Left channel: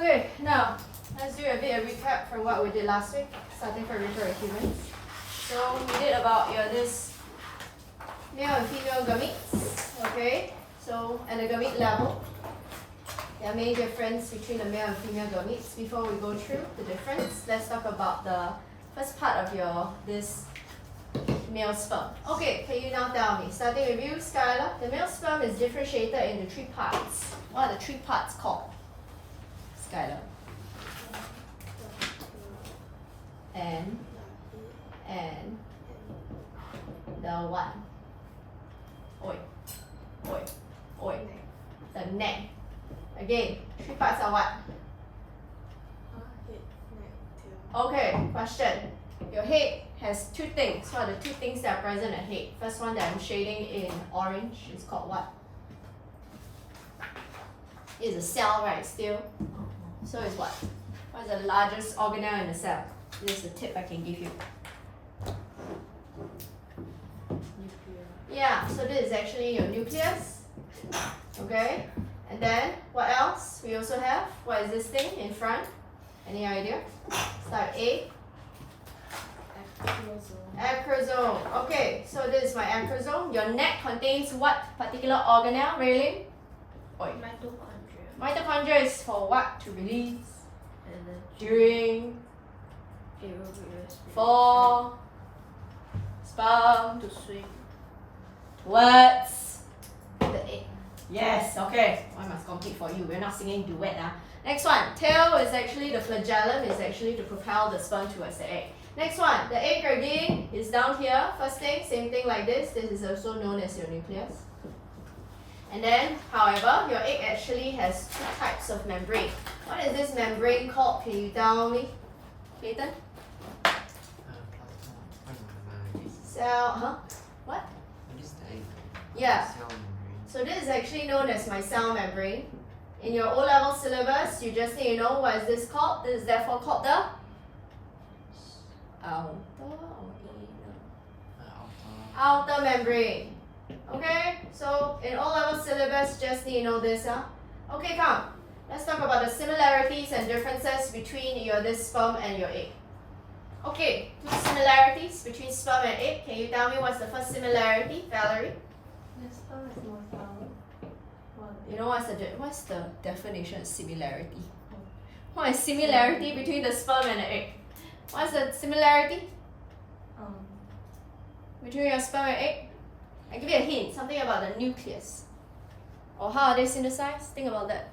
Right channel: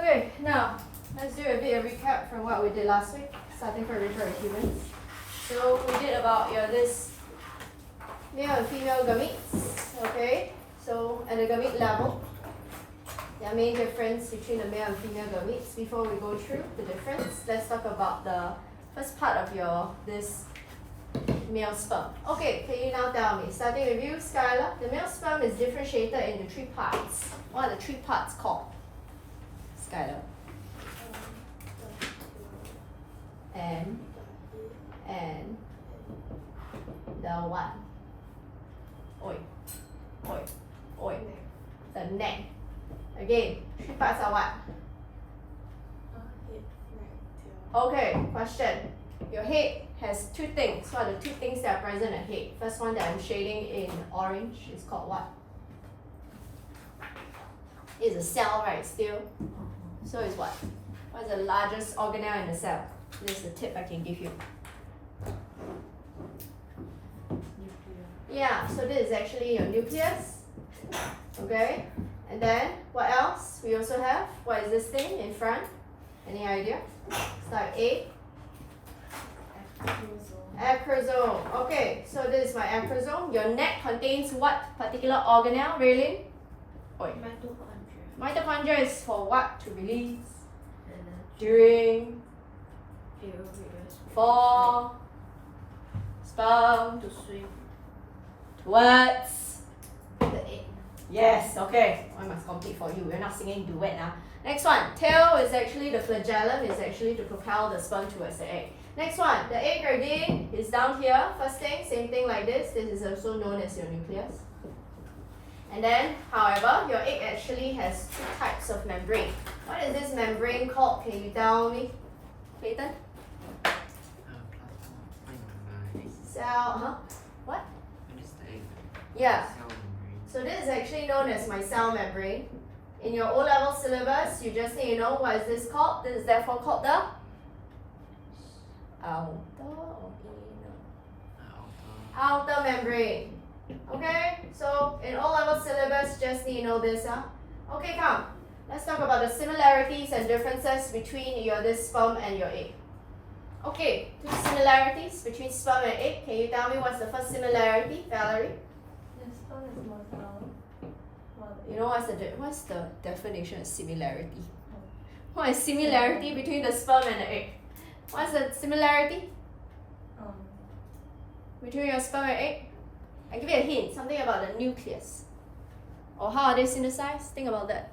Okay, now let's do a bit of recap from what we did last week, starting from reproductive humans. So we did about this male and female gametes. Okay, so at the gamete level, there are main difference between the male and female gametes. Before we go through the difference, let's talk about the first part of this male sperm. Okay, can you now tell me, starting with you, Skylar, the male sperm is differentiated into 3 parts. What are the 3 parts called? Skylar. And the what? Oi. The neck. Again, 3 parts are what? Okay, question. Your head has 2 things. What are the 2 things that are present at head? First one that I'm shading in orange is called what? It's a cell, right? Still. So it's what? What is the largest organelle in the cell? This is the tip I can give you. Yeah, so this is actually your nucleus. Okay, and then what else? We also have, what is this thing in front? Any idea? Start A. Acrosome. Okay, so this is my acrosome. Your neck contains what particular organelle, Raylene? Mitochondria is for what? To release during for sperm to swim towards the egg. Yes, okay. I must complete for you. We're not singing duet now. Next one. Tail is actually the flagellum, is actually to propel the sperm towards the egg. Next one. The egg again is down here. First thing, same thing like this. This is also known as your nucleus. And then, however, your egg actually has 2 types of membrane. What is this membrane called? Can you tell me? Clayton? Cell, what? Yeah. So this is actually known as my cell membrane. In your O-level syllabus, you just need to know what is this called. This is therefore called the outer membrane. Okay, so in O-level syllabus, just need to know this. Okay, come. Let's talk about the similarities and differences between this sperm and your egg. Okay, 2 similarities between sperm and egg. Can you tell me what's the first similarity, Valerie? The sperm is more smaller. You know what's the definition of similarity? What is similarity between the sperm and the egg? What's the similarity between your sperm and egg? I give you a hint, something about the nucleus. Or how are they synthesized? Think about that.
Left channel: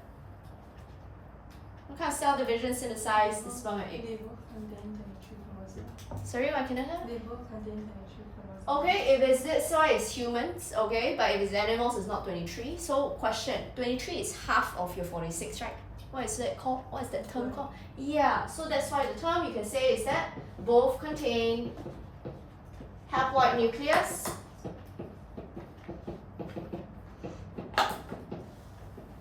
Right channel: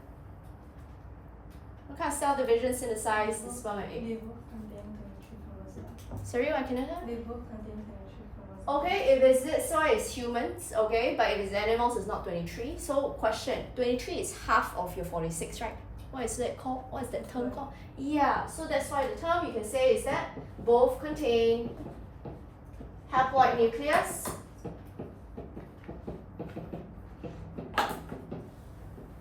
What kind of cell division synthesize the sperm and egg? They both contain 23 chromosomes. Sorry, what can I have? They both contain 23 chromosomes. Okay, if it's this why it's humans, okay, but if it's animals, it's not 23. So question, 23 is half of your 46, right? What is that called? What is that term called? Yeah, so that's why the term you can say is that both contain haploid nucleus.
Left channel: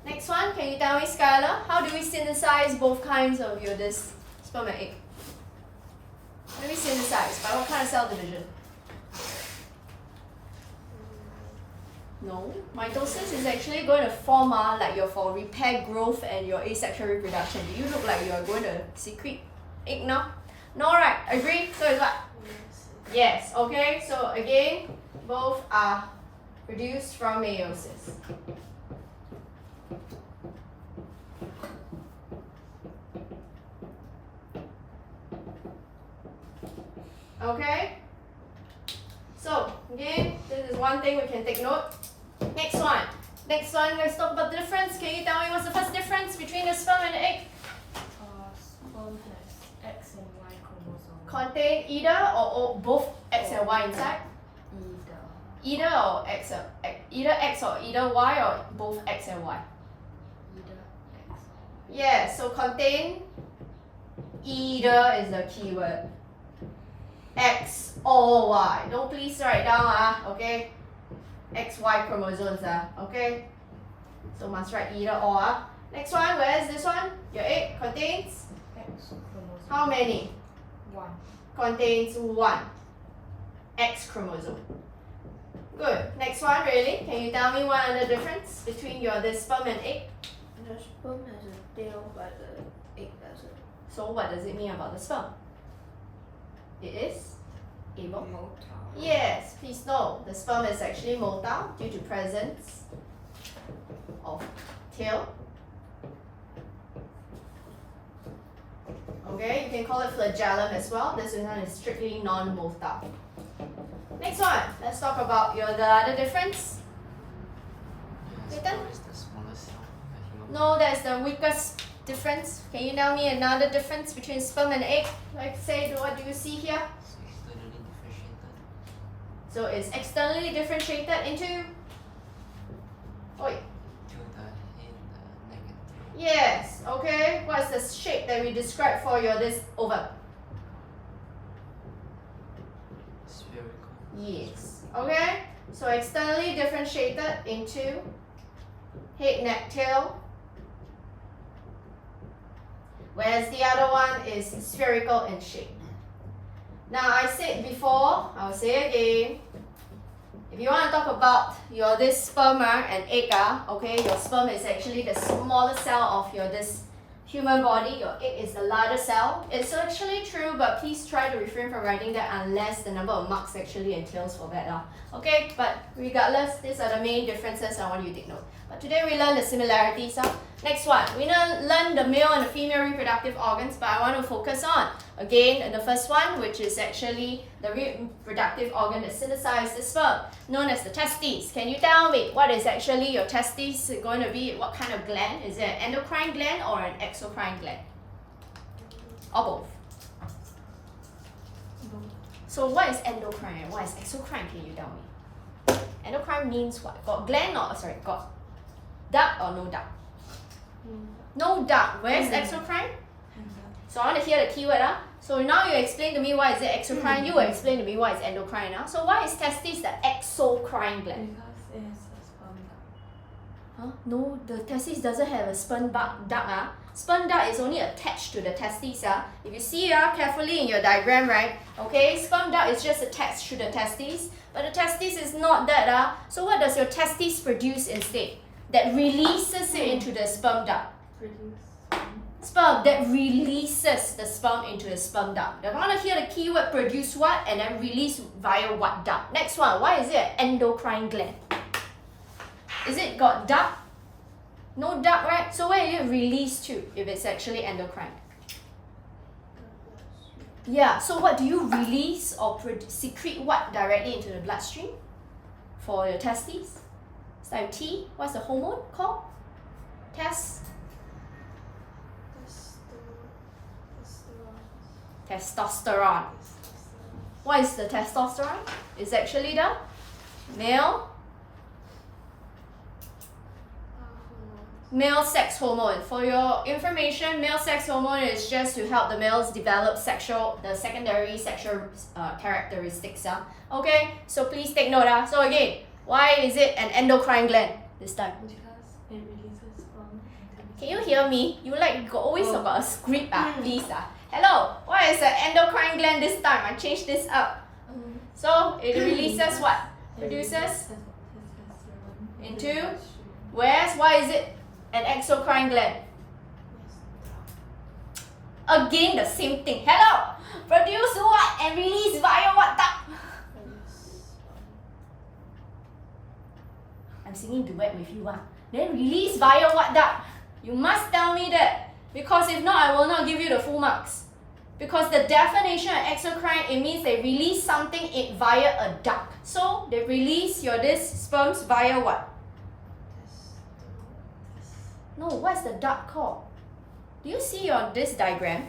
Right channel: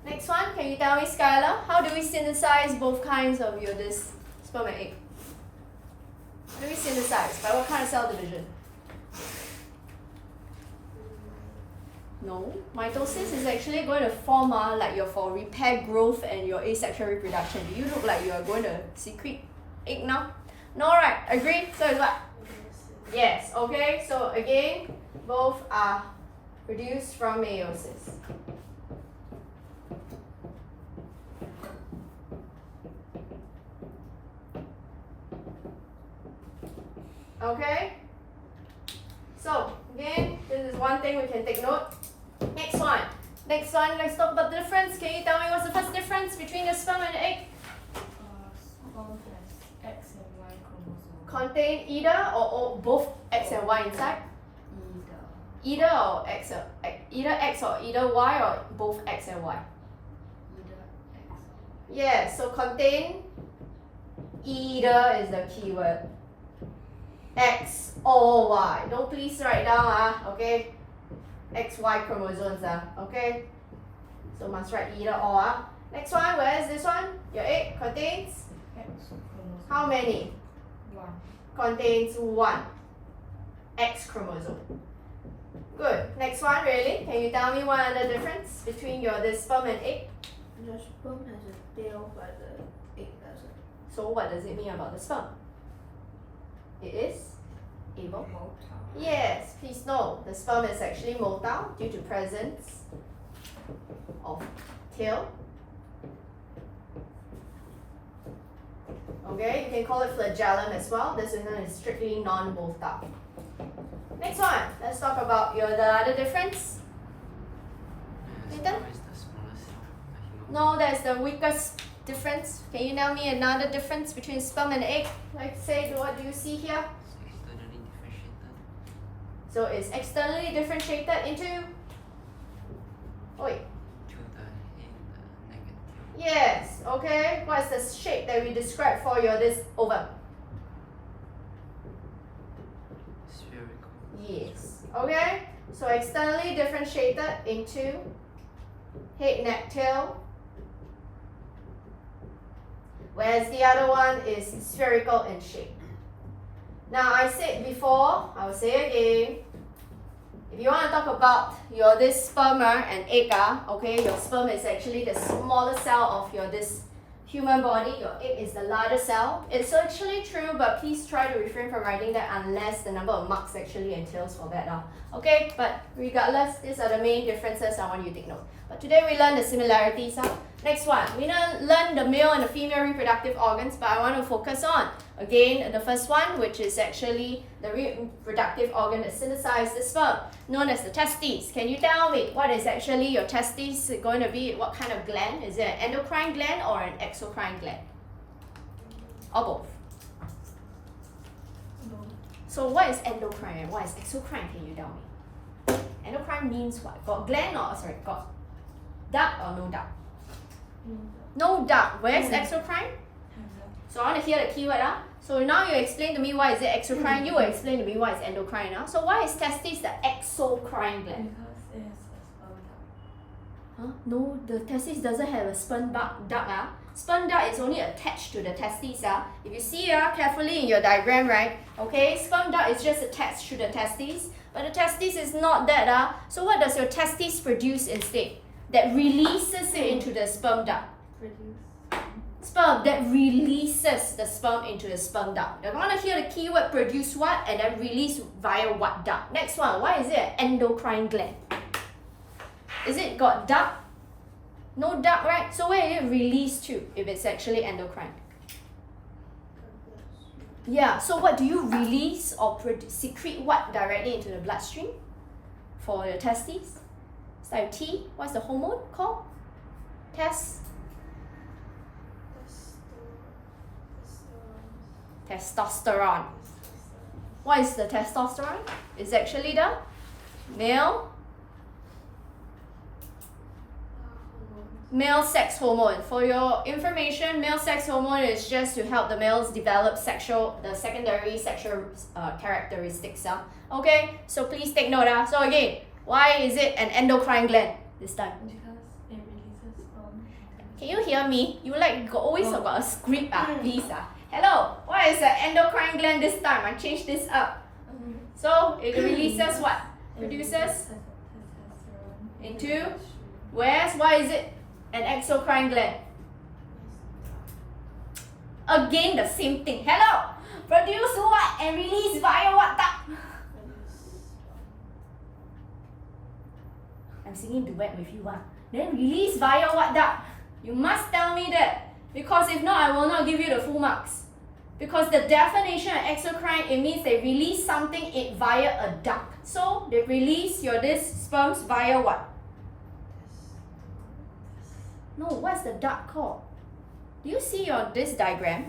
Next one, can you tell me, Skylar, how do we synthesize both kinds of this sperm and egg? How do we synthesize? By what kind of cell division? No, mitosis is actually going to form like for repair growth and your asexual reproduction. Do you look like you are going to secrete egg now? No, right? Agree? So it's what? Yes. Okay. So again, both are produced from meiosis. Okay. So again, this is one thing we can take note. Next one, let's talk about the difference. Can you tell me what's the first difference between the sperm and the egg? Sperm has X and Y chromosomes. Contain either or both X and Y inside? Either or X or either X or either Y or both X and Y? Either X. Yeah, so contain either is the keyword. X or Y. Don't please write down, okay? XY chromosomes, okay? So must write either or. Next one, where is this one? Your egg contains X chromosome. how many? 1. Contains 1 X chromosome. Good. Next one, really? Can you tell me what are the difference between this sperm and egg? The sperm has a tail, but the egg doesn't. So what does it mean about the sperm? It is able? Motile. Yes, please know the sperm is actually motile due to presence of tail. Okay, you can call it flagellum as well. This one is strictly non-motile. Next one, let's talk about the other difference. Nathan? No, that's the weakest difference. Can you tell me another difference between sperm and egg? Like say, what do you see here? So it's externally differentiated into? Oi. Yes, okay. What's the shape that we described for this ovum? Spherical. Yes, okay. So externally differentiated into head, neck, tail. Whereas the other one is spherical in shape. Now I said before, I'll say again. If you want to talk about this sperm and egg, okay, your sperm is actually the smaller cell of this human body. Your egg is the larger cell. It's actually true, but please try to refrain from writing that unless the number of marks actually entails for that. Okay, but regardless, these are the main differences I want you to take note. But today we learn the similarities. Next one, we learn the male and the female reproductive organs, but I want to focus on, again, the first one, which is actually the reproductive organ that synthesizes the sperm, known as the testes. Can you tell me what is actually your testes going to be? What kind of gland? Is it an endocrine gland or an exocrine gland? Or both? So what is endocrine and what is exocrine? Can you tell me? Endocrine means what? Got gland or, sorry, got duct or no duct? No duct. Where's exocrine? So I want to hear the keyword. So now you explain to me why is it exocrine, you will explain to me why is endocrine. So why is testes the exocrine gland? Because it has a sperm duct. Huh? No, the testes doesn't have a sperm duct. Sperm duct is only attached to the testes. If you see carefully in your diagram, right? Okay, sperm duct is just attached to the testes, but the testes is not that. So what does your testes produce instead? That releases it into the sperm duct. Sperm that releases the sperm into the sperm duct. I want to hear the keyword produce what and then release via what duct. Next one, why is it an endocrine gland? Is it got duct? No duct, right? So where is it released to if it's actually endocrine? Yeah, so what do you release or secrete what directly into the bloodstream for your testes? Start with T. What's the hormone called? Testosterone. What is the testosterone? It's actually the male sex hormone. For your information, male sex hormone is just to help the males develop the secondary sexual characteristics. Okay, so please take note. So again, why is it an endocrine gland this time? Because it releases sperm. Can you hear me? You always got a script, please. Hello, what is an endocrine gland this time? I changed this up. So it releases what? Produces into where's why is it an exocrine gland? Again the same thing. Hello, produce what and release via what duct? I'm singing duet with you. Then release via what duct? You must tell me that, because if not, I will not give you the full marks. Because the definition of exocrine, it means they release something via a duct. So they release this sperms via what? No, what's the duct called? Do you see this diagram?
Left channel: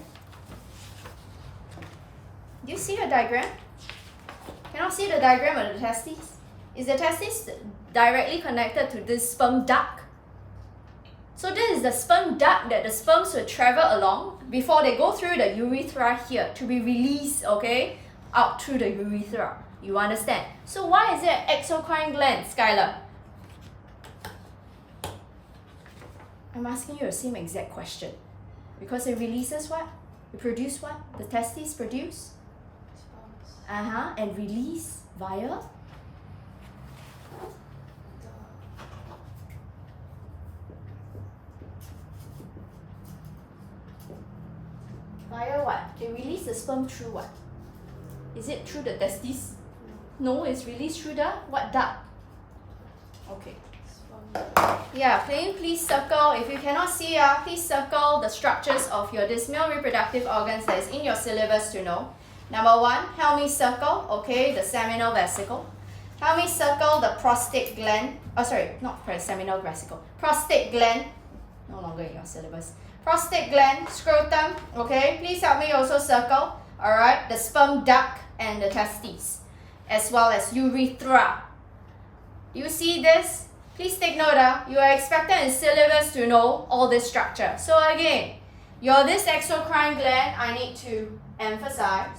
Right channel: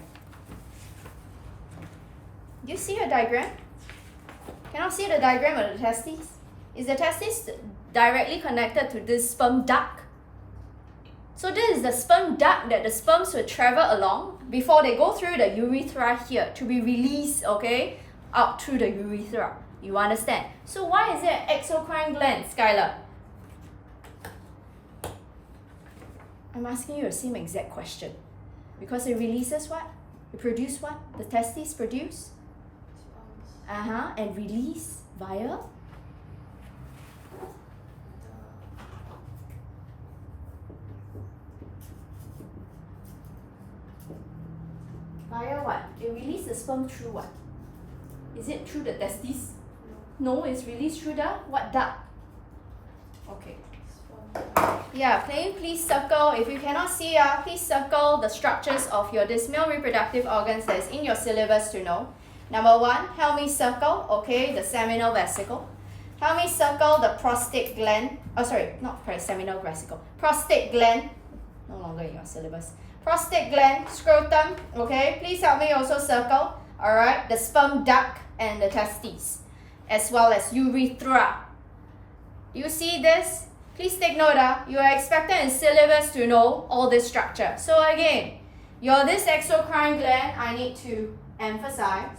Do you see your diagram? Cannot see the diagram of the testes? Is the testes directly connected to this sperm duct? So this is the sperm duct that the sperms will travel along before they go through the urethra here to be released, okay, out through the urethra. You understand? So why is it an exocrine gland, Skylar? I'm asking you the same exact question. Because it releases what? It produces what? The testes produce? And release via? Via what? They release the sperm through what? Is it through the testes? No, it's released through the what duct? Okay. Yeah, please circle. If you cannot see, please circle the structures of your this male reproductive organs that is in your syllabus to know. Number 1, help me circle, okay, the seminal vesicle. Help me circle the prostate gland. Oh, sorry, not seminal vesicle. Prostate gland, no longer in your syllabus. Prostate gland, scrotum, okay. Please help me also circle, alright, the sperm duct and the testes, as well as urethra. Do you see this? Please take note, you are expected in syllabus to know all this structure. So again, this exocrine gland, I need to emphasize,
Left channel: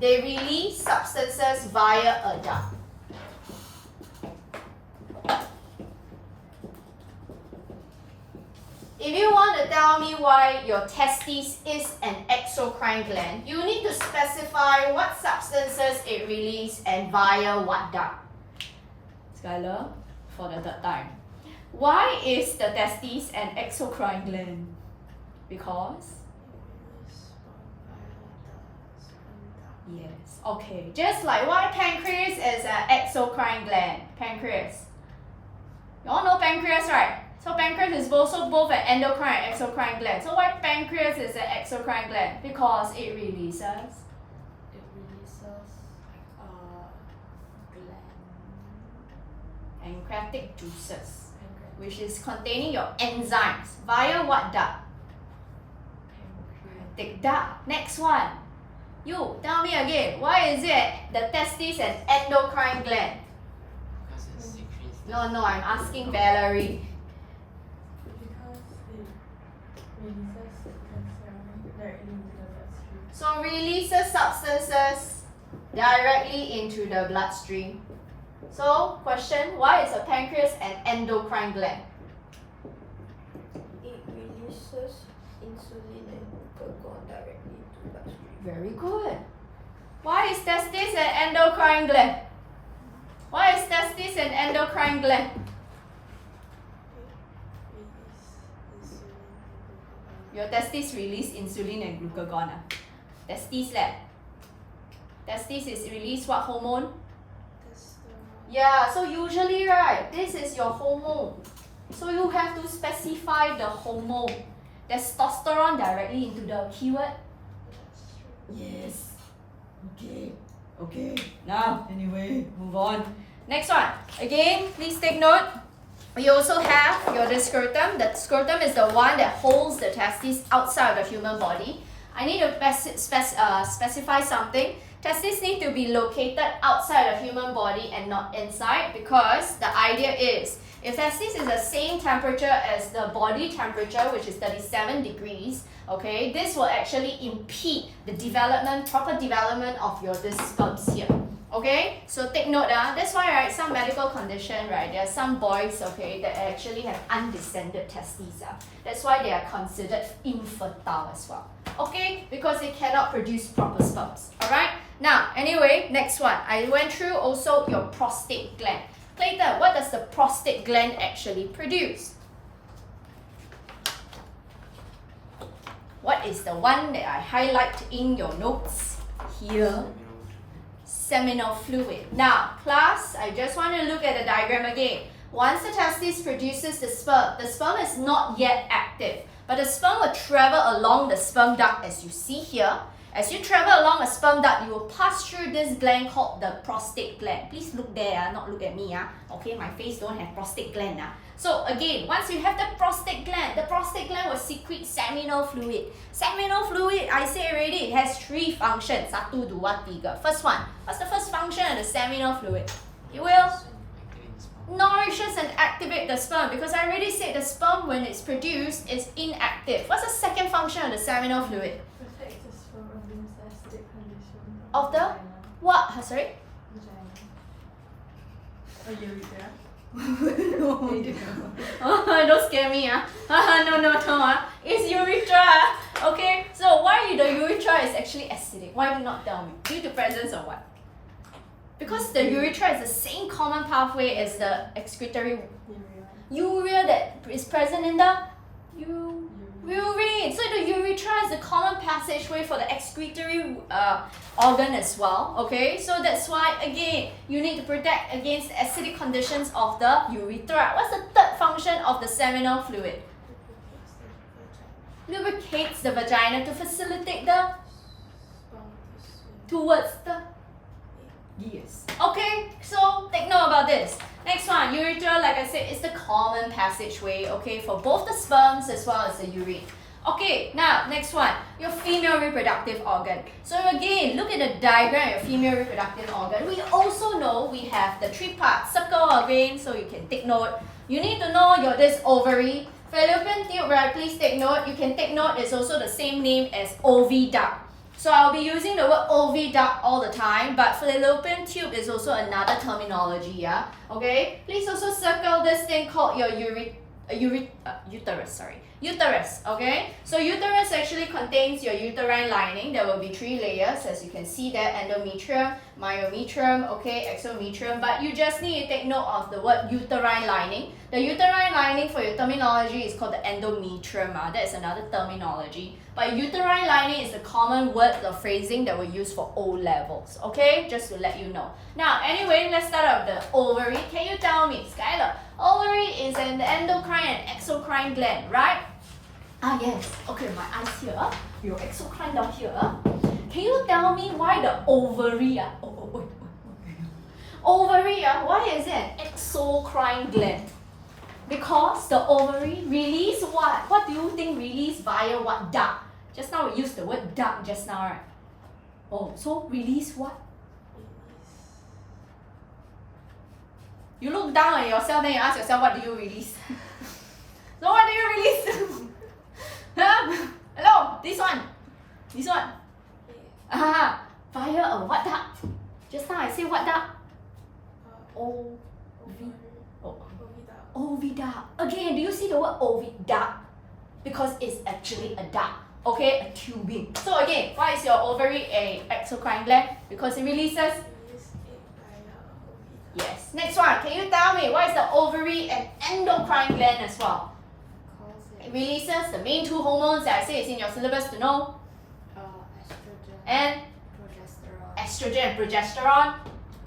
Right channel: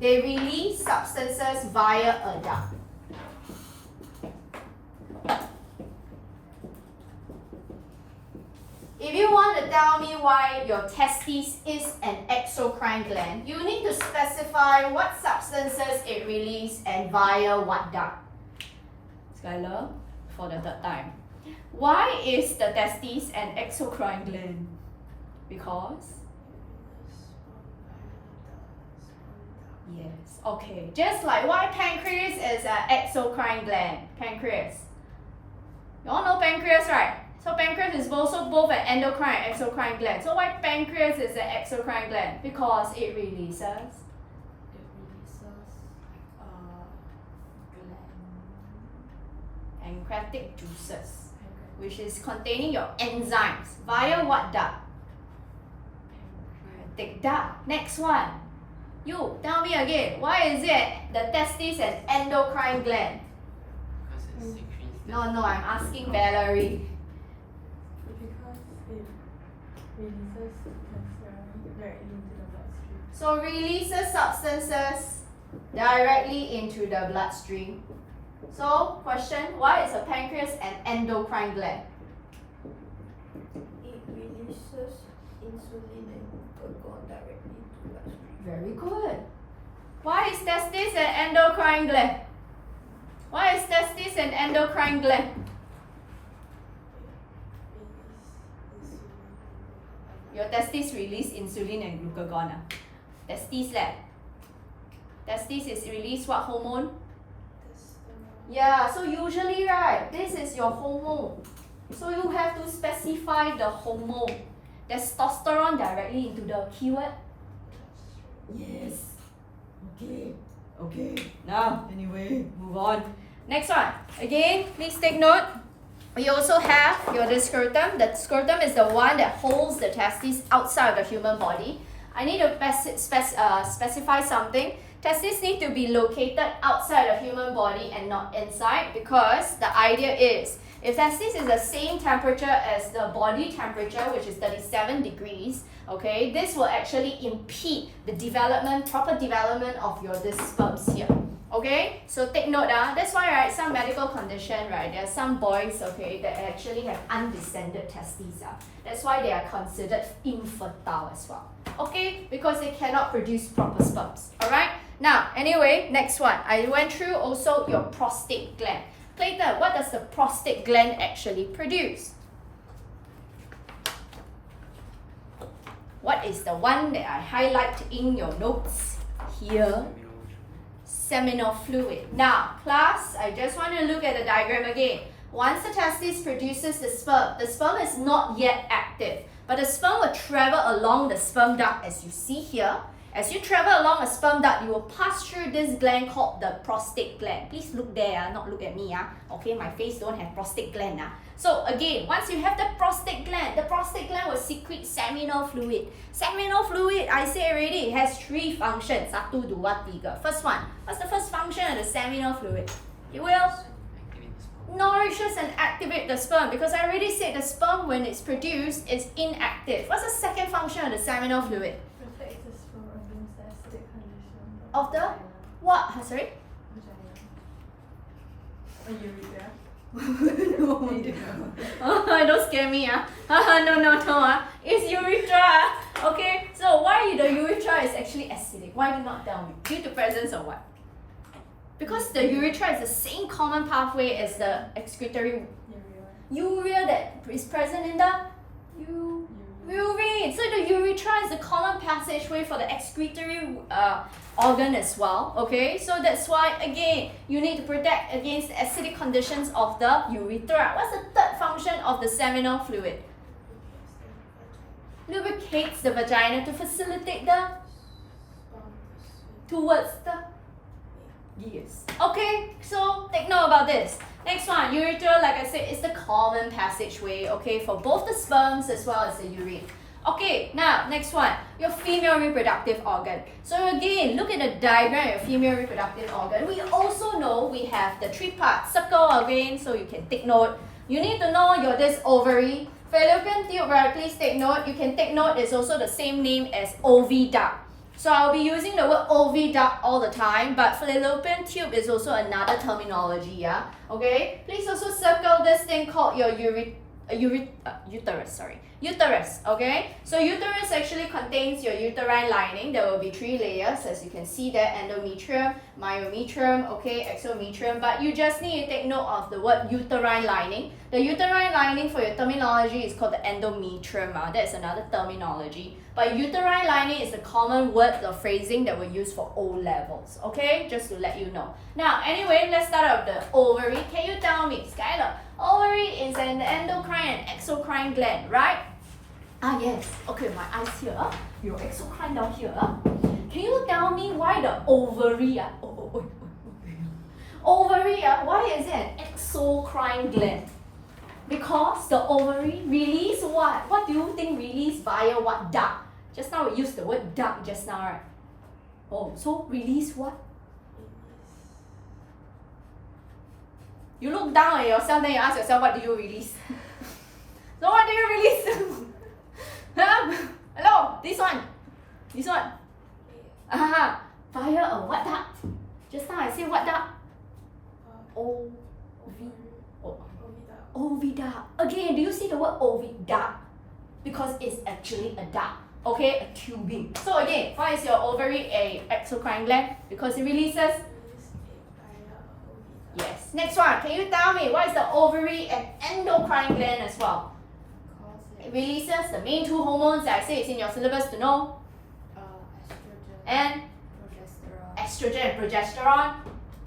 they release substances via a duct. If you want to tell me why your testes is an exocrine gland, you need to specify what substances it releases and via what duct. Skylar, for the 3rd time. Why is the testes an exocrine gland? Because? Yes, okay. Just like why pancreas is an exocrine gland. Pancreas. You all know pancreas, right? So pancreas is also both an endocrine and exocrine gland. So why pancreas is an exocrine gland? Because it releases pancreatic juices, which is containing your enzymes via what duct? Pancreatic duct. Next one. You tell me again. Why is it the testes an endocrine gland? Because it secretes. No, I'm asking Valerie. So releases substances directly into the bloodstream. So question, why is a pancreas an endocrine gland? It releases insulin and glucagon directly into bloodstream. Very good. Why is testis an endocrine gland? Why is testis an endocrine gland? Your testes release insulin and glucagon. Testes lab. Testes is release what hormone? Yeah, so usually, right, this is your hormone. So you have to specify the hormone. Testosterone directly into the keyword? Yes. Okay. Now, anyway, move on. Next one. Again, please take note. We also have your scrotum. The scrotum is the one that holds the testes outside of the human body. I need to specify something. Testes need to be located outside the human body and not inside, because the idea is if testes is the same temperature as the body temperature, which is 37 degrees, okay, this will actually impede the proper development of your sperms here. Okay, so take note, that's why, right, some medical condition, right, there are some boys, okay, that actually have undescended testes. That's why they are considered infertile as well. Okay, because they cannot produce proper sperms. Alright, now, anyway, next one. I went through also your prostate gland. Clayton, what does the prostate gland actually produce? What is the one that I highlight in your notes here? Seminal fluid. Now, class, I just want to look at the diagram again. Once the testis produces the sperm is not yet active, but the sperm will travel along the sperm duct as you see here. As you travel along a sperm duct, you will pass through this gland called the prostate gland. Please look there, not look at me. Okay, my face don't have prostate gland. So again, once you have the prostate gland will secrete seminal fluid. Seminal fluid, I say already, it has 3 functions. 1, 2, 3. First one, what's the first function of the seminal fluid? It will nourishes and activate the sperm, because I already said the sperm, when it's produced, is inactive. What's the second function of the seminal fluid? Protects the sperm against acidic condition. Of the what? Sorry? Urethra. No. Don't scare me. No. It's urethra. Okay, so why the urethra is actually acidic? Why do you not tell me? Due to presence of what? Because the urethra is the same common pathway as the excretory urea that is present in the urine. So the urethra is it's a common passageway for the excretory organ as well. Okay, so that's why again you need to protect against the acidic conditions of the urethra. What's the third function of the seminal fluid? Lubricates the vagina to facilitate the towards the gears. Okay, so take note about this. Next one, urethra, like I said, is the common passageway, okay, for both the sperms as well as the urine. Okay, now next one, your female reproductive organ. So again, look at the diagram of your female reproductive organ. We also know we have the three parts. Circle again, so you can take note. You need to know your this ovary. Fallopian tube, right? Please take note. You can take note, it's also the same name as oviduct. So I'll be using the word oviduct all the time, but fallopian tube is also another terminology, yeah? Okay? Please also circle this thing called your uterus, okay? So uterus actually contains your uterine lining. There will be 3 layers, as you can see there, endometrium, myometrium, okay, exometrium, but you just need to take note of the word uterine lining. The uterine lining for your terminology is called the endometrium, that's another terminology. But uterine lining is the common word or phrasing that we use for O levels, okay? Just to let you know. Now, anyway, let's start out with the ovary. Can you tell me, Skylar, ovary is an endocrine and exocrine gland, right? Ah, yes. Okay, my eyes here. Your exocrine down here. Can you tell me why the ovary, ovary, why is it an exocrine gland? Because the ovary release what? What do you think release via what duct? Just now we used the word duct just now, right? Oh, so release what? You look down at yourself, then you ask yourself, what do you release? So what do you release? Huh? Hello, this one. This one. Ah, via a what duct? Just now I say what duct? Oviduct. Again, do you see the word oviduct? Because it's actually a duct, okay, a tubing. So again, why is your ovary a exocrine gland? Because it releases. Yes. Next one, can you tell me why is the ovary an endocrine gland as well? It releases the main 2 hormones that I say is in your syllabus to know. Estrogen and progesterone.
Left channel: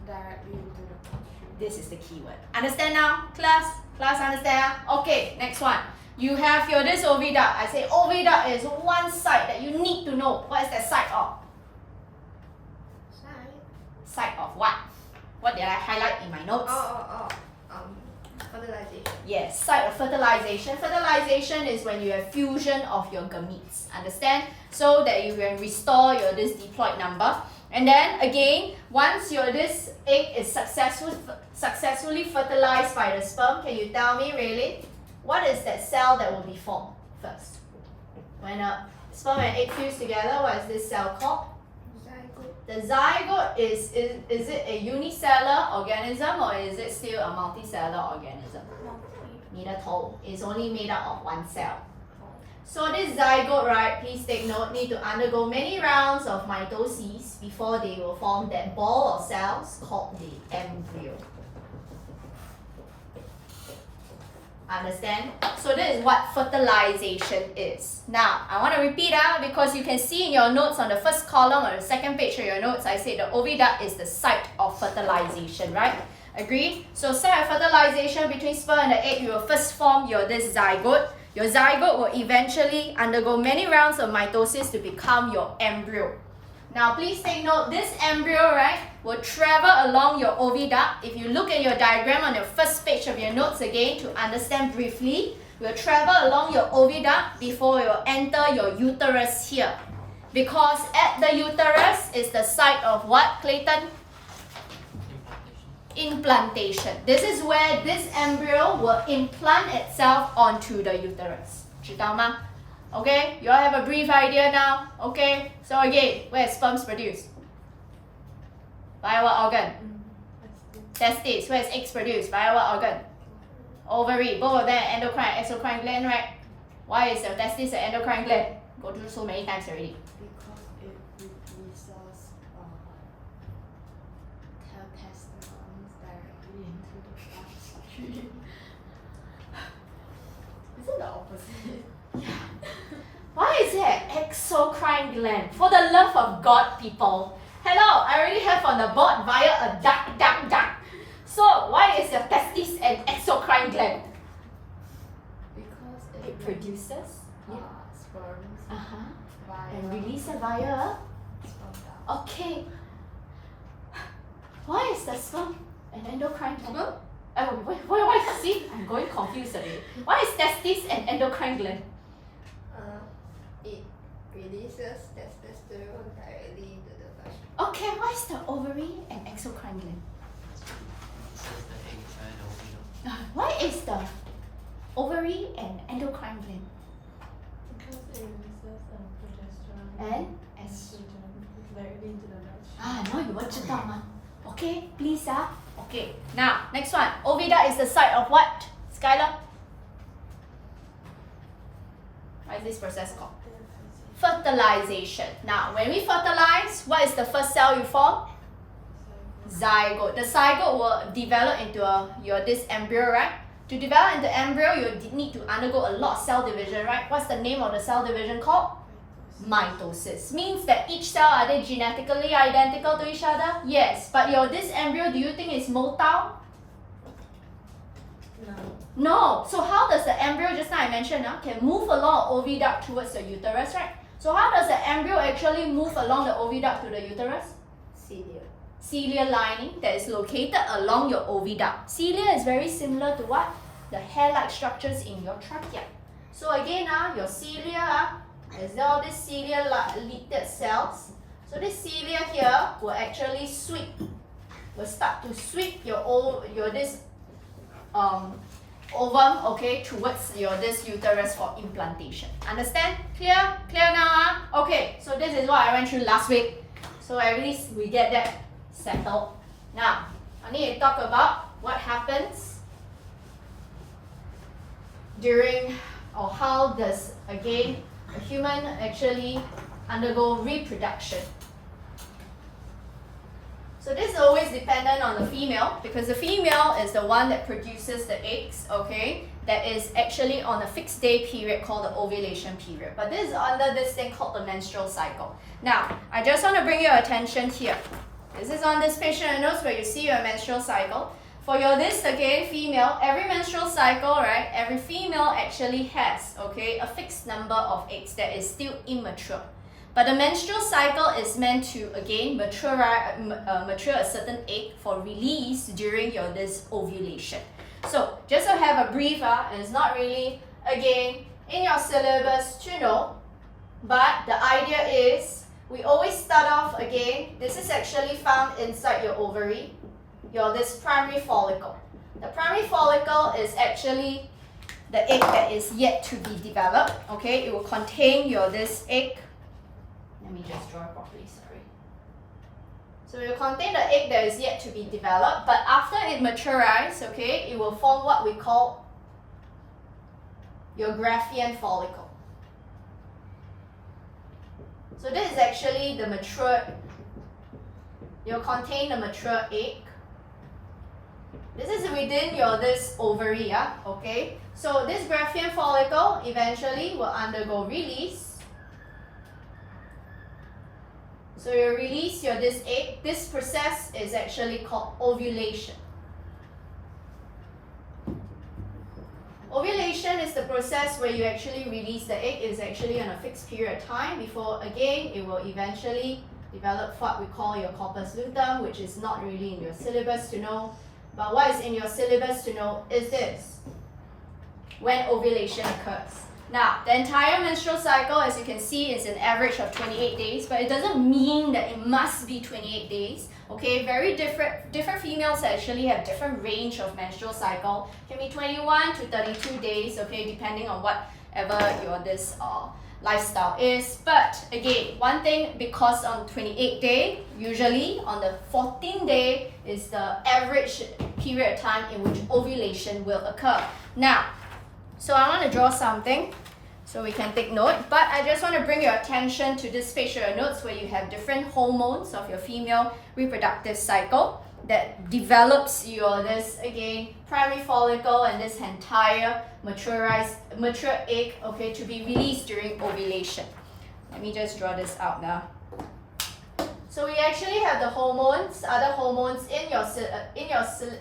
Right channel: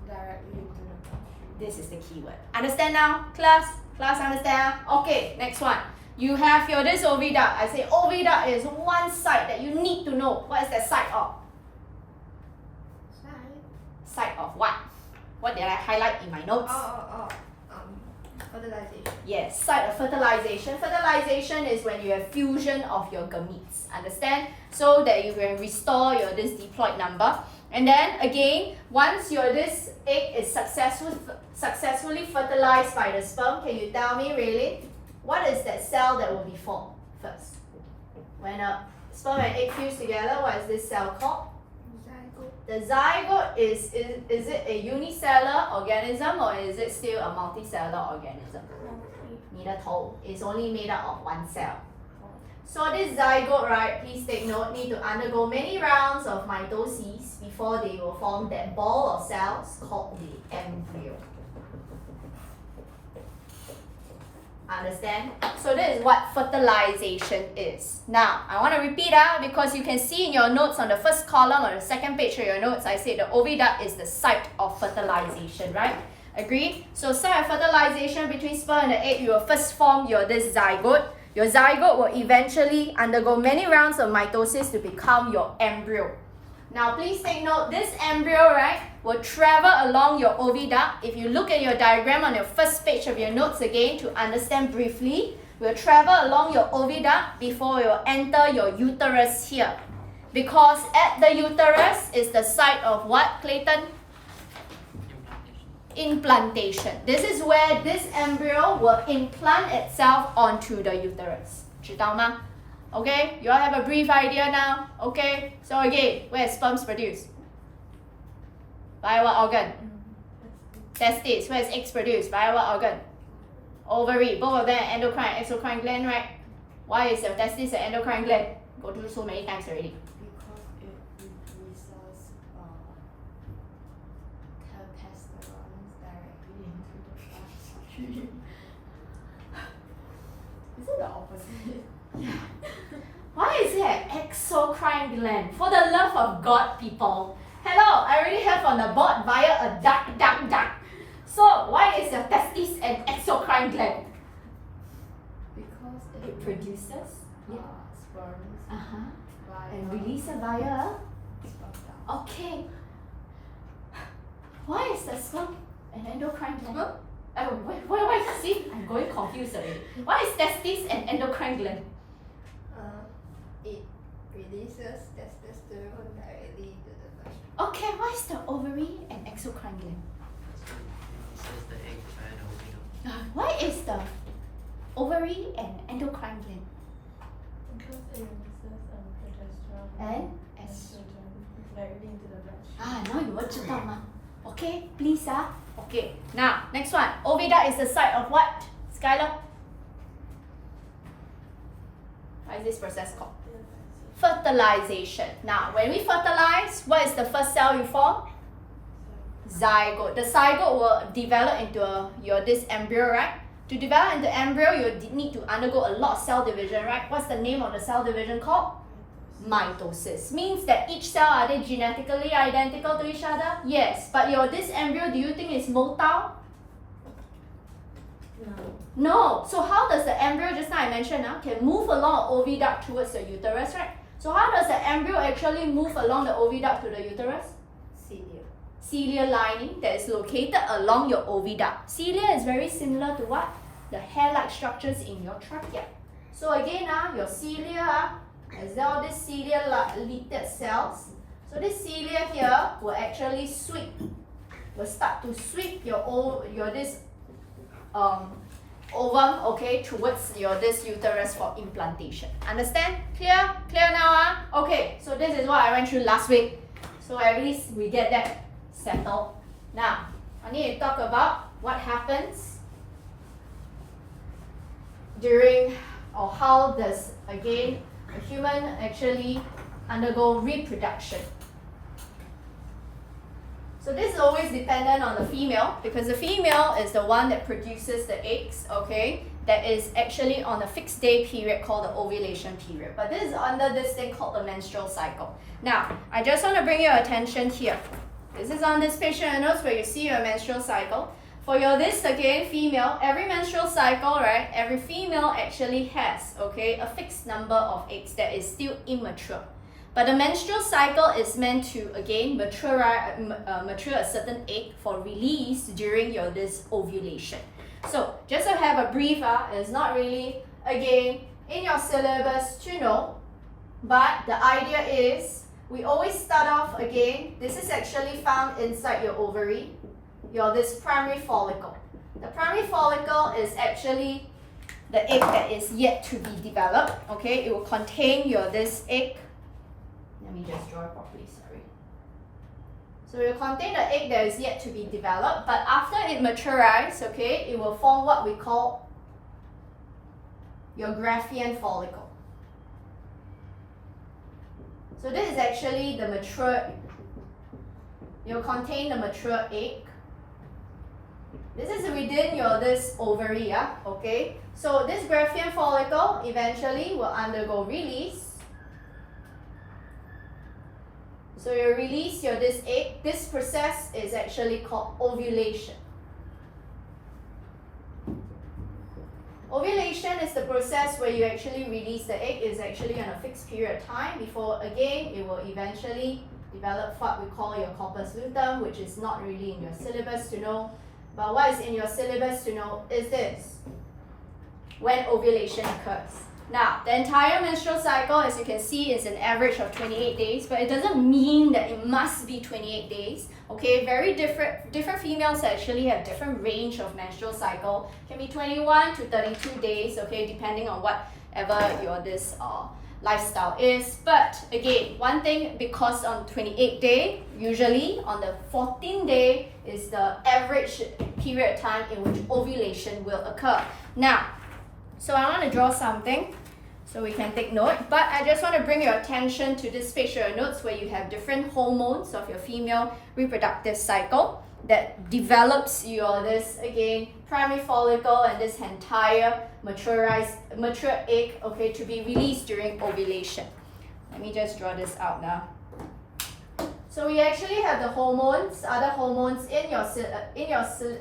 Directly into the bloodstream. This is the keyword. Understand now, class? Class understand? Okay, next one. You have your this oviduct. I say oviduct is one site that you need to know. What is that site of? Site of what? What did I highlight in my notes? Fertilization. Yes, site of fertilization. Fertilization is when you have fusion of your gametes. Understand? So that you can restore your this diploid number. And then again, once your this egg is successfully fertilized by the sperm, can you tell me really what is that cell that will be formed first? When a sperm and egg fuse together, what is this cell called? The zygote is it a unicellular organism or is it still a multicellular organism? 你的头 is only made up of 1 cell. So this zygote, right, please take note, need to undergo many rounds of mitosis before they will form that ball of cells called the embryo. Understand? So this is what fertilization is. Now, I want to repeat because you can see in your notes on the first column or the second page of your notes, I said the oviduct is the site of fertilization, right? Agree? So site of fertilization between sperm and the egg, you will first form your this zygote. Your zygote will eventually undergo many rounds of mitosis to become your embryo. Now please take note, this embryo, right, will travel along your oviduct. If you look at your diagram on your first page of your notes again to understand briefly, will travel along your oviduct before you enter your uterus here. Because at the uterus is the site of what, Clayton? Implantation. This is where this embryo will implant itself onto the uterus. 知道吗? Okay, you all have a brief idea now. Okay, so again, where is sperms produced? Via what organ? Testes. Where is eggs produced? Via what organ? Ovary. Both of them endocrine and exocrine gland, right? Why is the testis an endocrine gland? Go through so many times already. Because it releases testosterone directly into the bloodstream. Is it the opposite? Why is it an exocrine gland. For the love of God, people. Hello, I already have on the board via a duck. So why is your testis an exocrine gland? Because It produces sperms via and releases via. sperm. Okay. Why is the sperm an endocrine gland? Sperm? Oh, why? See, I'm going confused already. Why is testis an endocrine gland? It releases testosterone directly into the vagina. Okay, why is the ovary an exocrine gland? Says the egg via the oviduct. Why is the ovary an endocrine gland? Because it releases progesterone And estrogen directly into the vagina. now you will 知道吗? Okay, please Okay, now next one. Oviduct is the site of what? Skylar? What is this process called? Fertilization. Now, when we fertilize, what is the first cell you form? Zygote. The zygote will develop into this embryo, right? To develop into embryo, you need to undergo a lot of cell division, right? What's the name of the cell division called? Mitosis. Means that each cell, are they genetically identical to each other? Yes. But this embryo, do you think is motile? No. No. So how does the embryo, just now I mentioned, can move along oviduct towards the uterus, right? So how does the embryo actually move along the oviduct to the uterus? Cilia. Cilia lining that is located along your oviduct. Cilia is very similar to what? The hair-like structures in your trachea. So again, your cilia is all these cilia-linked cells. So this cilia here will actually will start to sweep your this ovum, okay, towards this uterus for implantation. Understand? Clear? Clear now? Okay, so this is what I went through last week. So at least we get that settled. Now, I need to talk about what happens during, or how does, again, a human actually undergo reproduction. So this is always dependent on the female, because the female is the one that produces the eggs, okay, that is actually on a fixed day period called the ovulation period. But this is under this thing called the menstrual cycle. Now, I just want to bring your attention here. This is on this patient notes where you see your menstrual cycle. For this again, female, every menstrual cycle, right, every female actually has, okay, a fixed number of eggs that is still immature. But the menstrual cycle is meant to, again, mature a certain egg for release during this ovulation. So, just to have a brief, it's not really, again, in your syllabus to know, but the idea is, we always start off, again, this is actually found inside your ovary, this primary follicle. The primary follicle is actually the egg that is yet to be developed, okay? It will contain this egg. Let me just draw it properly, sorry. So it will contain the egg that is yet to be developed, but after it matures, okay, it will form what we call your Graafian follicle. So this is actually the mature, it will contain the mature egg. This is within this ovary, okay? So this Graafian follicle eventually will undergo release. So you release this egg. This process is actually called ovulation. Ovulation is the process where you actually release the egg. It's actually on a fixed period of time before, again, it will eventually develop what we call your corpus luteum, which is not really in your syllabus to know. But what is in your syllabus to know is this: when ovulation occurs. Now, the entire menstrual cycle, as you can see, is an average of 28 days, but it doesn't mean that it must be 28 days. Okay, very different females actually have different range of menstrual cycle. Can be 21 to 32 days, okay, depending on whatever your lifestyle is. But again, one thing, because on 28th day, usually on the 14th day is the average period of time in which ovulation will occur. Now, so I want to draw something so we can take note, but I just want to bring your attention to this picture notes where you have different hormones of your female reproductive cycle that develops this again primary follicle and this entire mature egg, okay, to be released during ovulation. Let me just draw this out now. So we actually have the hormones, other hormones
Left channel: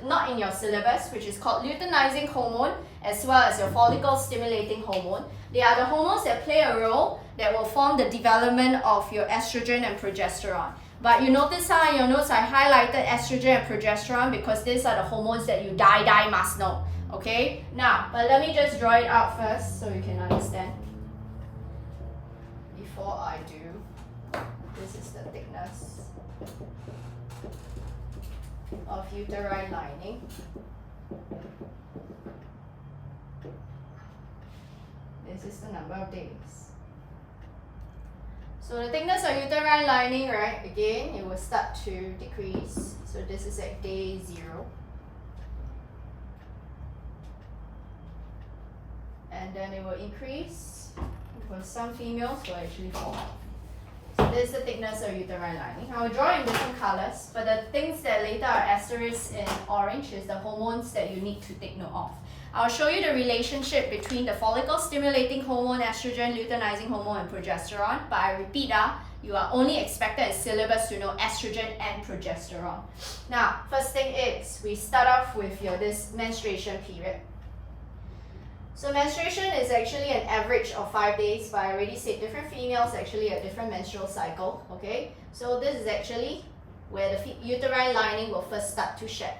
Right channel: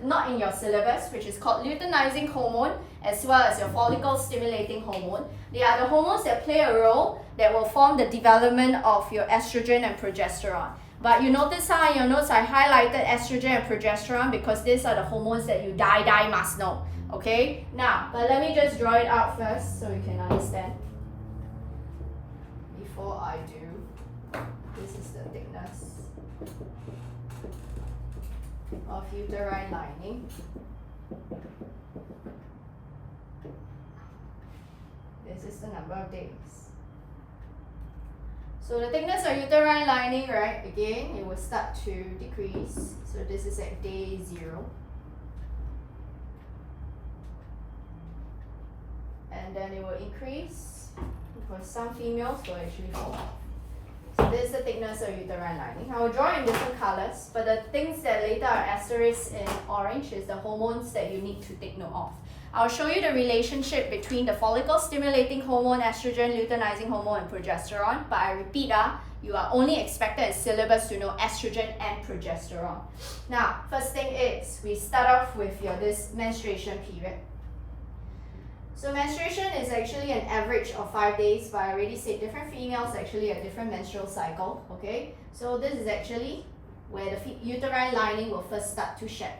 not in your syllabus, which is called luteinizing hormone, as well as your follicle stimulating hormone. They are the hormones that play a role that will form the development of your estrogen and progesterone. But you notice how in your notes I highlighted estrogen and progesterone because these are the hormones that you must know. Okay? Now, but let me just draw it out first so you can understand. Before I do, this is the thickness of uterine lining. This is the number of days. So the thickness of uterine lining, right, again, it will start to decrease. So this is at day 0. And then it will increase because some females will actually fall off. So this is the thickness of uterine lining. I will draw in different colors, but the things that later are asterisked in orange is the hormones that you need to take note of. I'll show you the relationship between the follicle stimulating hormone, estrogen, luteinizing hormone, and progesterone. But I repeat, you are only expected in syllabus to know estrogen and progesterone. Now, first thing is, we start off with this menstruation period. So menstruation is actually an average of 5 days, but I already said different females actually have different menstrual cycle, okay? So this is actually where the uterine lining will first start to shed.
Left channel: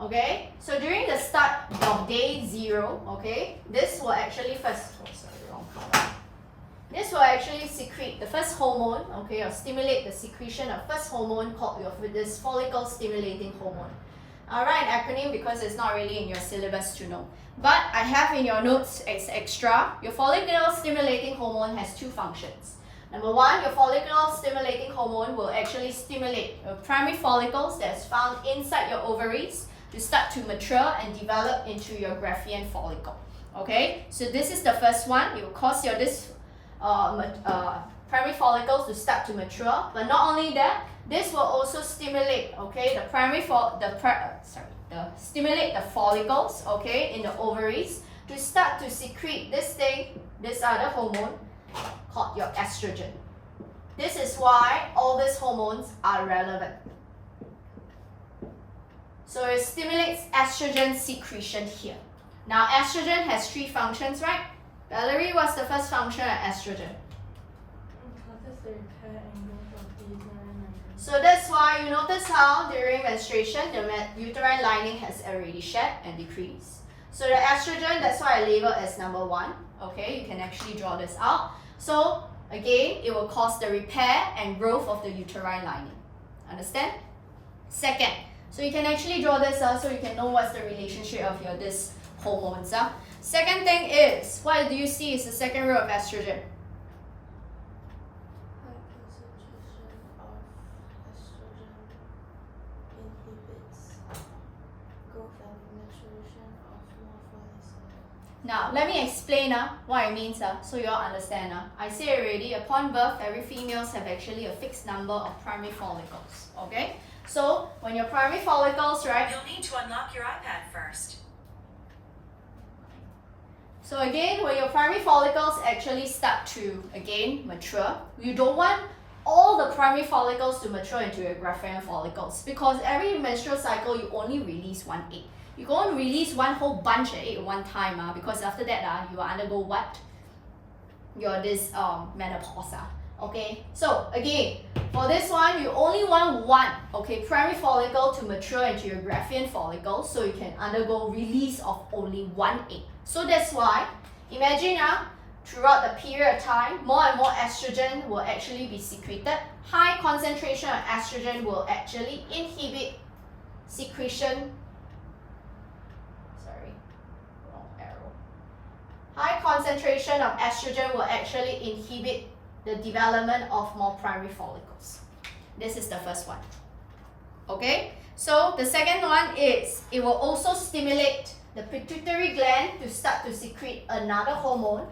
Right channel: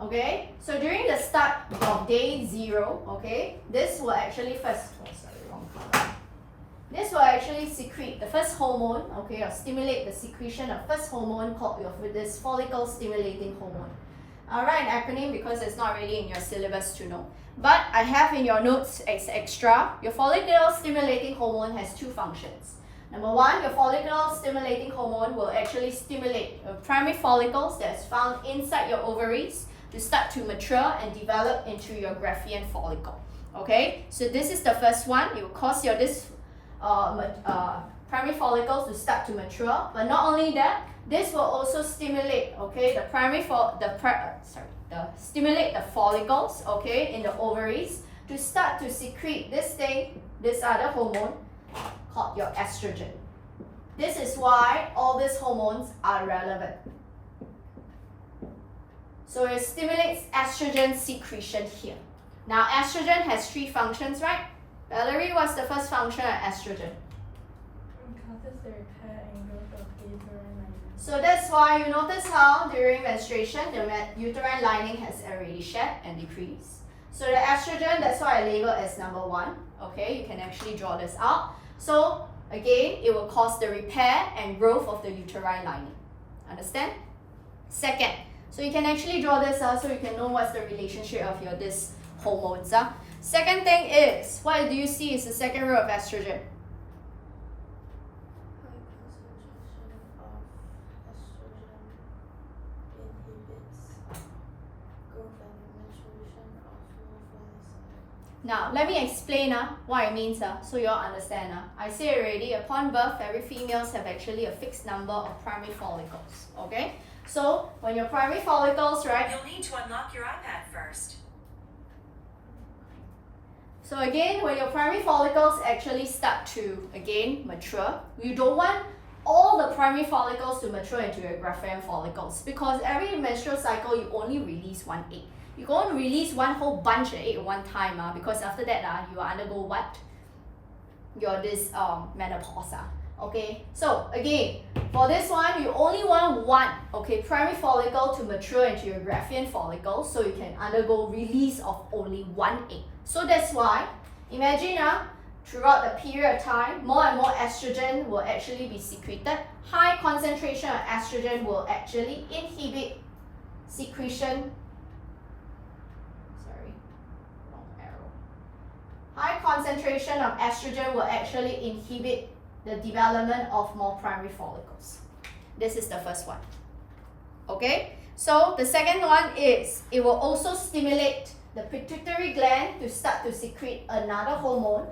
Okay, so during the start of day 0, okay, this will actually this will actually secrete the first hormone, okay, or stimulate the secretion of first hormone called this follicle stimulating hormone. I'll write an acronym because it's not really in your syllabus to know. But I have in your notes as extra, your follicle stimulating hormone has 2 functions. Number 1, your follicle stimulating hormone will actually stimulate your primary follicles that's found inside your ovaries to start to mature and develop into your Graafian follicle. Okay, so this is the first one. It will cause your primary follicles to start to mature. But not only that, this will also stimulate, okay, stimulate the follicles, okay, in the ovaries to start to secrete this other hormone called your estrogen. This is why all these hormones are relevant. So it stimulates estrogen secretion here. Now estrogen has 3 functions, right? Valerie, what's the first function of estrogen? Causes the repair and growth of the uterine lining. So that's why you notice how during menstruation the uterine lining has already shed and decreased. So the estrogen, that's why I label as number 1. Okay, you can actually draw this out. So again, it will cause the repair and growth of the uterine lining. Understand? Second, so you can actually draw this out so you can know what's the relationship of this hormones. Second thing is, what do you see is the second row of estrogen? Now, let me explain what it means so you all understand. I say already, upon birth, every females have actually a fixed number of primary follicles. Okay? So, when your primary follicles, right? You'll need to unlock your iPad first. So again, when your primary follicles actually start to, again, mature, you don't want all the primary follicles to mature into your Graafian follicles because every menstrual cycle, you only release 1 egg. You can't release one whole bunch of egg at one time because after that, you undergo what? Menopause. Okay, so again, for this one, you only want 1, okay, primary follicle to mature into your Graafian follicle so you can undergo release of only 1 egg. So that's why, imagine throughout the period of time, more and more estrogen will actually be secreted. High concentration of estrogen will actually inhibit secretion. High concentration of estrogen will actually inhibit the development of more primary follicles. This is the first one. Okay, so the second one is it will also stimulate the pituitary gland to start to secrete another hormone.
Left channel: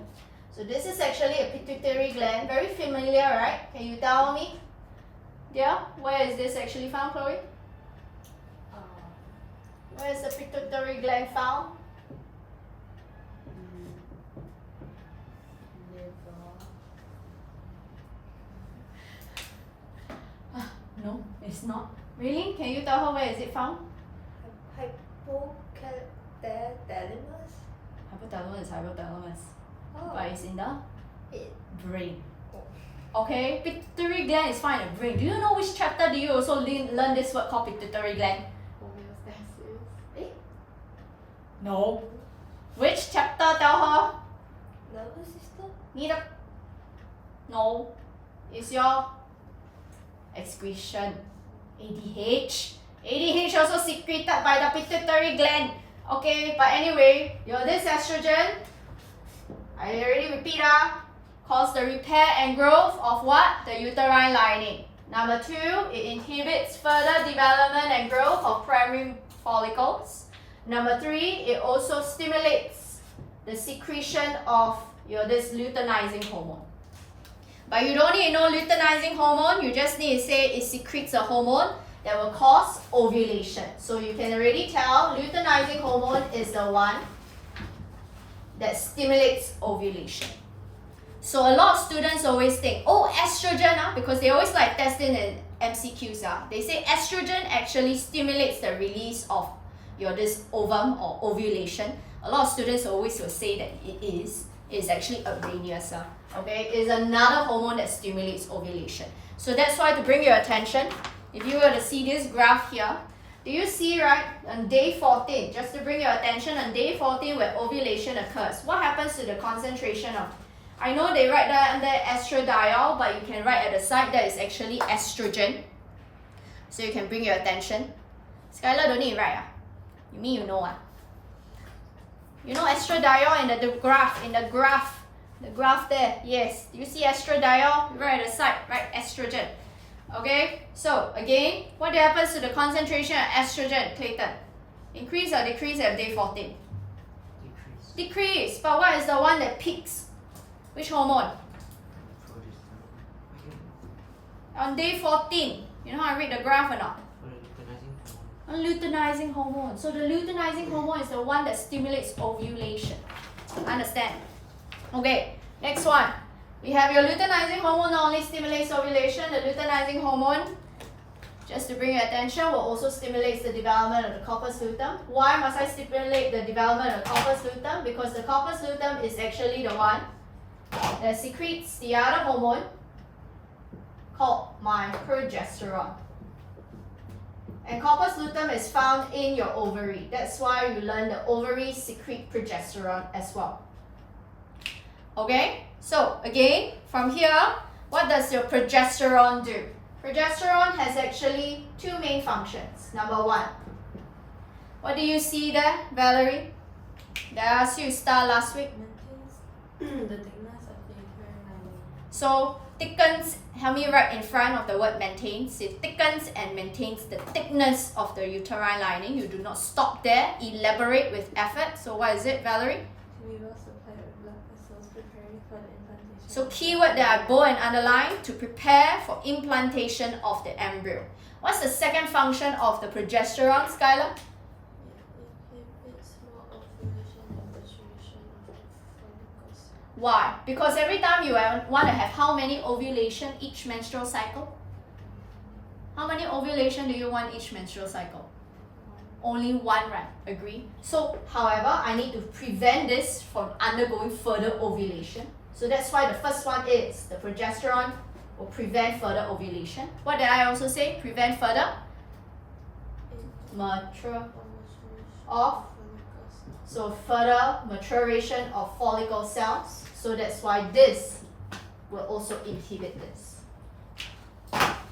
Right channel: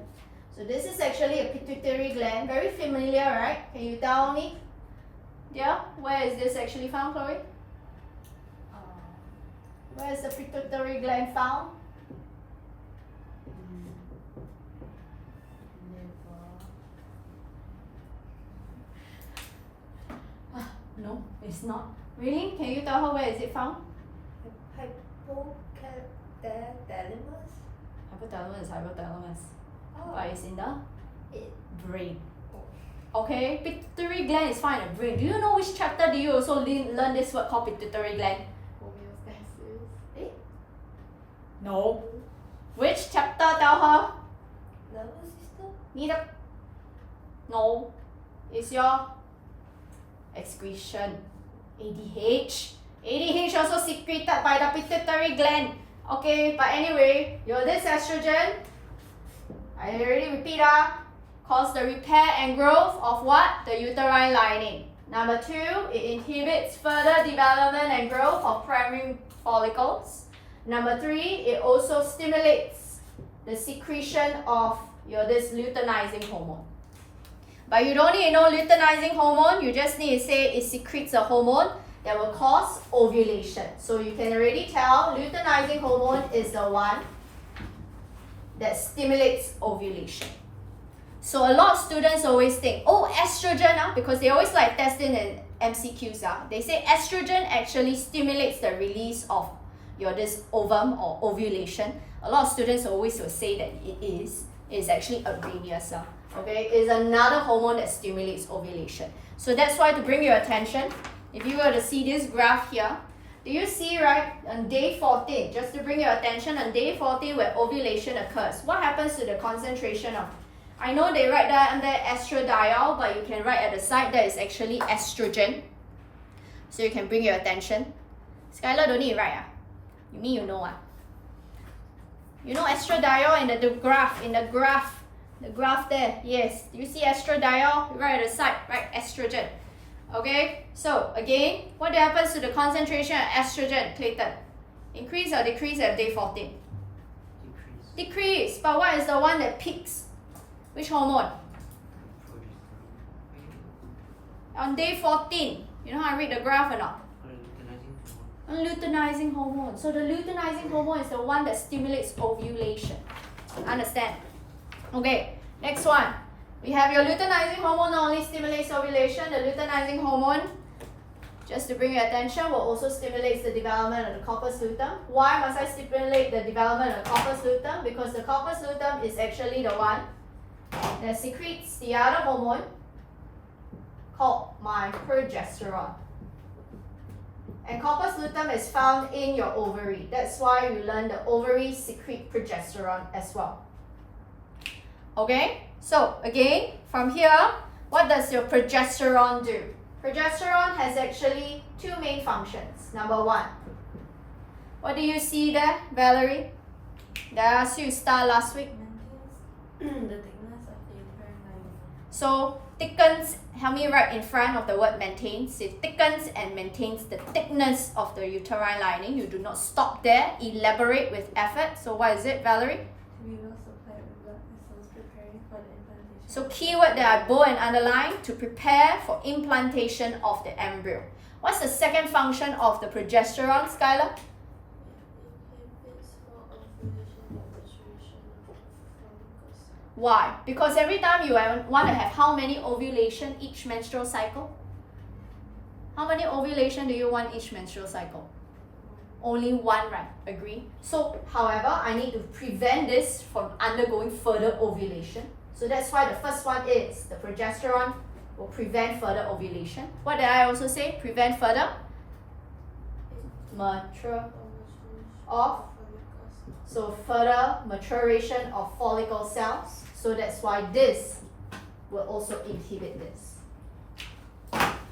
So this is actually a pituitary gland, very familiar, right? Can you tell me? Yeah, where is this actually found, Chloe? Where is the pituitary gland found? No, it's not. Really? Can you tell her where is it found? Hypothalamus? Hypothalamus is hypothalamus. Oh. But it's in the It. brain. Okay, pituitary gland is found in the brain. Do you know which chapter do you also learn this word called pituitary gland? Eh? No. Which chapter? Tell her. Nervous system? Neither. No. It's your excretion. ADH. ADH also secreted by the pituitary gland. Okay, but anyway, this estrogen, I already repeat, cause the repair and growth of what? The uterine lining. Number 2, it inhibits further development and growth of primary follicles. Number 3, it also stimulates the secretion of this luteinizing hormone. But you don't need to know luteinizing hormone, you just need to say it secretes a hormone that will cause ovulation. So you can already tell luteinizing hormone is the one that stimulates ovulation. So a lot of students always think, oh, estrogen, because they always like testing in MCQs. They say estrogen actually stimulates the release of this ovum or ovulation. A lot of students always will say that it is. It's actually erroneous. Okay, it's another hormone that stimulates ovulation. So that's why, to bring your attention, if you were to see this graph here, do you see, right, on day 14, just to bring your attention, on day 14 where ovulation occurs, what happens to the concentration of, I know they write that under estradiol, but you can write at the side that is actually estrogen. So you can bring your attention. Skylar, don't need to write. You mean you know? You know estradiol in the graph there, yes. Do you see estradiol? Right at the side, right, estrogen. Okay, so again, what happens to the concentration of estrogen, Clayton? Increase or decrease at day 14? Decrease. But what is the one that peaks? Which hormone? On day 14. You know how I read the graph or not? Luteinizing hormone. So the luteinizing hormone is the one that stimulates ovulation. Understand? Okay, next one. We have your luteinizing hormone not only stimulates ovulation, the luteinizing hormone, just to bring your attention, will also stimulate the development of the corpus luteum. Why must I stimulate the development of the corpus luteum? Because the corpus luteum is actually the one that secretes the other hormone called my progesterone. And corpus luteum is found in your ovary. That's why you learn the ovaries secrete progesterone as well. Okay, so again, from here, what does your progesterone do? Progesterone has actually 2 main functions. Number 1, what do you see there, Valerie? Did I ask you star last week? Maintains the thickness of the uterine lining. So thickens, help me write in front of the word maintains. It thickens and maintains the thickness of the uterine lining. You do not stop there, elaborate with effort. So what is it, Valerie? To be well supplied with blood vessels preparing for the implantation. So keyword that I bold and underline, to prepare for implantation of the embryo. What's the second function of the progesterone, Skylar? Why? Because every time you want to have how many ovulation each menstrual cycle? How many ovulation do you want each menstrual cycle? Only 1, right? Agree? So, however, I need to prevent this from undergoing further ovulation. So that's why the first one is the progesterone will prevent further ovulation. What did I also say? Prevent further mature of, so further maturation of follicle cells. So that's why this will also inhibit this.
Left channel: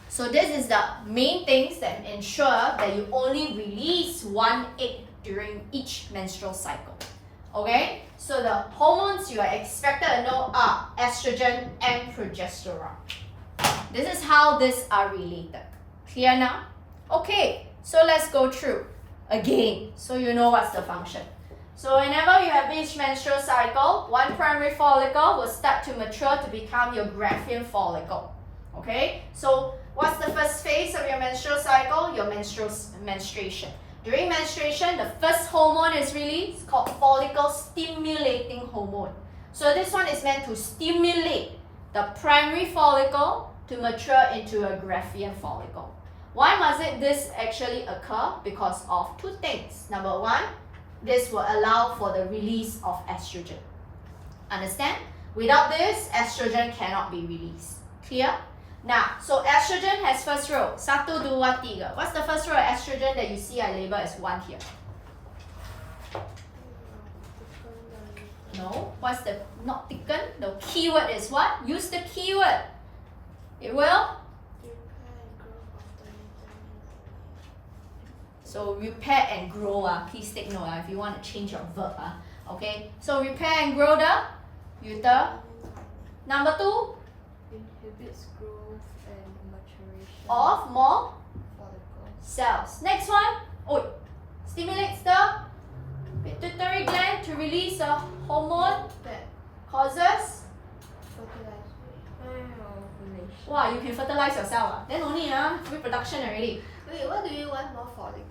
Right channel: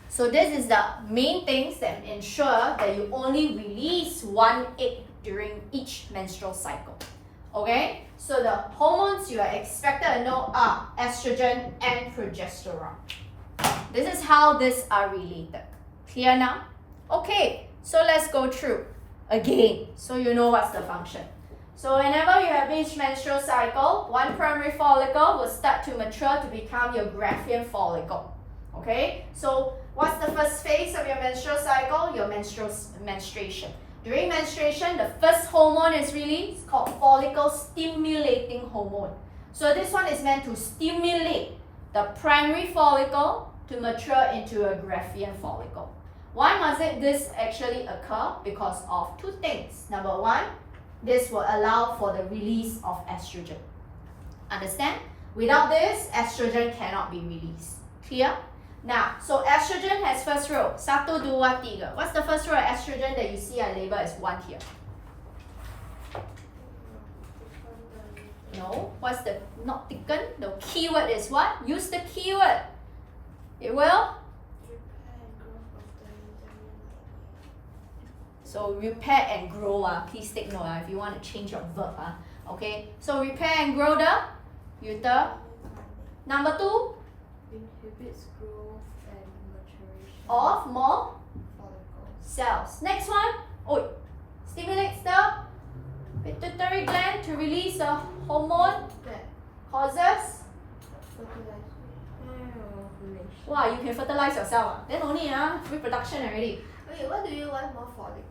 So this is the main things that ensure that you only release 1 egg during each menstrual cycle. Okay? So the hormones you are expected to know are estrogen and progesterone. This is how these are related. Clear now? Okay, so let's go through again so you know what's the function. So whenever you have each menstrual cycle, 1 primary follicle will start to mature to become your Graafian follicle. Okay? So what's the first phase of your menstrual cycle? Your menstruation. During menstruation, the first hormone is released called follicle stimulating hormone. So this one is meant to stimulate the primary follicle to mature into a Graafian follicle. Why must this actually occur? Because of two things. Number one, this will allow for the release of estrogen. Understand? Without this, estrogen cannot be released. Clear? Now, so estrogen has first row. 1, 2, 3. What's the first row of estrogen that you see I label as 1 here? No. What's the not thicken? The keyword is what? Use the keyword. It will? So repair and grow. Please take note if you want to change your verb. Okay. So repair and grow the uter. Number 2. Inhibits growth and maturation Of more follicles. cells. Next one. Oh, stimulates the pituitary gland to release the hormone that causes. Ovulation. Wow, you can fertilize yourself. Then only reproduction already. Wait, what do you want more follicles?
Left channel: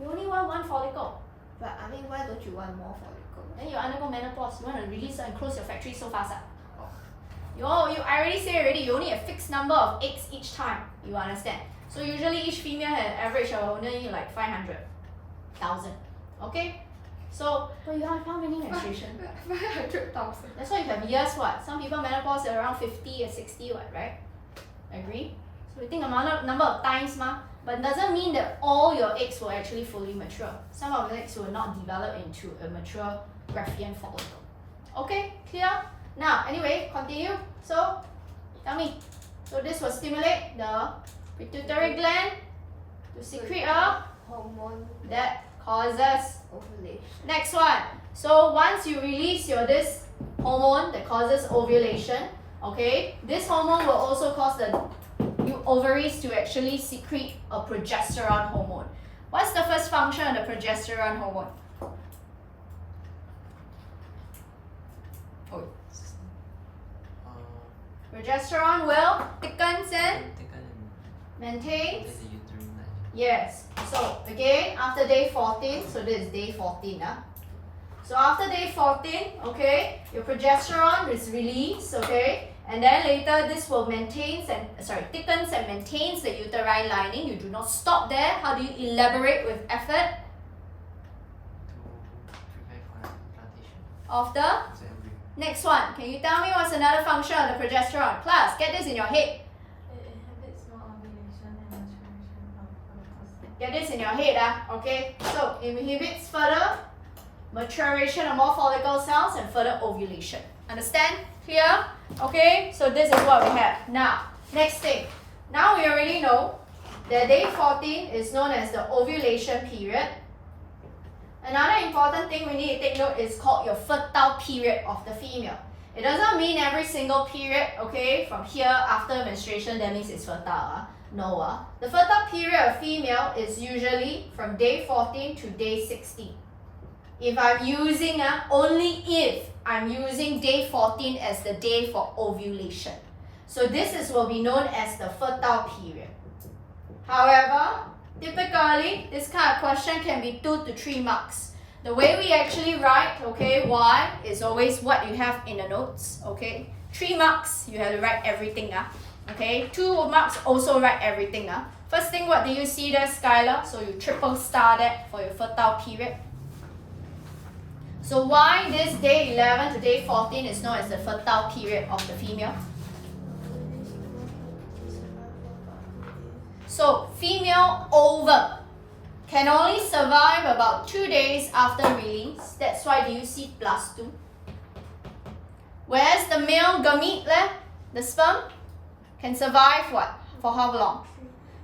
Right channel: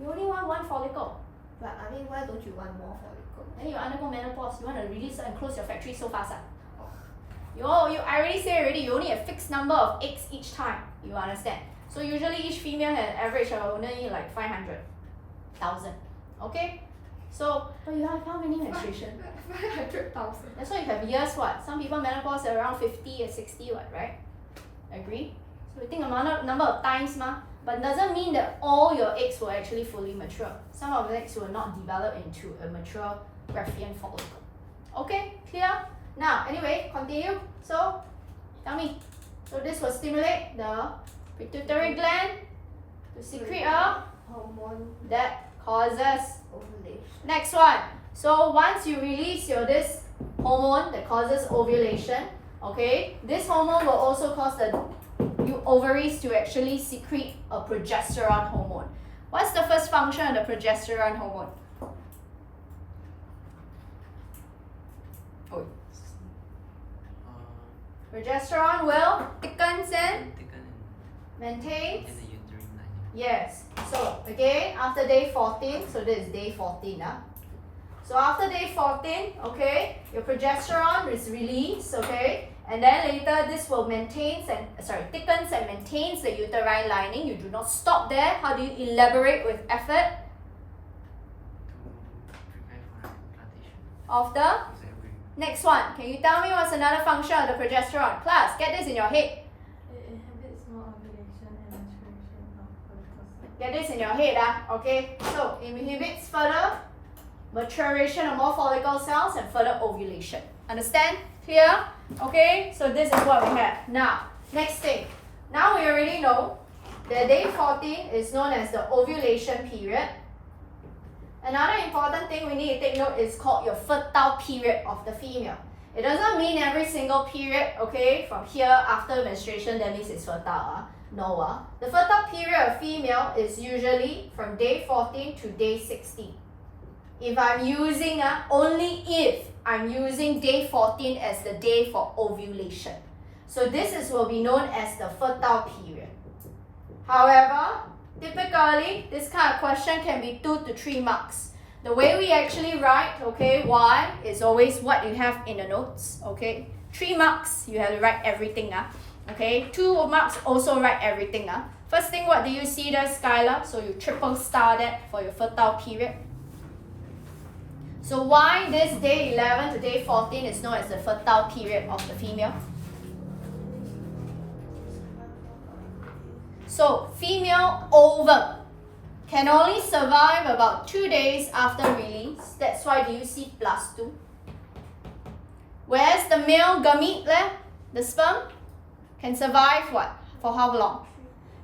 You only want 1 follicle. But I mean, why don't you want more follicles? Then you undergo menopause. You want to release and close your factory so fast. I already say already. You only have fixed number of eggs each time. You understand? So usually each female has average of only like 500,000. Okay. So, but you have how many menstruation? 500,000. That's why you have years. What? Some people menopause are around 50 and 60. What? Right? Agree? So we think about number of times, but it doesn't mean that all your eggs will actually fully mature. Some of the eggs will not develop into a mature Graafian follicle. Okay, clear? Now, anyway, continue. So, tell me. So this will stimulate the pituitary gland to secrete a Hormone that causes. ovulation. Next one. So once you release this hormone that causes ovulation, okay, this hormone will also cause the ovaries to actually secrete a progesterone hormone. What's the first function of the progesterone hormone? Oh. Progesterone will thickens and maintains. the uterine lining. Yes. So again, after day 14, so this is day 14. So after day 14, okay, your progesterone is released, okay, and then later this will thickens and maintains the uterine lining. You do not stop there. How do you elaborate with effort To prepare for implantation of the of the embryo. next one? Can you tell me what's another function of the progesterone? Class, get this in your head. It inhibits more ovulation and maturation of follicles. Get this in your head, okay? So inhibits further maturation of more follicle cells and further ovulation. Understand? Clear? Okay, so this is what we have. Now, next thing. Now we already know that day 14 is known as the ovulation period. Another important thing we need to take note is called your fertile period of the female. It doesn't mean every single period, okay, from here after menstruation, that means it's fertile. No. The fertile period of female is usually from day 14 to day 60. If I'm using, only if I'm using day 14 as the day for ovulation. So this will be known as the fertile period. However, typically, this kind of question can be 2 to 3 marks. The way we actually write, okay, why is always what you have in the notes, okay? 3 marks, you have to write everything, okay? 2 marks, also write everything, First thing, what do you see there, Skylar? So you triple star that for your fertile period. So why this day 11 to day 14 is known as the fertile period of the female? So female ovum can only survive about 2 days after release. That's why do you see +2. Whereas the male gamete, the sperm, can survive what? For how long?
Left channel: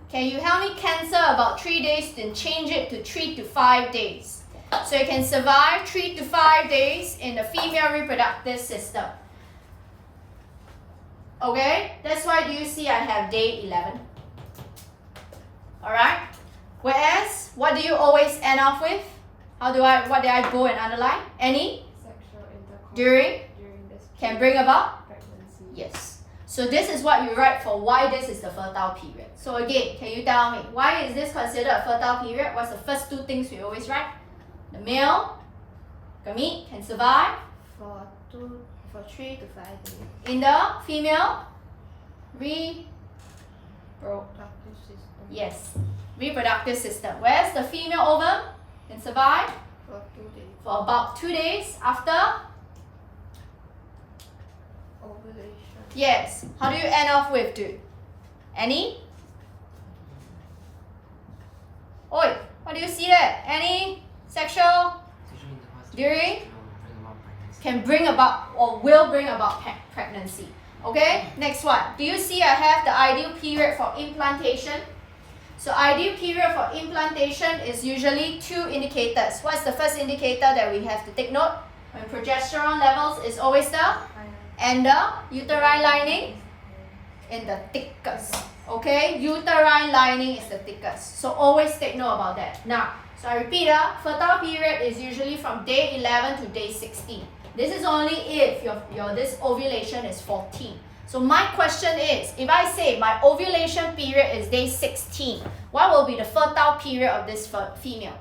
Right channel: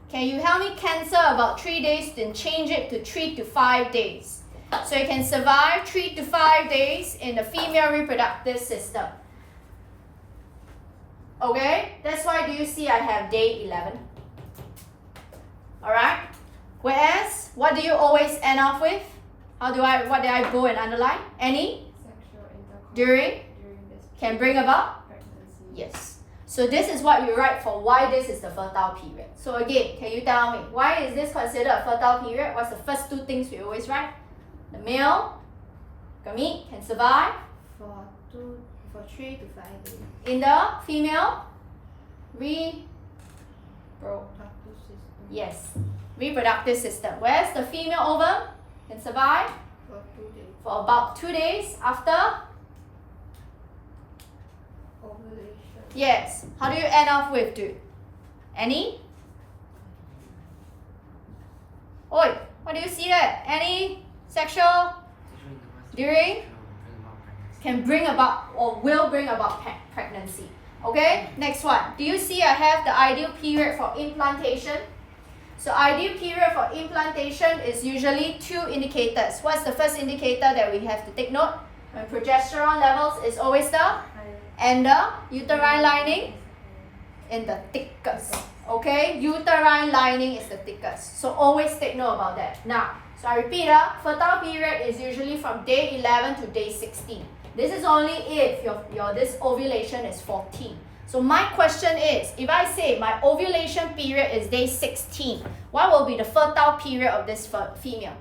Can you help me cancel about 3 days then change it to 3 to 5 days? So it can survive 3 to 5 days in the female reproductive system. Okay, that's why do you see I have day 11. Alright? Whereas, what do you always end off with? What did I bold and underline? Any? Sexual intercourse During? this Can bring about? pregnancy. Yes. So this is what you write for why this is the fertile period. So again, can you tell me, why is this considered a fertile period? What's the first 2 things we always write? The male gamete can survive For 3 to 5 days. in the female reproductive Reproductive system. Yes. Reproductive system. Whereas the female ovum can survive For 2 days. for about 2 days after. Ovulation. Yes. How do you end off with, dude? Any? Oi, what do you see there? Any sexual during can bring about or will bring about pregnancy. Okay, next one. Do you see I have the ideal period for implantation? So ideal period for implantation is usually 2 indicators. What's the first indicator that we have to take note? When progesterone levels is always the and the uterine lining in the thickest. Okay, uterine lining is the thickest. So always take note about that. Now, so I repeat, fertile period is usually from day 11 to day 16. This is only if your this ovulation is 14. So my question is, if I say my ovulation period is day 16, what will be the fertile period of this female?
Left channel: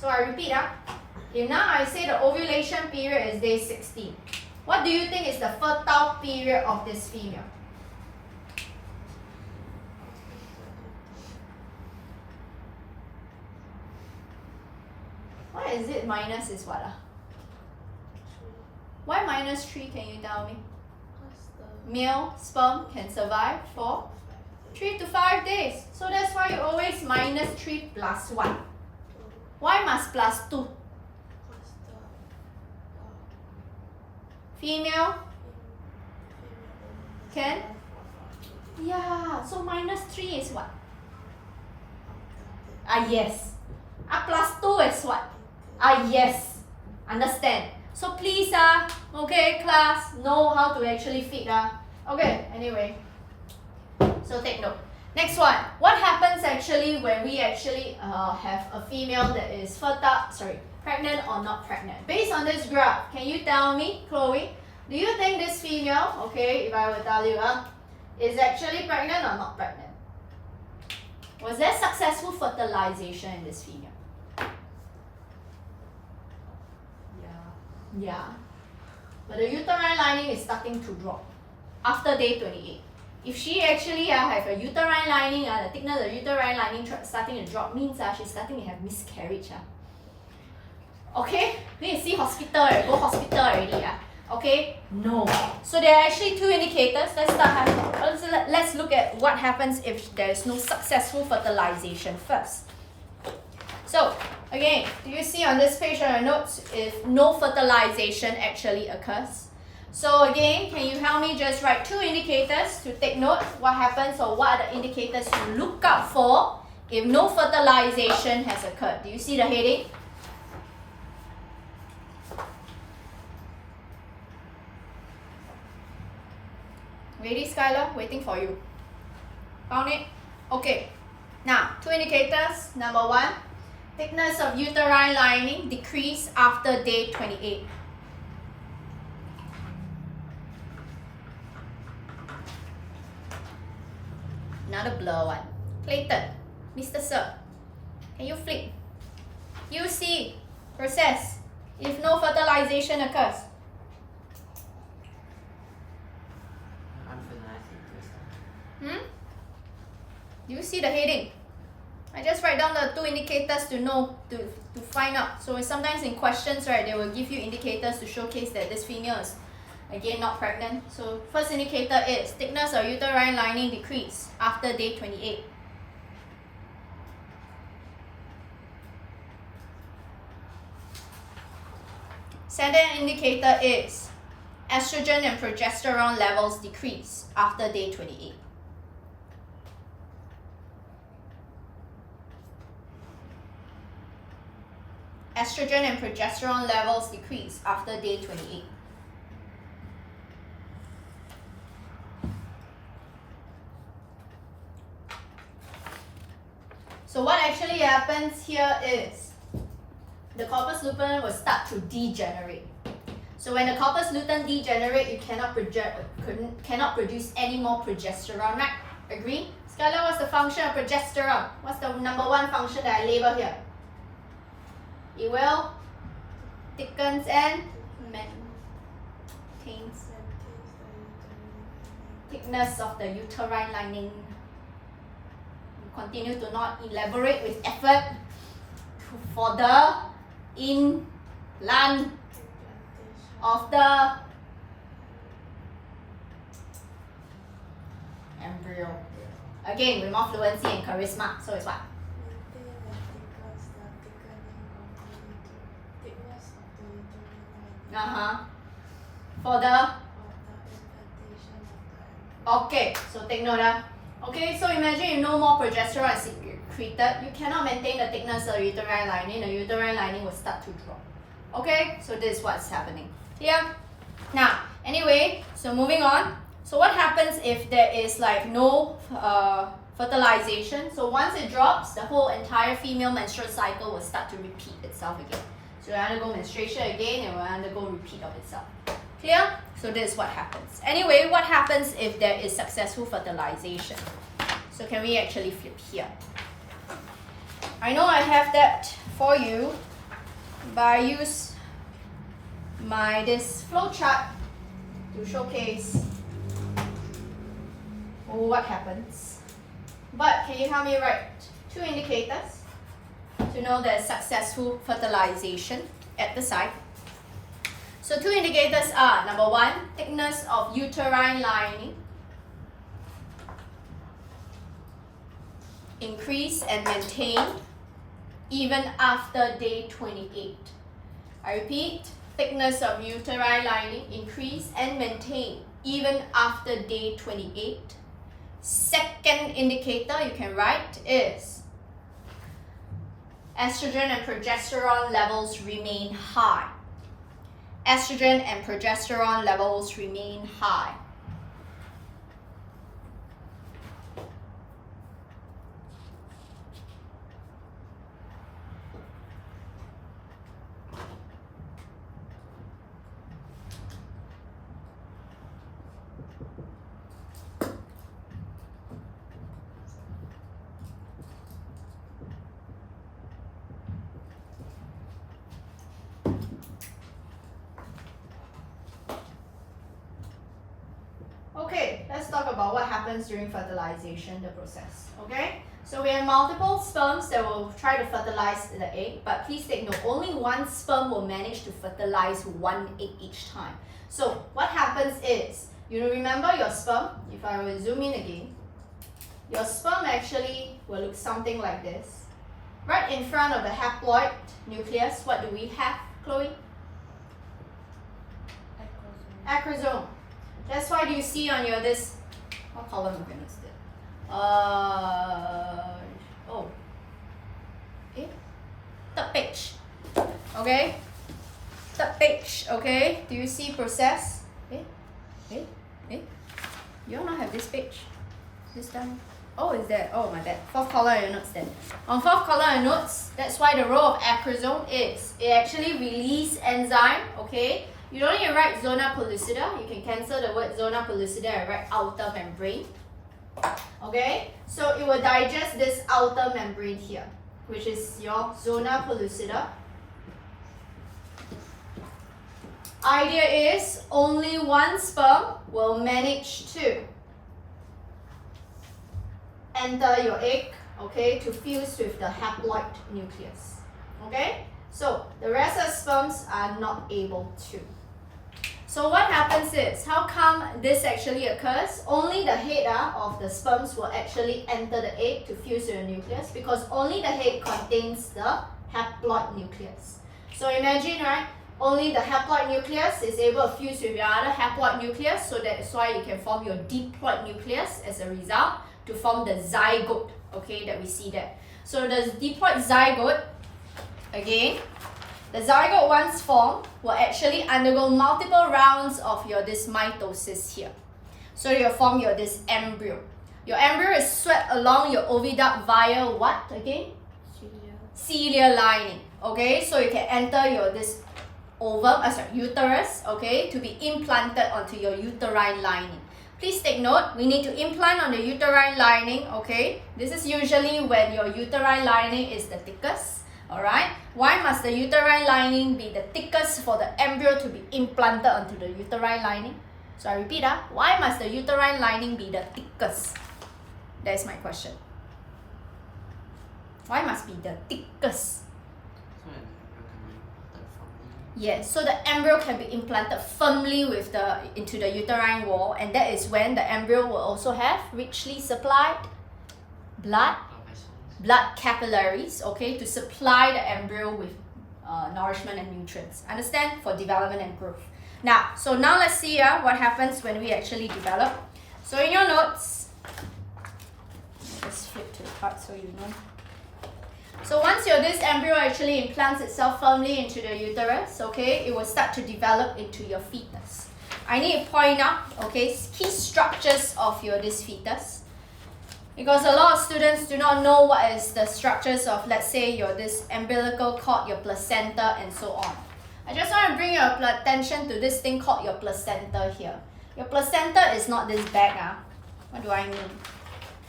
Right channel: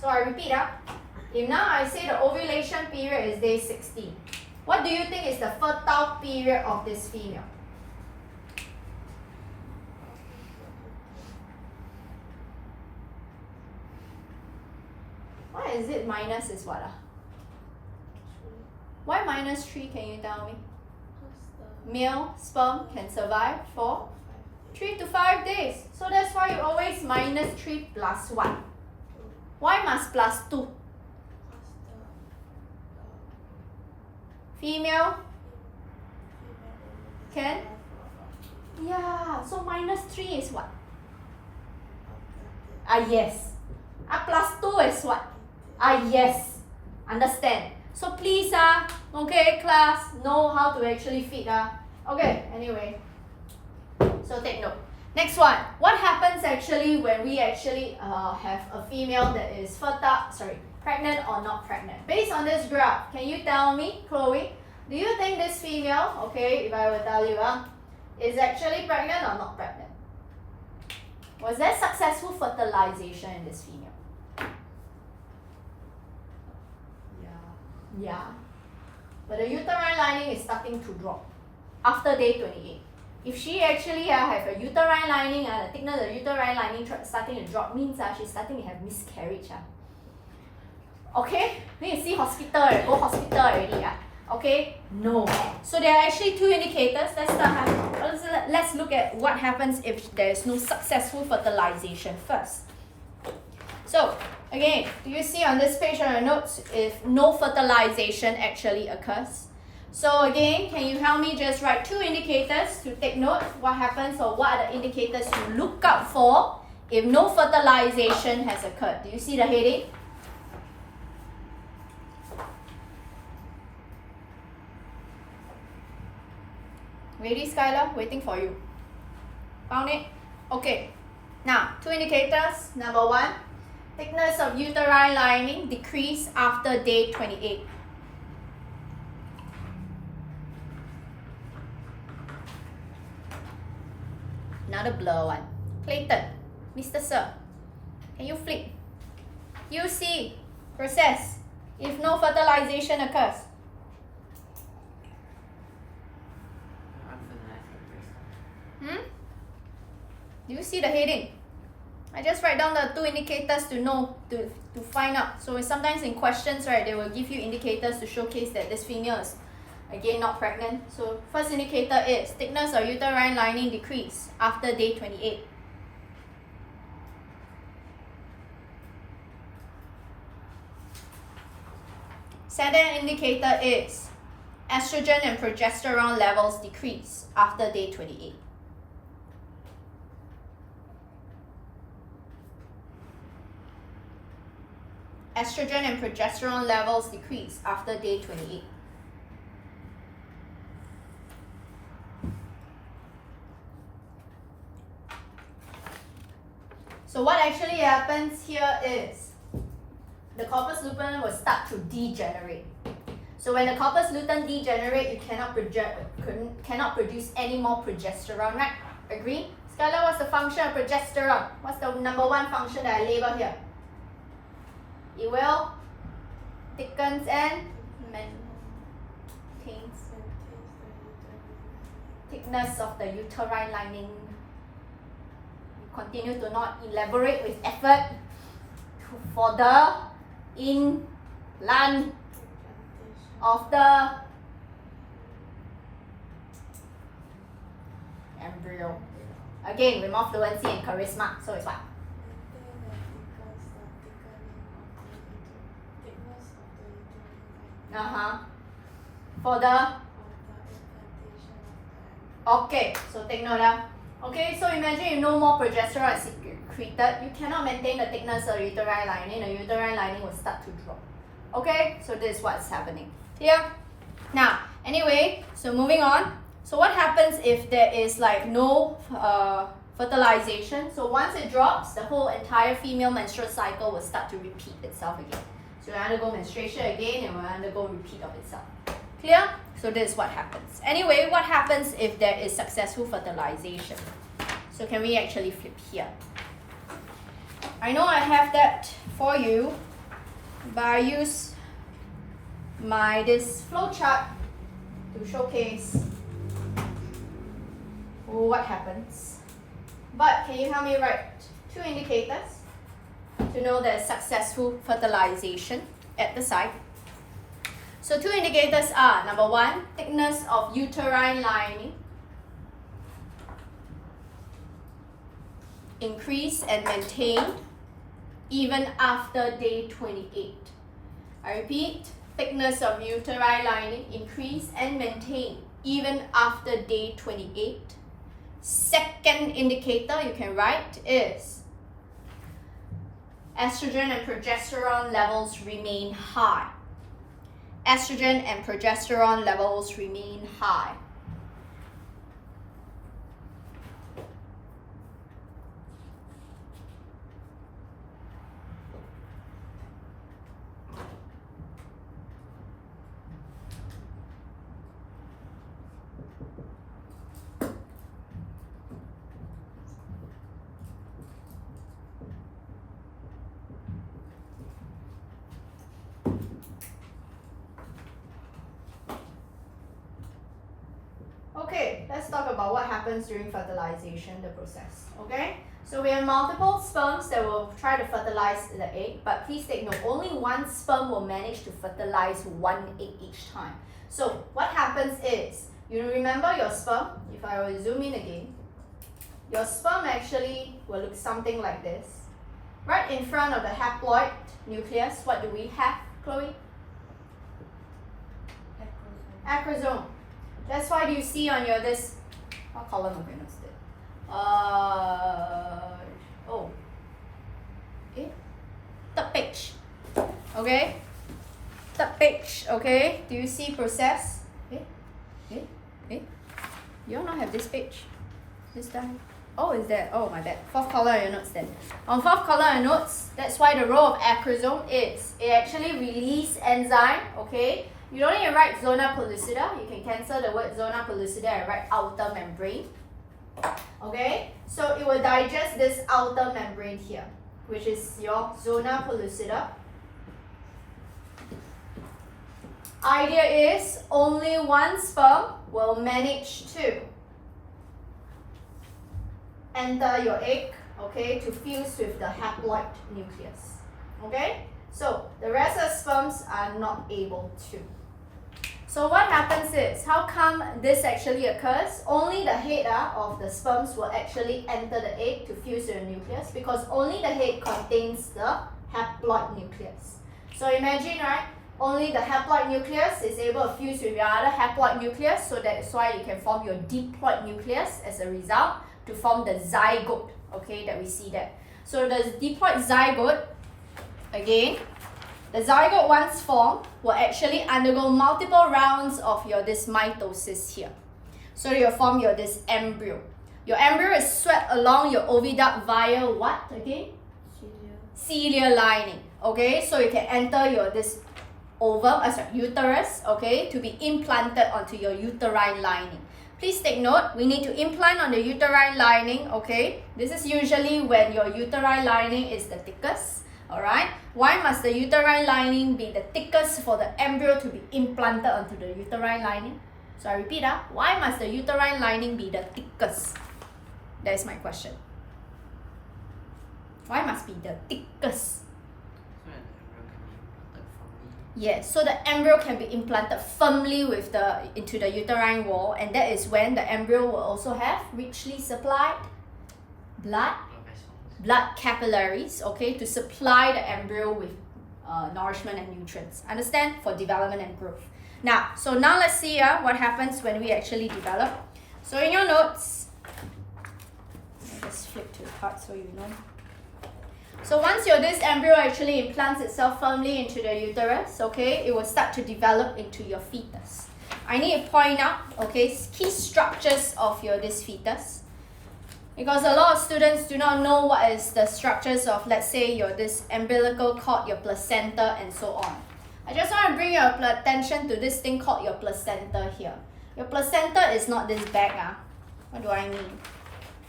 So I repeat, if now I say the ovulation period is day 16, what do you think is the fertile period of this female? Why is it minus is what? Why minus 3, can you tell me? Male sperm can survive for 3 to 5 days. So that's why you always minus 3 plus 1. Why must plus 2? Female can? Yeah, so minus 3 is what? Yes. Plus 2 is what? Yes. Understand? So please, okay, class, know how to actually fit. Okay, anyway. So take note. Next one. What happens actually when we actually have a female that is pregnant or not pregnant? Based on this graph, can you tell me, Chloe, do you think this female, okay, if I will tell you, is actually pregnant or not pregnant? Was there successful fertilization in this female? Yeah. But the uterine lining is starting to drop after day 28. If she actually have a uterine lining, the thickness of the uterine lining starting to drop means she's starting to have miscarriage. Okay? Then you see hospital, go hospital already. Okay? No. So there are actually 2 indicators. Let's look at what happens if there is no successful fertilization first. So, again, do you see on this page on your notes if no fertilization actually occurs? So again, can you help me just write 2 indicators to take note what happens or what are the indicators you look out for if no fertilization has occurred? Do you see the heading? Ready, Skylar? Waiting for you. Found it? Okay. Now, 2 indicators. Number 1, thickness of uterine lining decrease after day 28. Another blur one. Clayton, Mr. Sir, can you flip? You see, process, if no fertilization occurs. Do you see the heading? I just write down the 2 indicators to know, to find out. So sometimes in questions, right, they will give you indicators to showcase that this female is, again, not pregnant. So first indicator is thickness of uterine lining decrease after day 28. Second indicator is estrogen and progesterone levels decrease after day 28. Estrogen and progesterone levels decrease after day 28. So what actually happens here is the corpus luteum will start to degenerate. So when the corpus luteum degenerate, you cannot produce any more progesterone, right? Agree? Skylar, what's the function of progesterone? What's the number 1 function that I label here? It will thickens and maintains thickness of the uterine lining. You continue to not elaborate with effort for the implant of the embryo. Again, with more fluency and charisma. So it's what? For the okay, so take note. Okay, so imagine if no more progesterone is secreted, you cannot maintain the thickness of the uterine lining. The uterine lining will start to drop. Okay, so this is what's happening here. Now, anyway, so moving on. So what happens if there is like no fertilization? So once it drops, the whole entire female menstrual cycle will start to repeat itself again. So it will undergo menstruation again and will undergo repeat of itself. Clear? So this is what happens. Anyway, what happens if there is successful fertilization? So can we actually flip here? I know I have that for you, but I use this flow chart to showcase what happens. But can you help me write 2 indicators to know there's successful fertilization at the site? So 2 indicators are, number 1, thickness of uterine lining increase and maintained even after day 28. I repeat, thickness of uterine lining increase and maintained even after day 28. Second indicator you can write is estrogen and progesterone levels remain high. Estrogen and progesterone levels remain high. Okay, let's talk about what happens during fertilization, the process. Okay, so we have multiple sperms that will try to fertilize the egg, but please take note, only one sperm will manage to fertilize 1 egg each time. So what happens is, you remember your sperm, if I will zoom in again, your sperm actually will look something like this. Right in front of the haploid nucleus, what do we have, Chloe? Acrosome. That's why you see on your this, what column of units is it? Third page. Okay? Third page, okay? Do you see process? You all not have this page. This time. Oh, is that? Oh, my bad. 4th column of your notes then. On 4th column of your notes, that's why the role of acrosome is, it actually release enzyme, okay? You don't need to write zona pellucida. You can cancel the word zona pellucida and write outer membrane. Okay, so it will digest this outer membrane here, which is your zona pellucida. Idea is only one sperm will manage to enter your egg, okay, to fuse with the haploid nucleus. Okay, so the rest of sperms are not able to. So what happens is, how come this actually occurs? Only the head of the sperms will actually enter the egg to fuse with the nucleus, because only the head contains the haploid nucleus. So imagine, right, only the haploid nucleus is able to fuse with your other haploid nucleus, so that's why you can form your diploid nucleus as a result to form the zygote, okay, that we see there. So the diploid zygote, again, the zygote once formed will actually undergo multiple rounds of your this mitosis here. So you'll form your this embryo. Your embryo is swept along your oviduct via what again? Ciliary lining. Okay, so you can enter your this uterus, okay, to be implanted onto your uterine lining. Please take note, we need to implant on the uterine lining, okay? This is usually when your uterine lining is the thickest. Alright? Why must the uterine lining be the thickest for the embryo to be implanted onto the uterine lining? So I repeat, why must the uterine lining be the thickest? That is my question. Why must be the thickest? Yes, so the embryo can be implanted firmly into the uterine wall, and that is when the embryo will also have richly supplied blood capillaries, okay, to supply the embryo with nourishment and nutrients. Understand? For development and growth. Now let's see what happens when we actually develop. So in your notes, I'll just flip to the part so you know. So once this embryo actually implants itself firmly into the uterus, okay, it will start to develop into your fetus. I need to point out, okay, key structures of this fetus, because a lot of students do not know what is the structures of, let's say, this umbilical cord, your placenta, and so on. I just want to bring your attention to this thing called your placenta here. Your placenta is not this bag. What do I mean?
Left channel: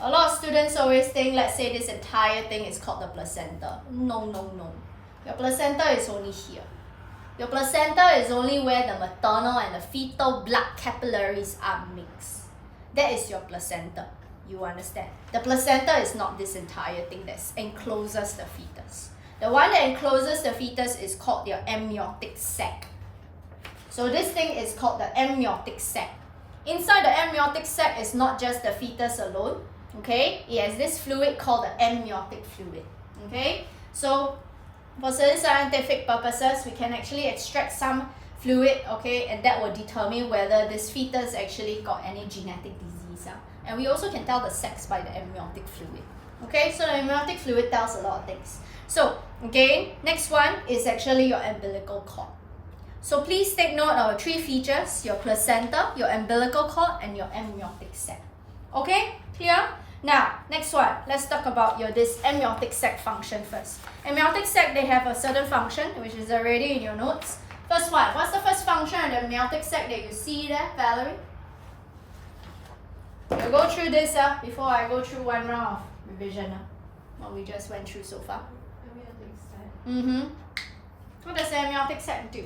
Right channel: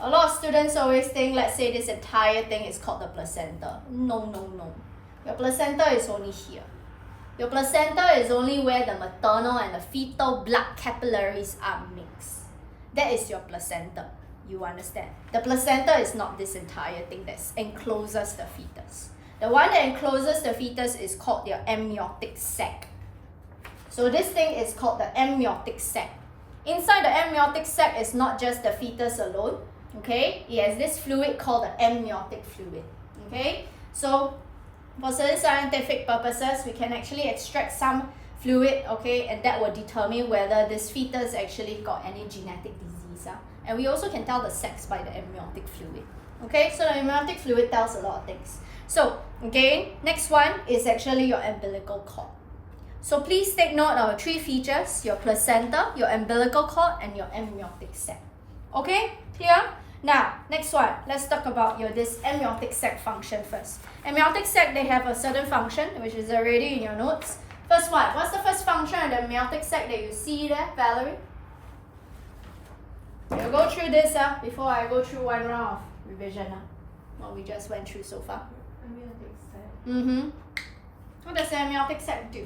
A lot of students always think, let's say, this entire thing is called the placenta. No. Your placenta is only here. Your placenta is only where the maternal and the fetal blood capillaries are mixed. That is your placenta. You understand? The placenta is not this entire thing that encloses the fetus. The one that encloses the fetus is called your amniotic sac. So this thing is called the amniotic sac. Inside the amniotic sac is not just the fetus alone. Okay, it has this fluid called the amniotic fluid. Okay, so for certain scientific purposes, we can actually extract some fluid, okay, and that will determine whether this fetus actually got any genetic disease. And we also can tell the sex by the amniotic fluid. Okay, so the amniotic fluid tells a lot of things. So again, next one is actually your umbilical cord. So please take note of 3 features: your placenta, your umbilical cord, and your amniotic sac. Okay, clear? Now, next one, let's talk about this amniotic sac function first. Amniotic sac, they have a certain function, which is already in your notes. First one, what's the first function of the amniotic sac that you see there, Valerie? We'll go through this before I go through one round of revision. What we just went through so far. Amniotic sac. What does the amniotic sac do?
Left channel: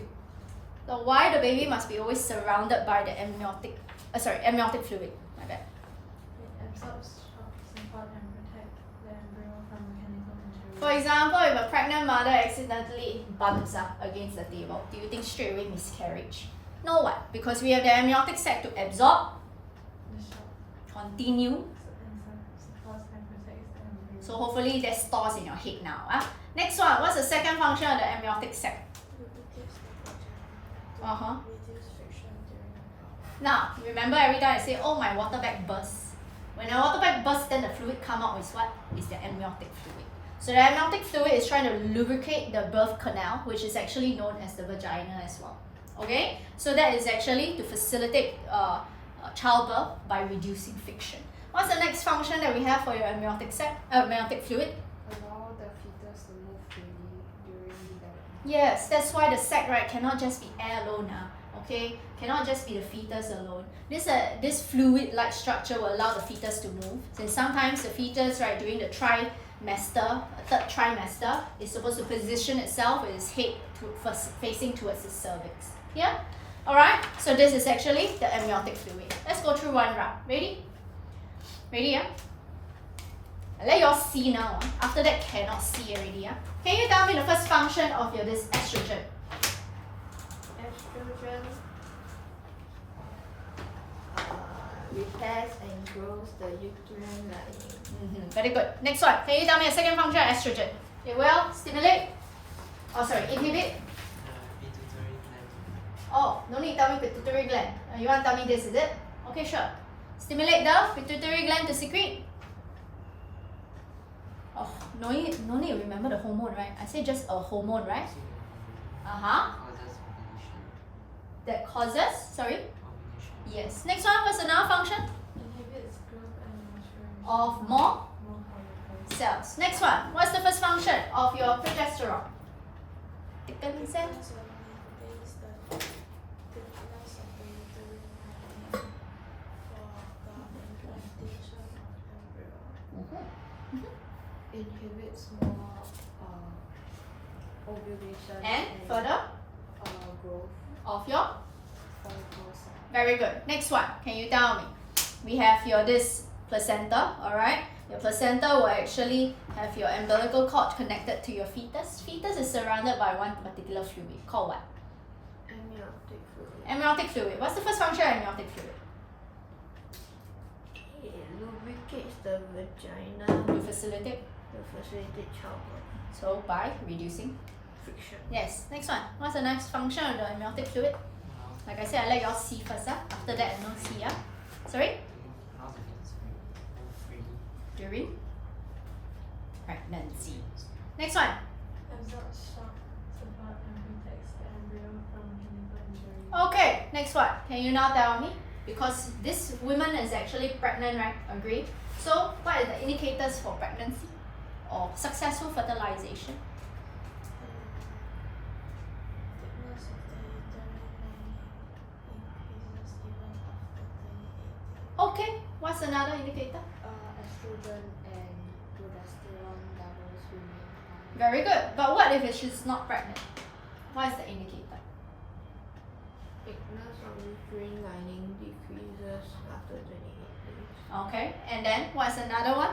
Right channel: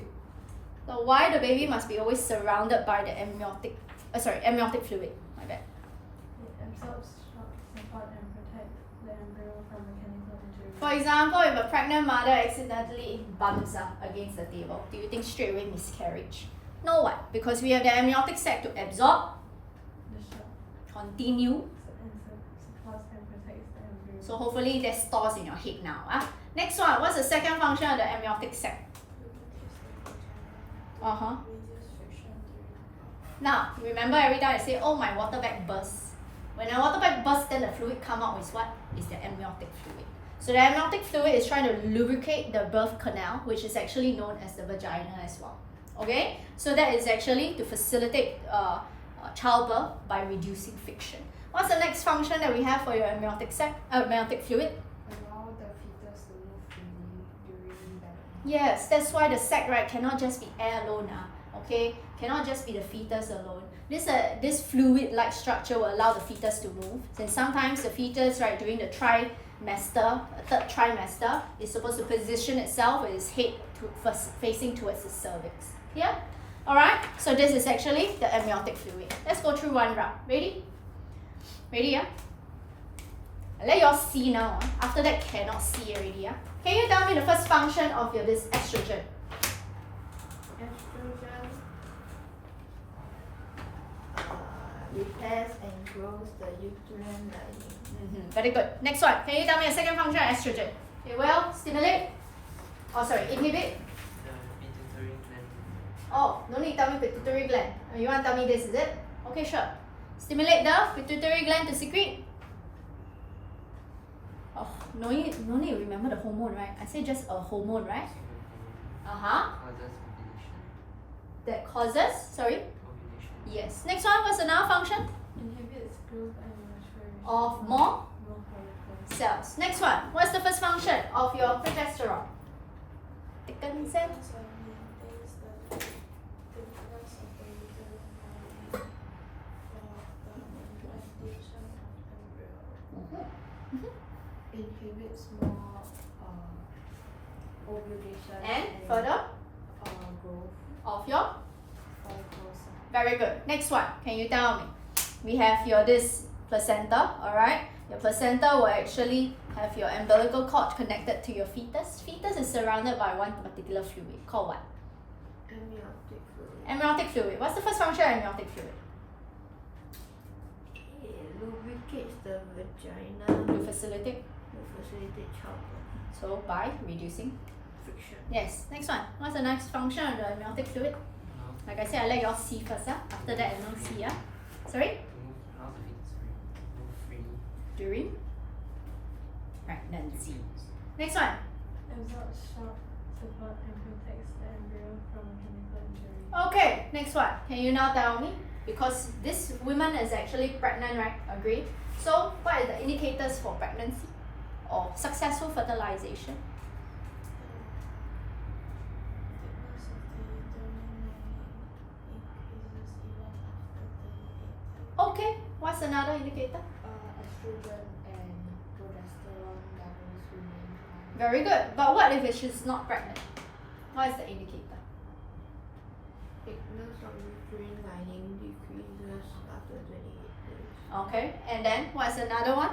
So why the baby must be always surrounded by the amniotic fluid? My bad. It absorbs shocks, support, and protect the embryo from mechanical injury. For example, if a pregnant mother accidentally bumps up against the table, do you think straight away miscarriage? No, what? Because we have the amniotic sac to absorb, The shock continue. supports and protects the embryo. So hopefully that stores in your head now. Next one, what's the second function of the amniotic sac? Now, remember every time I say, oh, my water bag bursts. When a water bag bursts, then the fluid come out with what? Is the amniotic fluid. So the amniotic fluid is trying to lubricate the birth canal, which is actually known as the vagina as well. Okay? So that is actually to facilitate childbirth by reducing friction. What's the next function that we have for your amniotic fluid? Allow the fetus to move freely during the Yes, that's why the sac, right, cannot just be air alone. Okay, cannot just be the fetus alone. This fluid-like structure will allow the fetus to move. And sometimes the fetus, right, during the third trimester, is supposed to position itself with its head facing towards the cervix. Yeah. All right. So this is actually the amniotic fluid. Let's go through one round. Ready? Ready? Yeah. I'll let you all see now. After that, cannot see already. Yeah. Can you tell me the first function of this estrogen? estrogen repairs and grows the uterine lining. Very good. Next one. Can you tell me the second function of estrogen? It will stimulate. Inhibit. Pituitary gland. Oh, no need to tell me pituitary gland. You want to tell me this, is it? Okay, sure. Stimulate the pituitary gland to secrete. Oh, no need to remember the hormone, right? I said just a hormone, right? Causes ovulation. That causes, sorry? Ovulation. Yes. Next one, what's another function? Inhibits growth and maturation Of more follicles. cells. Next one, what's the first function of your progesterone? Thicken cells. Inhibits more and further growth of your. follicles. Very good. Next one. Can you tell me? We have your this placenta. All right. Your placenta will actually have your umbilical cord connected to your fetus. Fetus is surrounded by one particular fluid called what? Amniotic fluid. Amniotic fluid. What's the first function of amniotic fluid? It lubricates the vagina To facilitate. to facilitate childbirth. So by reducing. Friction. Yes. Next one. What's the next function of the amniotic fluid? Like I said, I let you all see first. After that, no see. Sorry? Remove freely. During pregnancy. Next one. Absorbs shock, support, and protects the embryo from mechanical injury. Okay, next one. Can you now tell me? Because this woman is actually pregnant, right? Agree? So, what are the indicators for pregnancy or successful fertilization? Thickness of the uterine lining increases even after 38 days. Okay, what's another indicator? Estrogen and progesterone levels remain. Very good. But what if she's not pregnant? What is the indicator? Thickness of uterine lining decreases after 28 days. Okay, and then what's another one?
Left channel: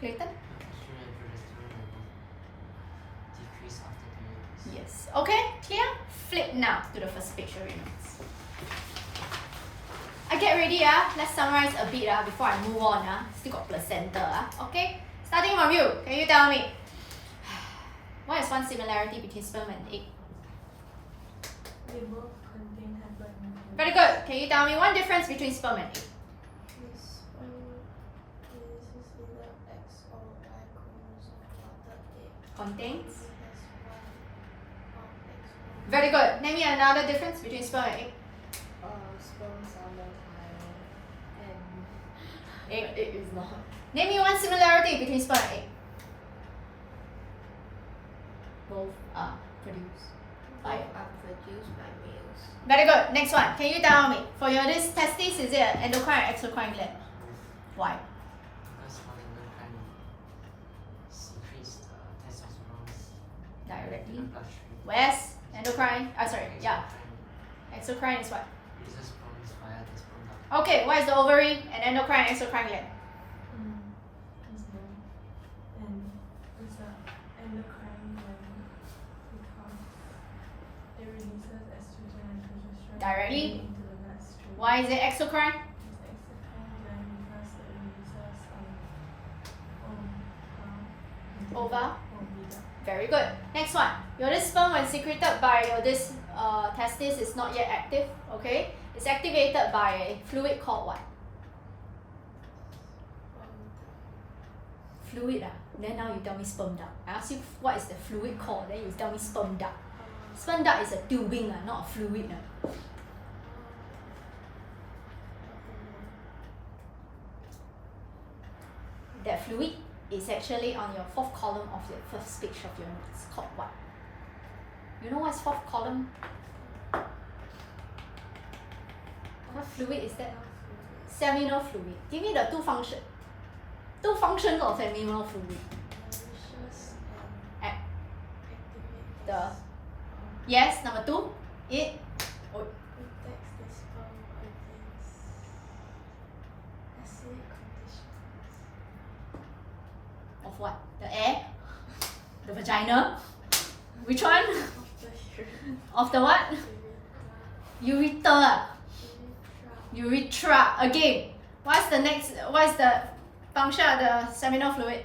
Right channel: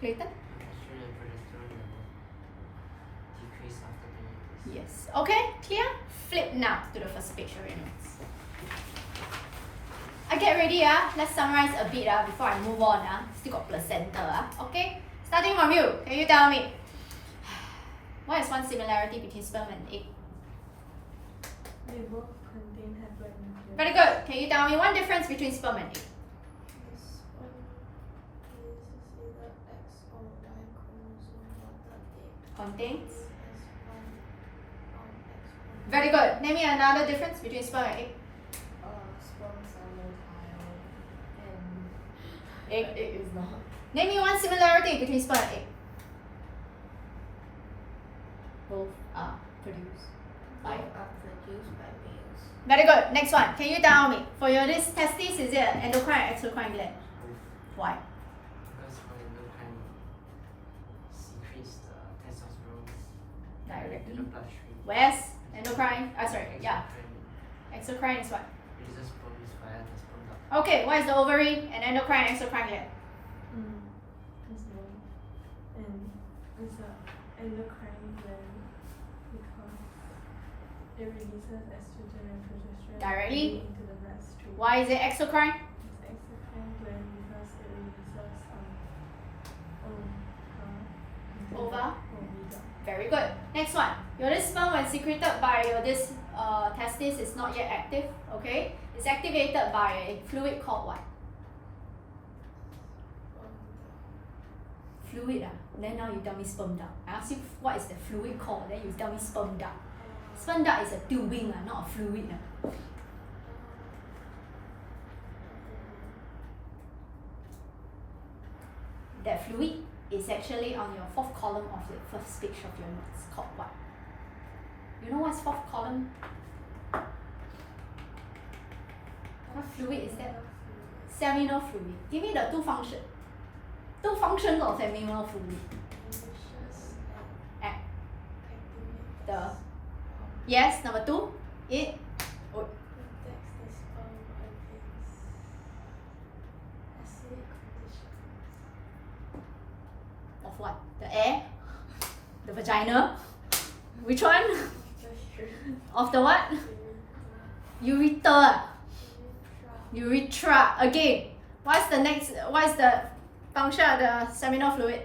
Clayton? Estrogen and progesterone level decrease after 28 days. Yes. Okay, clear? Flip now to the first page of your notes. I get ready, let's summarize a bit before I move on. Still got placenta. Okay, starting from you, can you tell me what is one similarity between sperm and egg? They both contain haploid Very good. Can you tell me one difference between sperm and egg? This is either X or Y chromosome, but the egg Contains. is one X1. Very good. Name me another difference between sperm and egg. Sperms are motile and Egg. egg is not. Name me one similarity between sperm and egg. Both are produced by. Both are produced by males. Very good. Next one. Can you tell me for your this testis, is it an endocrine or exocrine gland? Both. Why? Because how endocrine secretes the testosterone to Directly. the bloodstream. Where's endocrine? Sorry. Yeah. Exocrine Exocrine is what? releases sperms via the sperm duct. Okay. What is the ovary and endocrine and exocrine gland? It's known. And it's a endocrine gland because it releases estrogen and progesterone Directly? into the bloodstream. Why is it exocrine? It's exocrine gland because it releases Ova. ovida. Very good. Next one. Your this sperm when secreted by your this testis is not yet active. Okay. It's activated by a fluid called what? Fluid. Then now you tell me sperm duct. I ask you what is the fluid called. Then you tell me sperm duct. Sperm duct is a tubing, not a fluid. That fluid is actually on your fourth column of the first page of your notes. Called what? You know what's fourth column? What fluid is that? Seminal fluid. Give me the two functions. Two functions of seminal fluid. At the yes, number two. It oh, Protects the sperm against acidic conditions. of what? The air? The vagina? Which one? Of the what? Urethra. Urethra. Again. What's the next? What is the function of the seminal fluid?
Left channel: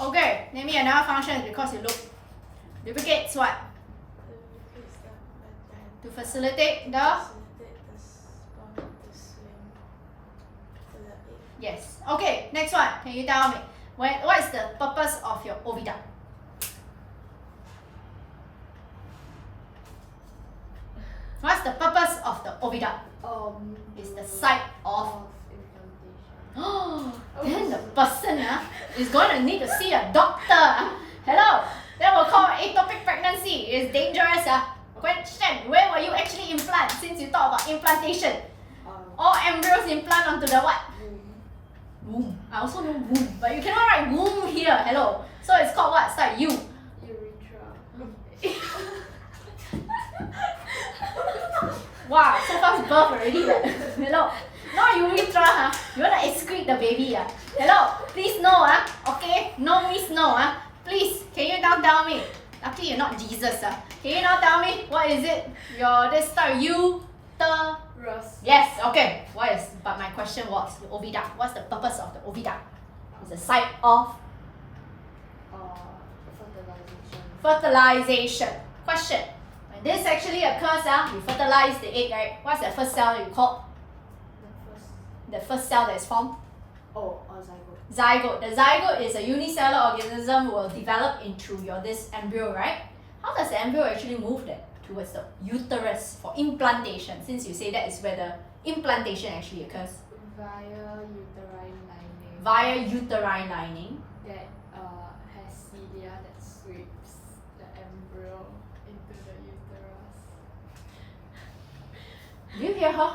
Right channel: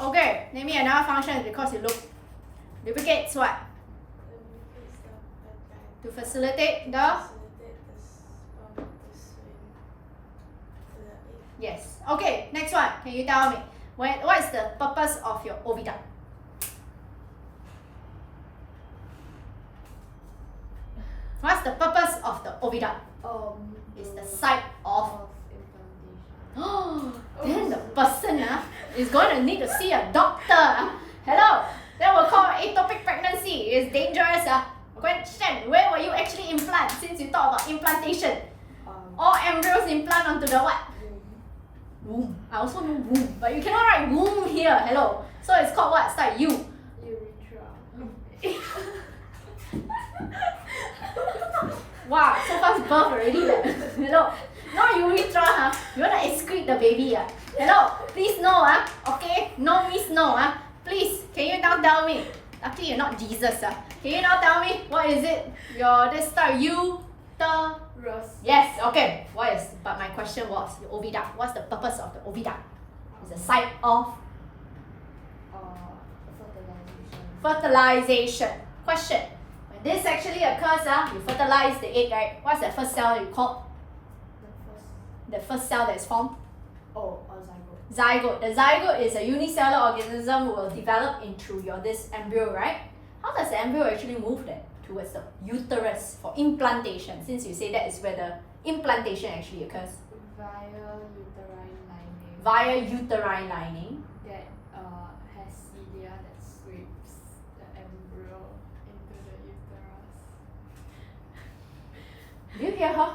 Okay. Name me another function because you look. Lubricates what? To facilitate the. Yes. Okay. Next one. Can you tell me what is the purpose of your oviduct? What's the purpose of the oviduct? It's the site of. Oh, then the person is going to need to see a doctor. Hello, that will call ectopic pregnancy. It's dangerous. Question: where will you actually implant? Since you talk about implantation, all embryos implant onto the what? Womb. I also know womb, but you cannot write womb here. Hello. So it's called what? Start U. Urethra. Wow, so fast birth already. Like. Hello. Not urethra, huh? You wanna excrete the baby, Hello, please no, Okay, no means no, Please, can you now tell me? Luckily you're not Jesus, Can you now tell me what is it? Your this start Rose. Yes, okay. What is? But my question was the oviduct. What's the purpose of the oviduct? It's a site of fertilization. Question. When this actually occurs, we fertilize the egg, right? What's the first cell you call? The first cell that is formed? Zygote. Zygote. The zygote is a unicellular organism will develop into your this embryo, right? How does the embryo actually move then towards the uterus for implantation? Since you say that is where the implantation actually occurs. Via Via uterine lining. uterine lining. That has cilia that sweeps the embryo into the uterus. Do you hear her?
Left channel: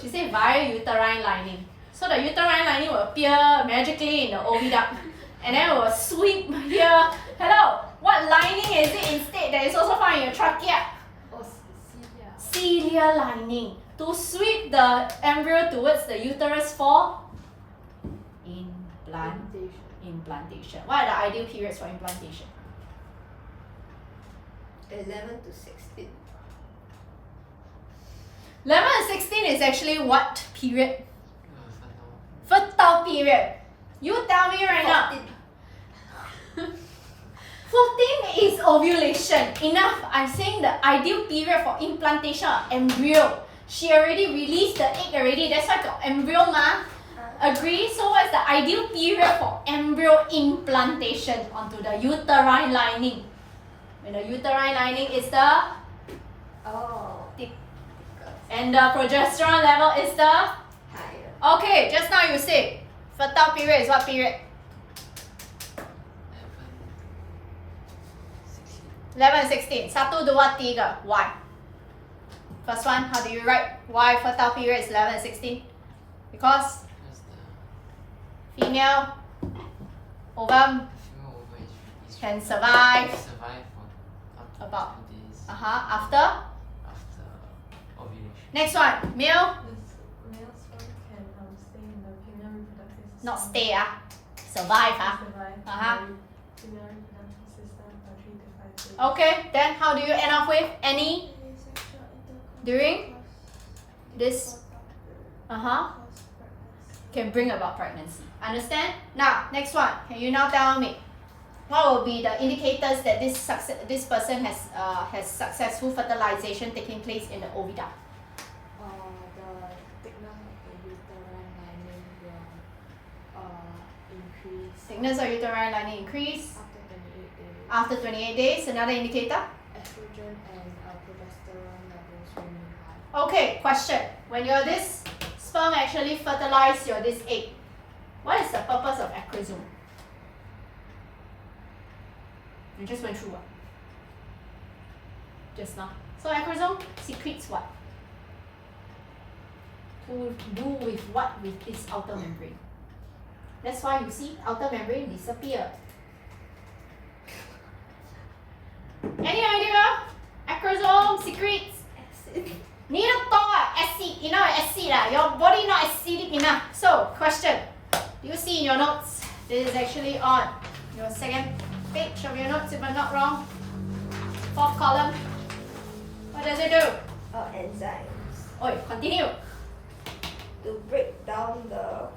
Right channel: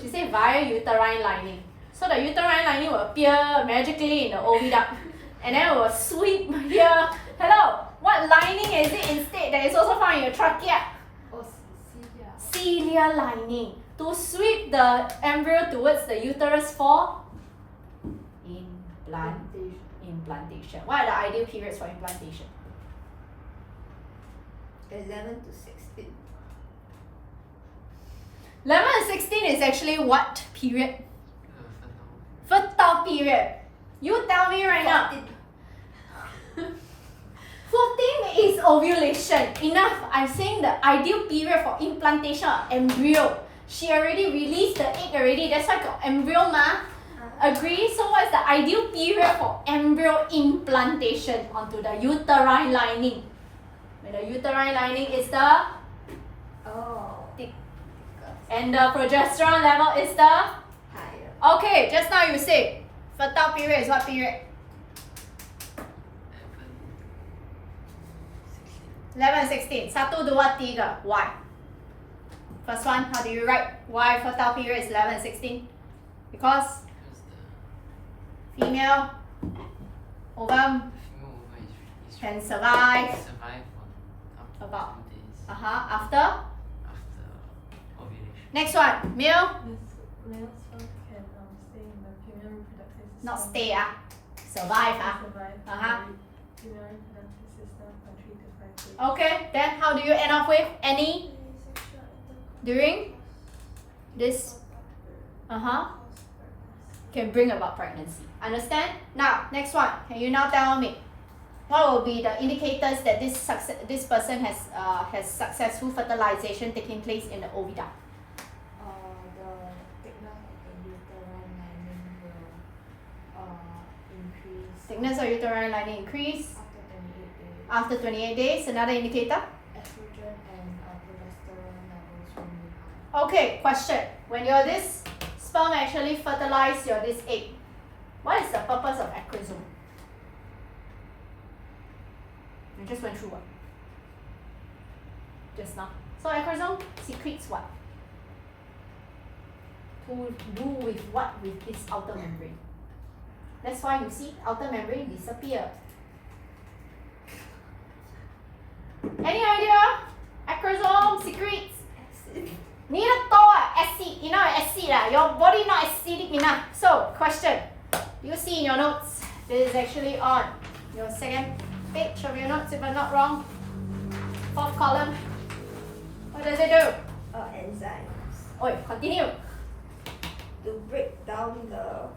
She said via uterine lining. So the uterine lining will appear magically in the oviduct and then it will sweep here. Hello, what lining is it instead that is also found in your trachea? Oh, cilia. Cilia lining. To sweep the embryo towards the uterus for implantation. What are the ideal periods for implantation? 11 to 16. 11 and 16 is actually what period? Fertile period. You tell me right now. 14 is ovulation. Enough. I'm saying the ideal period for implantation of embryo. She already released the egg already. That's why got embryo ma. Agree? So what's the ideal period for embryo implantation onto the uterine lining? When the uterine lining is the thick. And the progesterone level is the Higher. okay, just now you say fertile period is what period? 11 and 16. 1, 2, 3. Why? First one, how do you write? Why fertile period is 11 and 16? Because female ovum can survive for about 2 days after. after ovulation. Next one, male Male sperm can stay in the female reproductive system. not stay survive Survive Uh-huh. in the female reproductive system for 3 to 5 days. Okay, then how do you end up with any during this can bring about pregnancy. Understand? Now, next one. Can you now tell me what will be the indicators that this person has successful fertilization taking place in the oviduct? The thickness of the uterine lining will increase Thickness of uterine lining increase after 28 days. after 28 days. Another indicator. Estrogen and progesterone levels will be high. Okay, question. When your this sperm actually fertilize your this egg, what is the purpose of acrosome? You just went through what? Just now. So acrosome secretes what? To do with what with this outer membrane? That's why you see outer membrane disappear. Any idea? Acrosome secretes 你的多 acid, enough acid your body not acidic enough. So question, do you see in your notes? This is actually on your second page of your notes if I'm not wrong. 4th column. What does it do? Enzymes Oi, continue. to break down the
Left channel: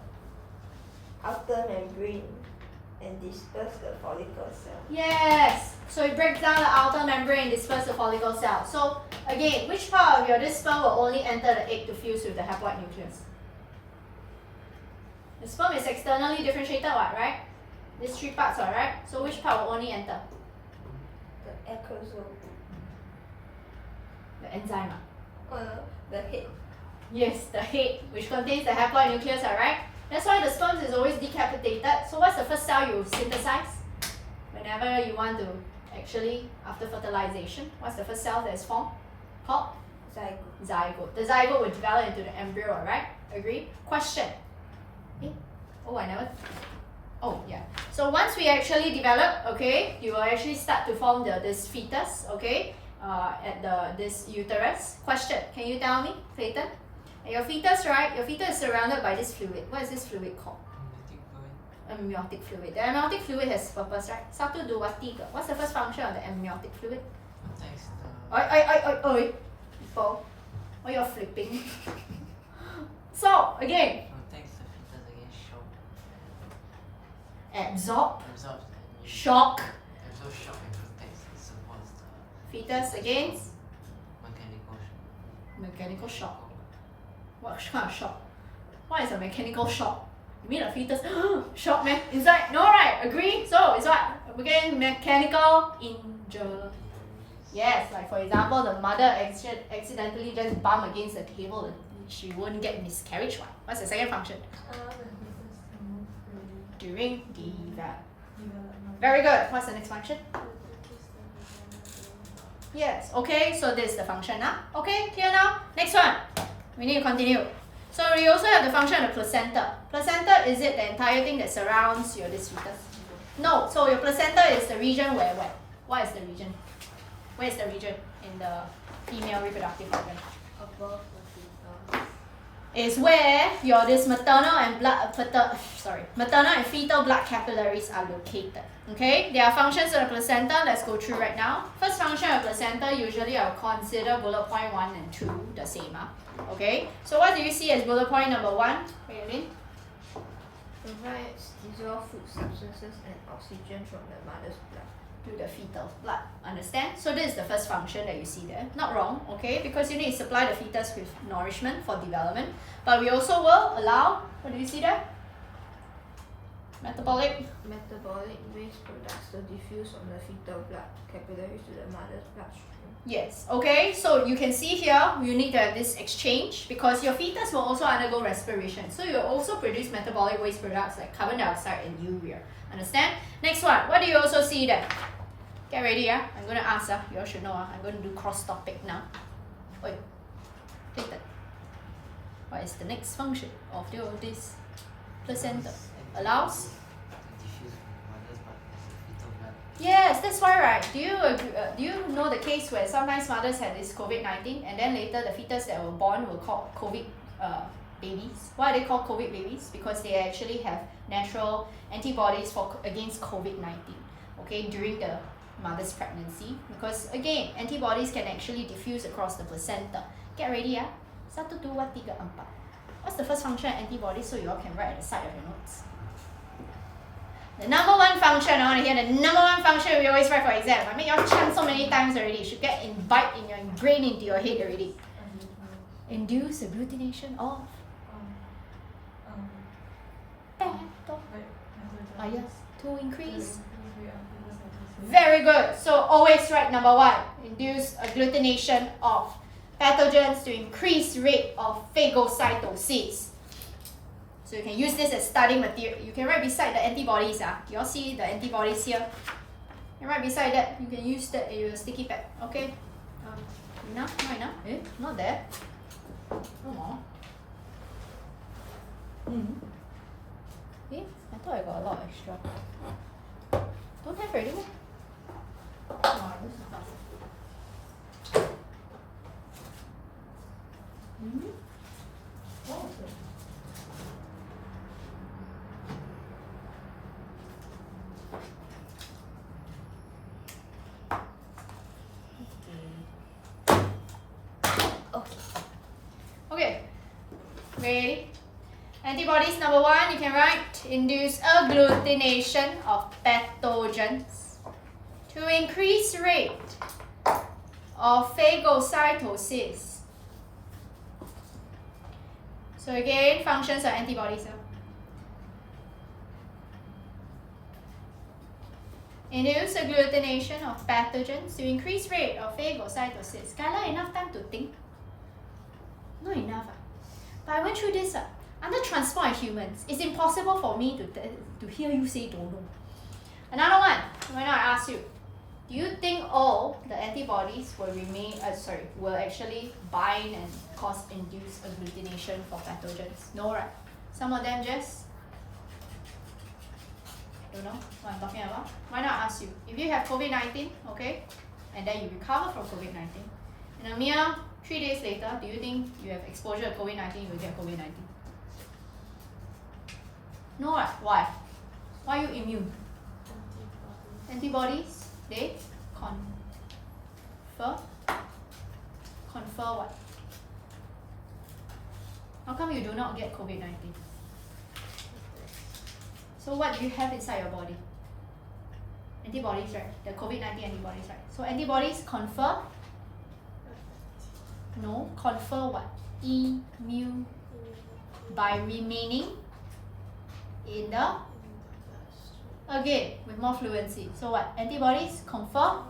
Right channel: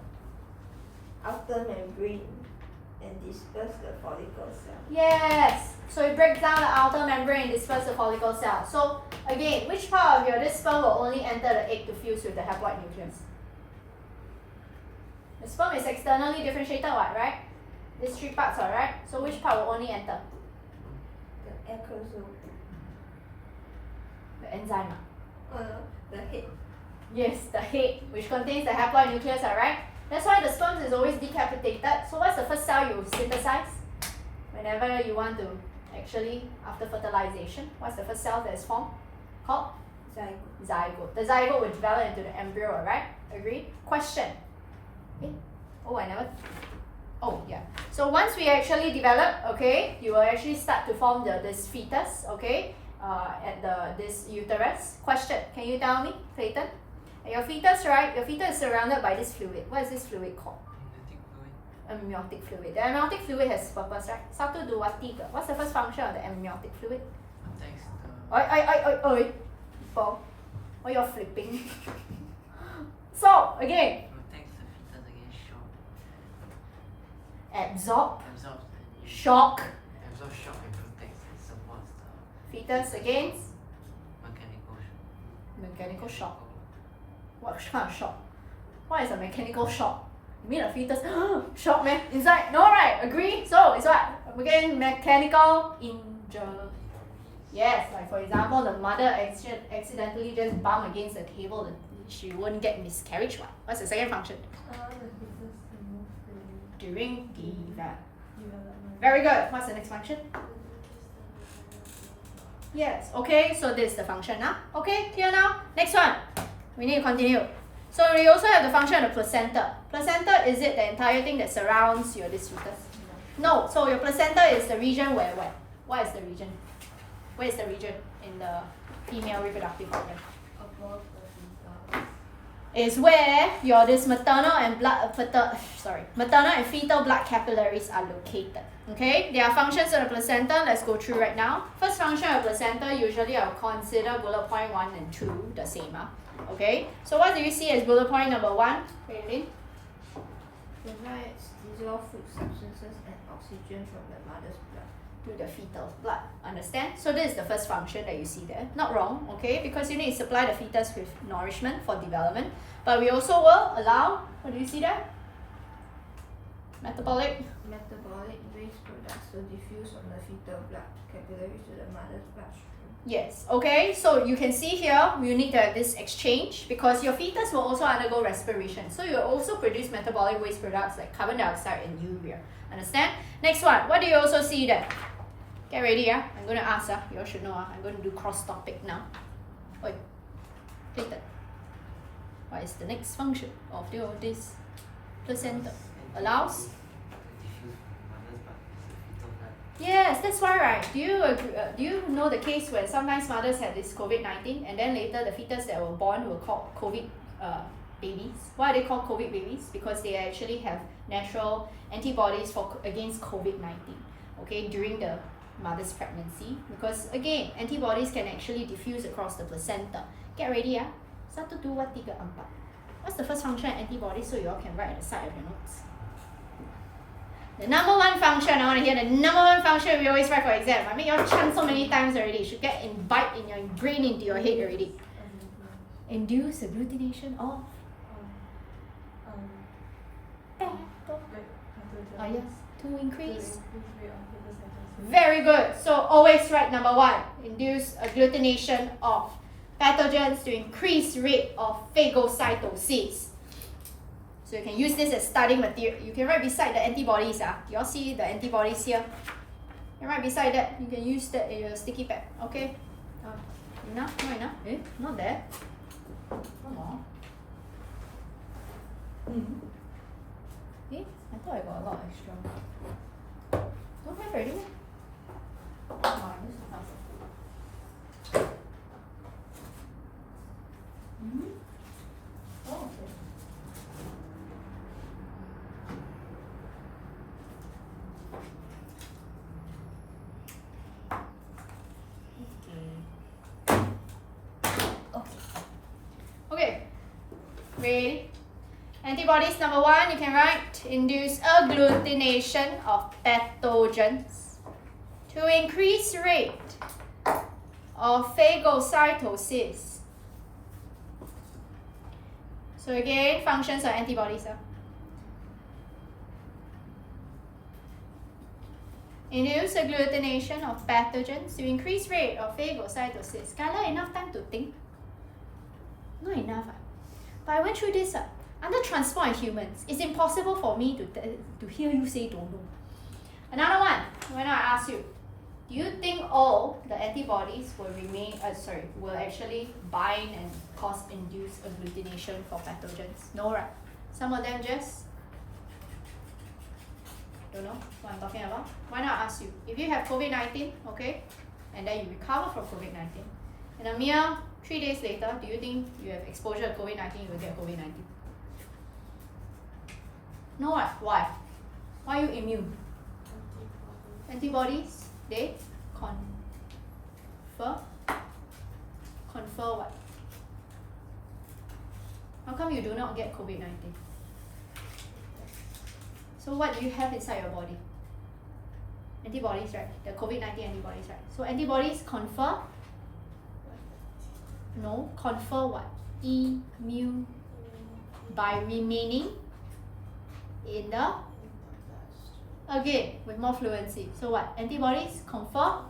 outer membrane and disperse the follicle cell. Yes. So it breaks down the outer membrane and disperse the follicle cell. So again, which part of your this sperm will only enter the egg to fuse with the haploid nucleus? The sperm is externally differentiated, right? These 3 parts, alright? So which part will only enter? The acrosome. The enzyme. The head. Yes, the head, which contains the haploid nucleus, alright? That's why the sperm is always decapitated. So what's the first cell you synthesize? Whenever you want to actually, after fertilization, what's the first cell that is formed? Called? Zygote. Zygote. The zygote will develop into the embryo, alright? Agree? Question. Oh, I never Oh yeah. So once we actually develop, okay, you will actually start to form this fetus, okay, at this uterus. Question: can you tell me, Clayton? At your fetus, right? Your fetus is surrounded by this fluid. What is this fluid called? Amniotic fluid. The amniotic fluid has purpose, right? Satu dua tiga. What's the first function of the amniotic fluid? Oi. People, why you're flipping? So again, Protects the fetus against shock. absorb, Absorbs shock, absorbs shock and protects and supports the fetus against mechanical shock. mechanical shock. What kind of shock? What is a mechanical shock? You mean a fetus shock, man? Inside? No, right? Agree? So it's what? Again, mechanical injury. Yes, like for example, the mother accidentally just bump against the table, and she won't get miscarriage. What's the second function? Allow the fetus to move freely. During development. Development. Very good. What's the next function? Yes. Okay, so this is the function now. Okay, clear now? Next one. We need to continue. So we also have the function of the placenta. Placenta, is it the entire thing that surrounds your this fetus? No. So your placenta is the region where what? What is the region? Where is the region in the female reproductive organ? Above the fetus. Is where your this maternal and fetal blood capillaries are located. Okay, there are functions of the placenta. Let's go through right now. First function of placenta, usually I'll consider bullet point 1 and 2 the same. Okay, so what do you see as bullet point number 1, Raylene? Provides dissolved food substances and oxygen from the mother's blood. To the fetal blood. Understand? So this is the first function that you see there. Not wrong, okay? Because you need to supply the fetus with nourishment for development. But we also will allow, what do you see there? Metabolic. Metabolic waste products to diffuse from the fetal blood capillaries to the mother's bloodstream. Yes, okay? So you can see here, you need to have this exchange because your fetus will also undergo respiration. So you will also produce metabolic waste products like carbon dioxide and urea. Understand? Next one, what do you also see there? Get ready, yeah? I'm going to ask, you all should know, I'm going to do cross topic now. Oi, take that. What is the next function of this placenta? Allows? Yes, that's why, right? Do you know the case where sometimes mothers had this COVID-19 and then later the fetus that were born were called COVID babies? Why are they called COVID babies? Because they actually have natural antibodies against COVID-19, okay, during the mother's pregnancy. Because again, antibodies can actually diffuse across the placenta. Get ready, yeah? 1, 2, 3, 4. What's the first function of antibodies so you all can write at the side of your notes? The number one function, I want to hear the number one function we always write for exam. I made you all chant so many times already. You should get imbibed in your brain into your head already. Induce agglutination of yes, to increase. Very good. So always write number 1. Induce agglutination of pathogens to increase rate of phagocytosis. So you can use this as studying material. You can write beside the antibodies. You all see the antibodies here? And right beside that, you can use that in your sticky pad. Okay? Enough? Not enough? Not there. Come on. I thought I got a lot extra. Don't have already, meh? Come on, this is enough. What was it? Okay, ready? Antibodies number 1, you can write induce agglutination of pathogens to increase rate of phagocytosis. So again, functions of antibodies. Induce agglutination of pathogens to increase rate of phagocytosis. Skylar, enough time to think? Not enough. But I went through this. Under transport in humans, it's impossible for me to hear you say don't know. Another one, when I ask you, do you think all the antibodies will actually bind and cause induced agglutination for pathogens? No, right? Some of them just Don't know what I'm talking about? Why not ask you? If you have COVID-19, okay, and then you recover from COVID-19, and a mere 3 days later, do you think you have exposure to COVID-19, you will get COVID-19? No, right? Why? Why are you immune? Antibodies, they confer what? How come you do not get COVID-19? So what do you have inside your body? Antibodies, right? The COVID-19 antibodies, right? So antibodies confer? No, confer what? Immune by remaining in the, again, with more fluency. So what? Antibodies confer?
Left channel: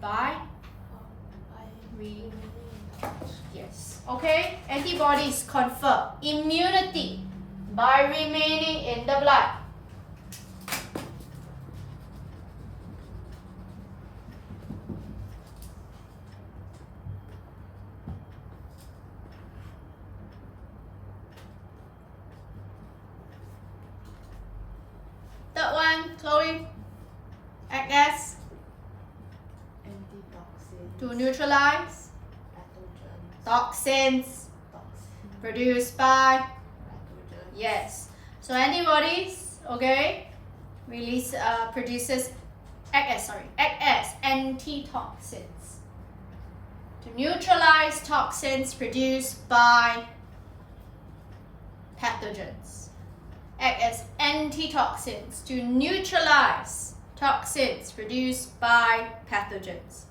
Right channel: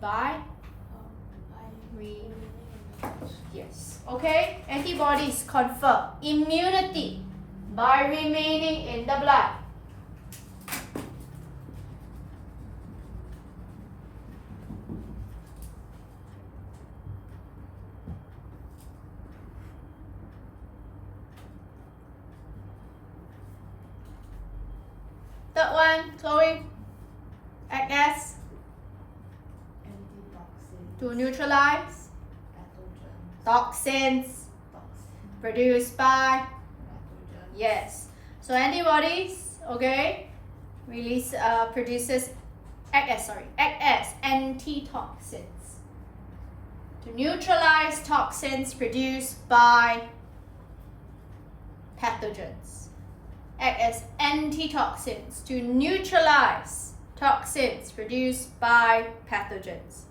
By yes. Okay? Antibodies confer immunity by remaining in the blood. Third one, Chloe. Act as Antitoxin. to neutralize Pathogen. toxins Toxin. produced by Pathogen. yes. So antibodies, okay, produces act as antitoxins to neutralize toxins produced by pathogens. Act as antitoxins to neutralize toxins produced by pathogens.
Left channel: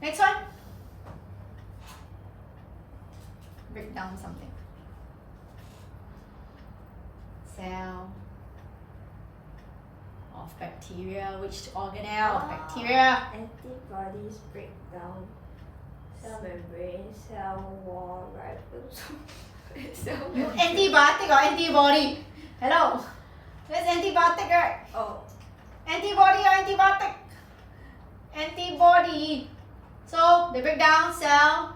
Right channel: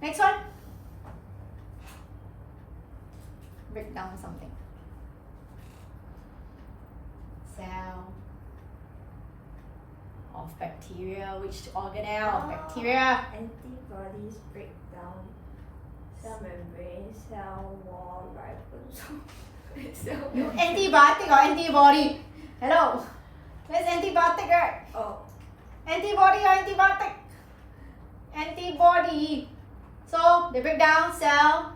Next one. Break down something. Cell of bacteria. Which organelle of bacteria? Antibodies break down cell membrane, cell wall, ribosome. You antibiotic or antibody? Hello? That's antibiotic, right? Oh, Antibody or antibiotic? Antibody. So they break down cell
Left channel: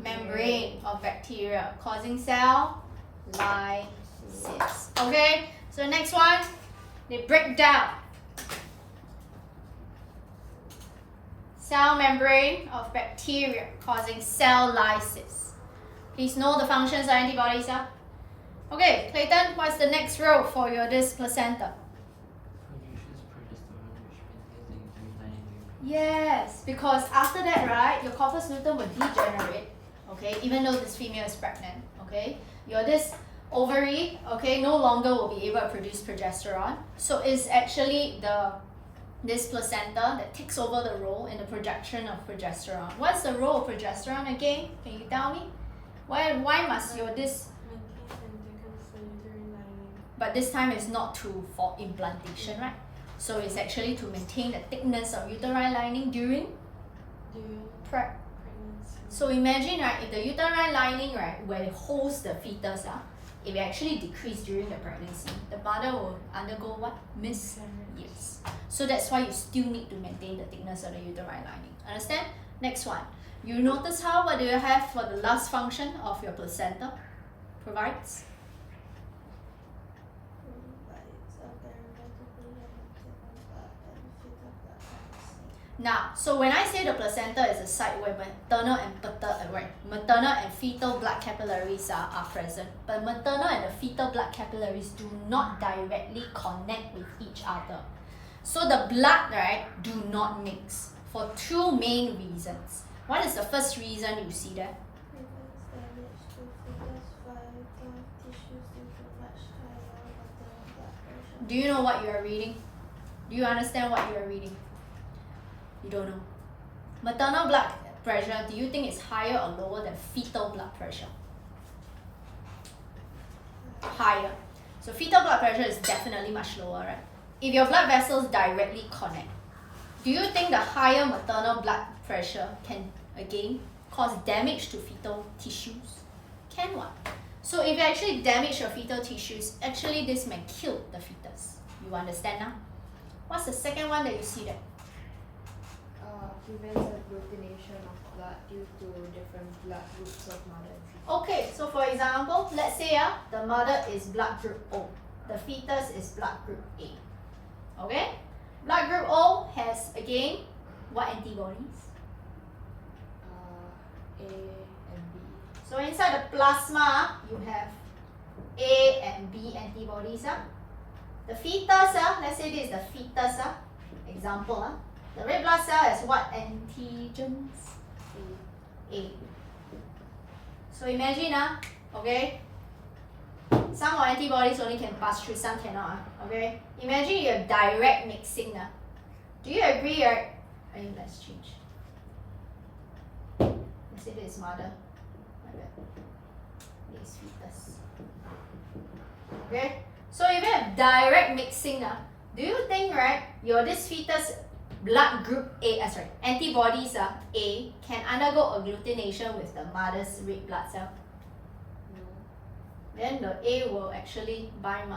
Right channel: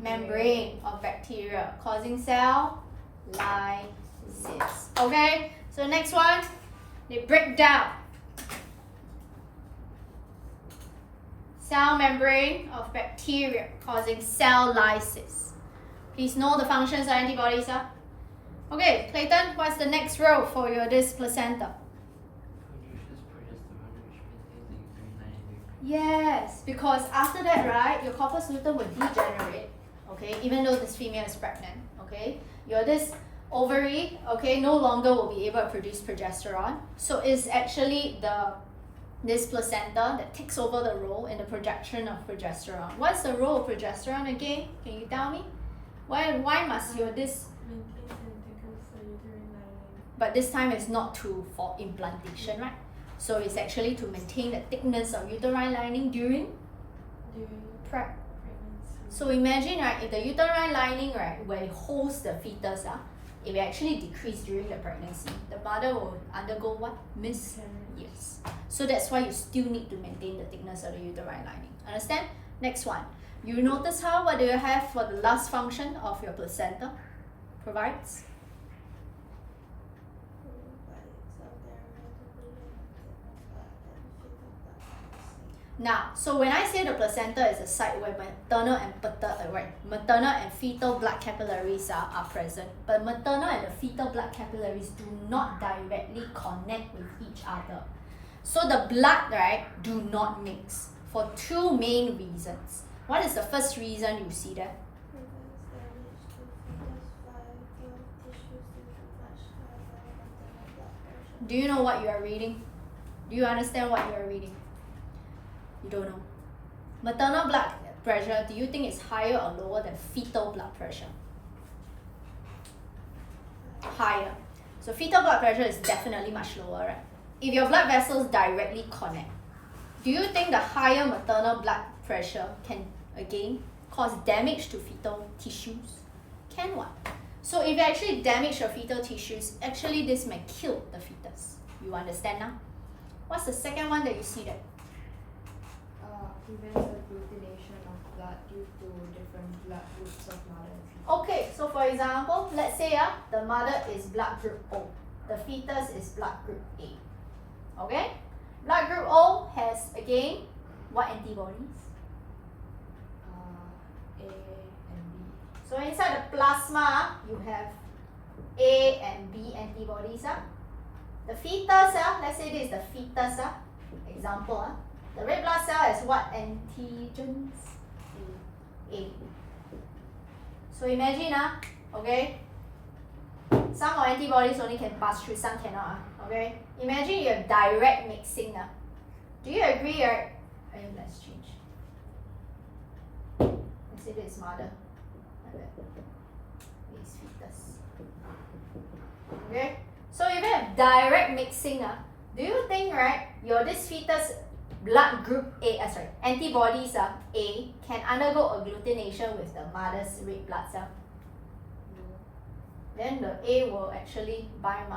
membrane of bacteria, causing cell lysis. Okay? So next one, they break down cell membrane of bacteria, causing cell lysis. Please know the functions of antibodies. Huh? Okay, Clayton, what's the next row for your this placenta? Produces progesterone, which maintains the uterine lining. Yes, because after that, right, your corpus luteum will degenerate, okay, even though this female is pregnant, okay, your this ovary, okay, no longer will be able to produce progesterone. So it's actually this placenta that takes over the role in the production of progesterone. What's the role of progesterone again? Can you tell me? Why must your this? But this time it's not for implantation, right? So it's actually to maintain the thickness of uterine lining during prep. So imagine, right, if the uterine lining, right, where it holds the fetus, it will actually decrease during the pregnancy. The mother will undergo what? Yes. So that's why you still need to maintain the thickness of the uterine lining. Understand? Next one. You notice what do you have for the last function of your placenta provides? Now, so when I say the placenta is a site where maternal and fetal blood capillaries are present, but maternal and the fetal blood capillaries do not directly connect with each other. So the blood, right, do not mix for two main reasons. What is the first reason you see there? Do you know what you are reading? Do you understand what you are reading? You don't know. Maternal blood pressure, do you think it's higher or lower than fetal blood pressure? Higher. So fetal blood pressure is definitely much lower, right? If your blood vessels directly connect, do you think the higher maternal blood pressure can again cause damage to fetal tissues? Can what? So if you actually damage your fetal tissues, actually this may kill the fetus. You understand now? What's the second one that you see there? Prevents agglutination due to different blood groups of mother and fetus. Okay, so for example, let's say the mother is blood group O, the fetus is blood group A. Okay? Blood group O has again what antibodies? A and B. So inside the plasma, you have A and B antibodies. The fetus, let's say this is the fetus. Example, the red blood cell has what antigens? A. So imagine, okay, some of antibodies only can pass through, some cannot. Okay, imagine you have direct mixing. Do you agree? Let's change. Let's say this is mother. This is fetus. Okay, so if you have direct mixing, do you think your this fetus blood group A, antibodies A can undergo agglutination with the mother's red blood cell? No. Then the A will actually bind.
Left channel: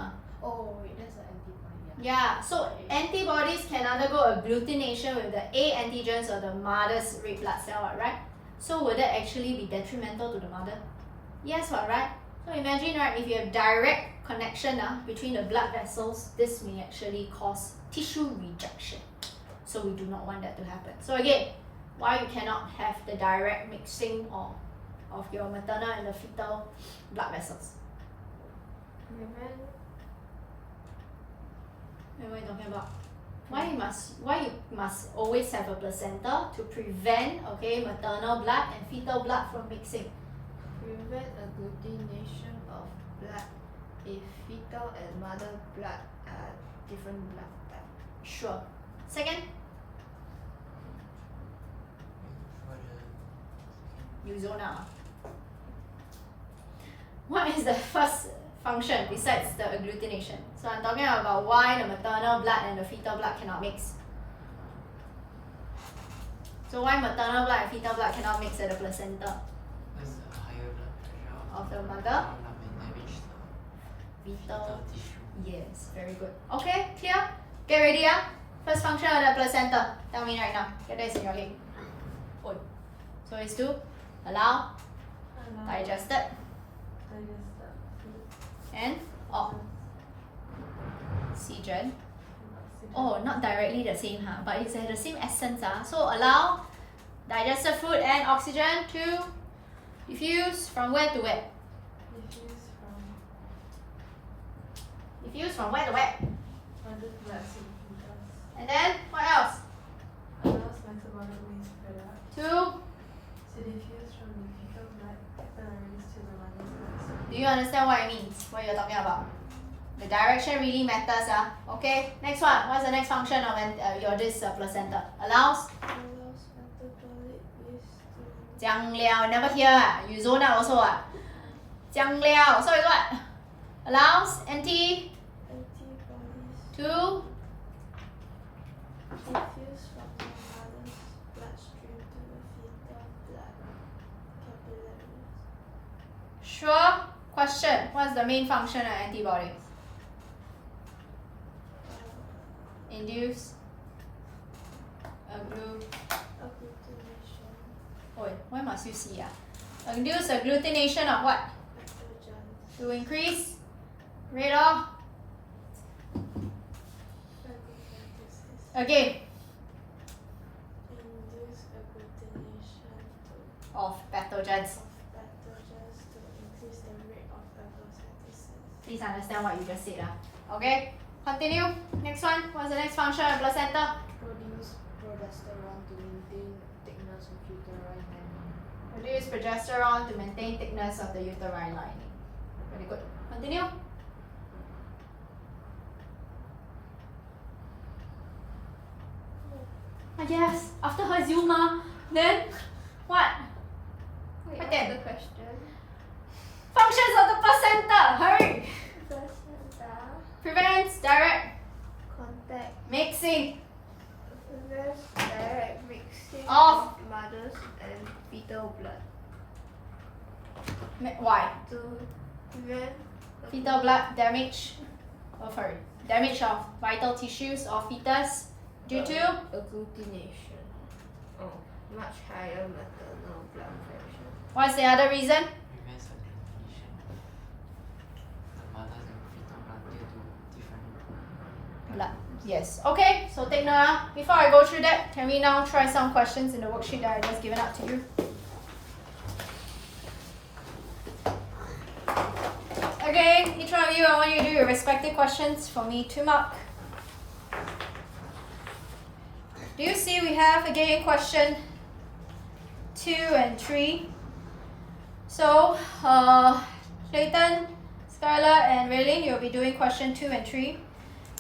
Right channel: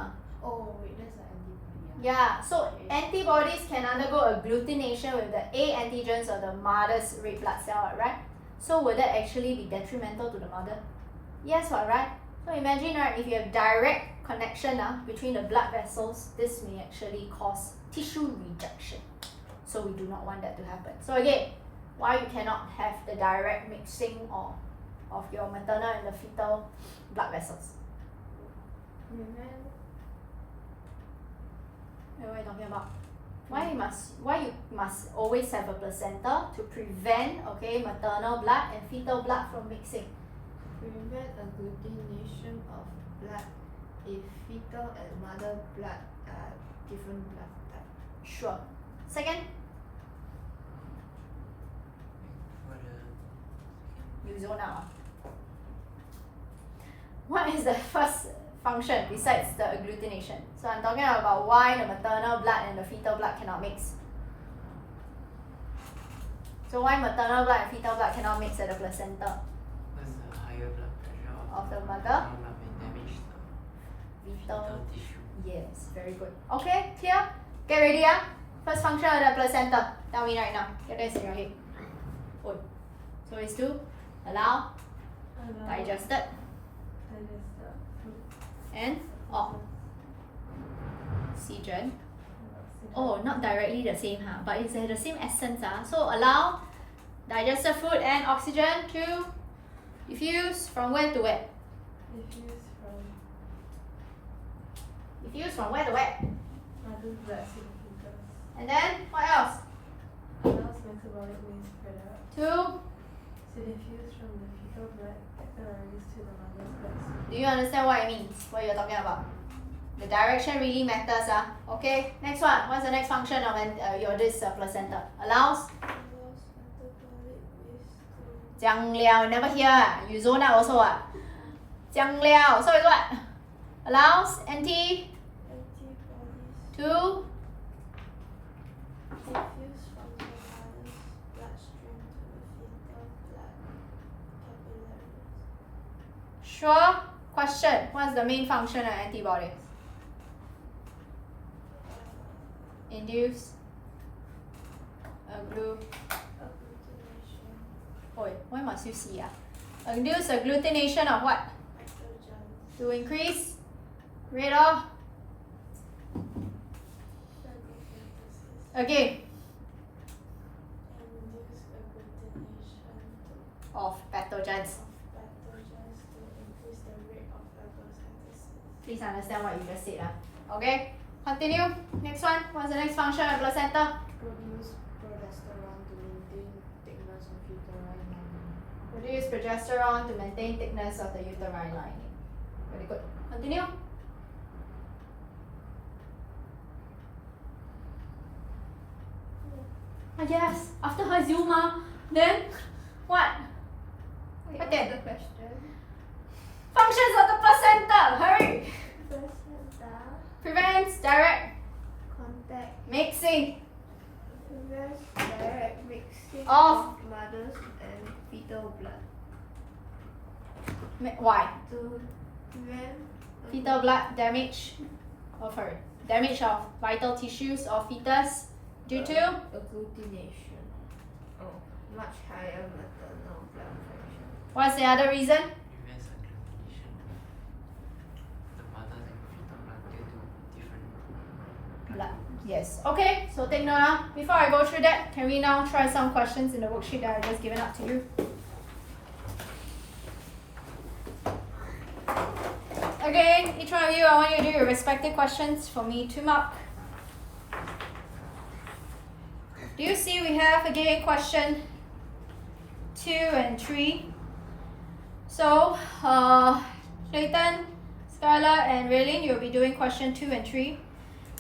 Oh wait, that's the antibody. Yeah, so antibodies can undergo agglutination with the A antigens of the mother's red blood cell, right? So will that actually be detrimental to the mother? Yes, right? So imagine, if you have direct connection between the blood vessels, this may actually cause tissue rejection. So we do not want that to happen. So again, why you cannot have the direct mixing of your maternal and the fetal blood vessels? What are you talking about? Why you must always have a placenta to prevent maternal blood and fetal blood from mixing? Prevent agglutination of blood if fetal and mother blood are different blood type. Sure. Second, For the you zone out. What is the first function besides the agglutination? So I'm talking about why the maternal blood and the fetal blood cannot mix. So why maternal blood and fetal blood cannot mix at the placenta what's the higher blood pressure of the mother? maternal blood may damage the Fetal. tissue. Yes, very good. Okay, clear? Get ready, First function of the placenta. Tell me right now. Get this in your head. Oi. So it's to allow digested and oxygen. Oh, not directly the same, but it's the same essence. So allow digested food and oxygen to diffuse from where to where? Diffuse from where to where? mother's blood to the fetus. And then what else? Allows metabolic waste product To to diffuse from the fetal blood capillaries to the mother's blood stream. do you understand what it means? What you're talking about? The direction really matters. Okay. Next one. What's the next function of your this placenta? Allows. Allows metabolic waste to 讲了 never hear. You zone out also. 讲了 so it's what? Allows antibodies to diffuse from the mother's bloodstream to the fetal blood capillaries. sure. Question. What's the main function of antibodies? Induce Agglutination. Oi, why must you see? Induce agglutination of what? Nitrogen. To increase rate of Photosynthesis. again Induce agglutination of pathogens. of pathogens to increase the rate of photosynthesis. Please understand what you just said. Okay, continue. Next one. What's the next function of placenta? Produce progesterone to maintain thickness of uterine lining. Produce progesterone to maintain thickness of the uterine lining. Very good. Continue. Yes. After her Zuma, then what? Wait, What what's then? the question? Functions of the placenta. Hurry. Placenta Prevents direct contact mixing prevents direct mixing Of mother's and fetal blood why? to prevent Fetal blood damage. Oh, sorry. Damage of vital tissues of fetus due to agglutination. Oh, much higher maternal blood pressure. What's the other reason? Prevents aggregation of the mother and fetal blood due to different Blood. Yes. Okay, so take note. Before I go through that, can we now try some questions in the worksheet that I just given up to you? Again, each one of you, I want you to do your respective questions for me to mark. Do you see we have again question 2 and 3? So, Clayton, Skylar, and Raylene, you'll be doing question 2 and 3.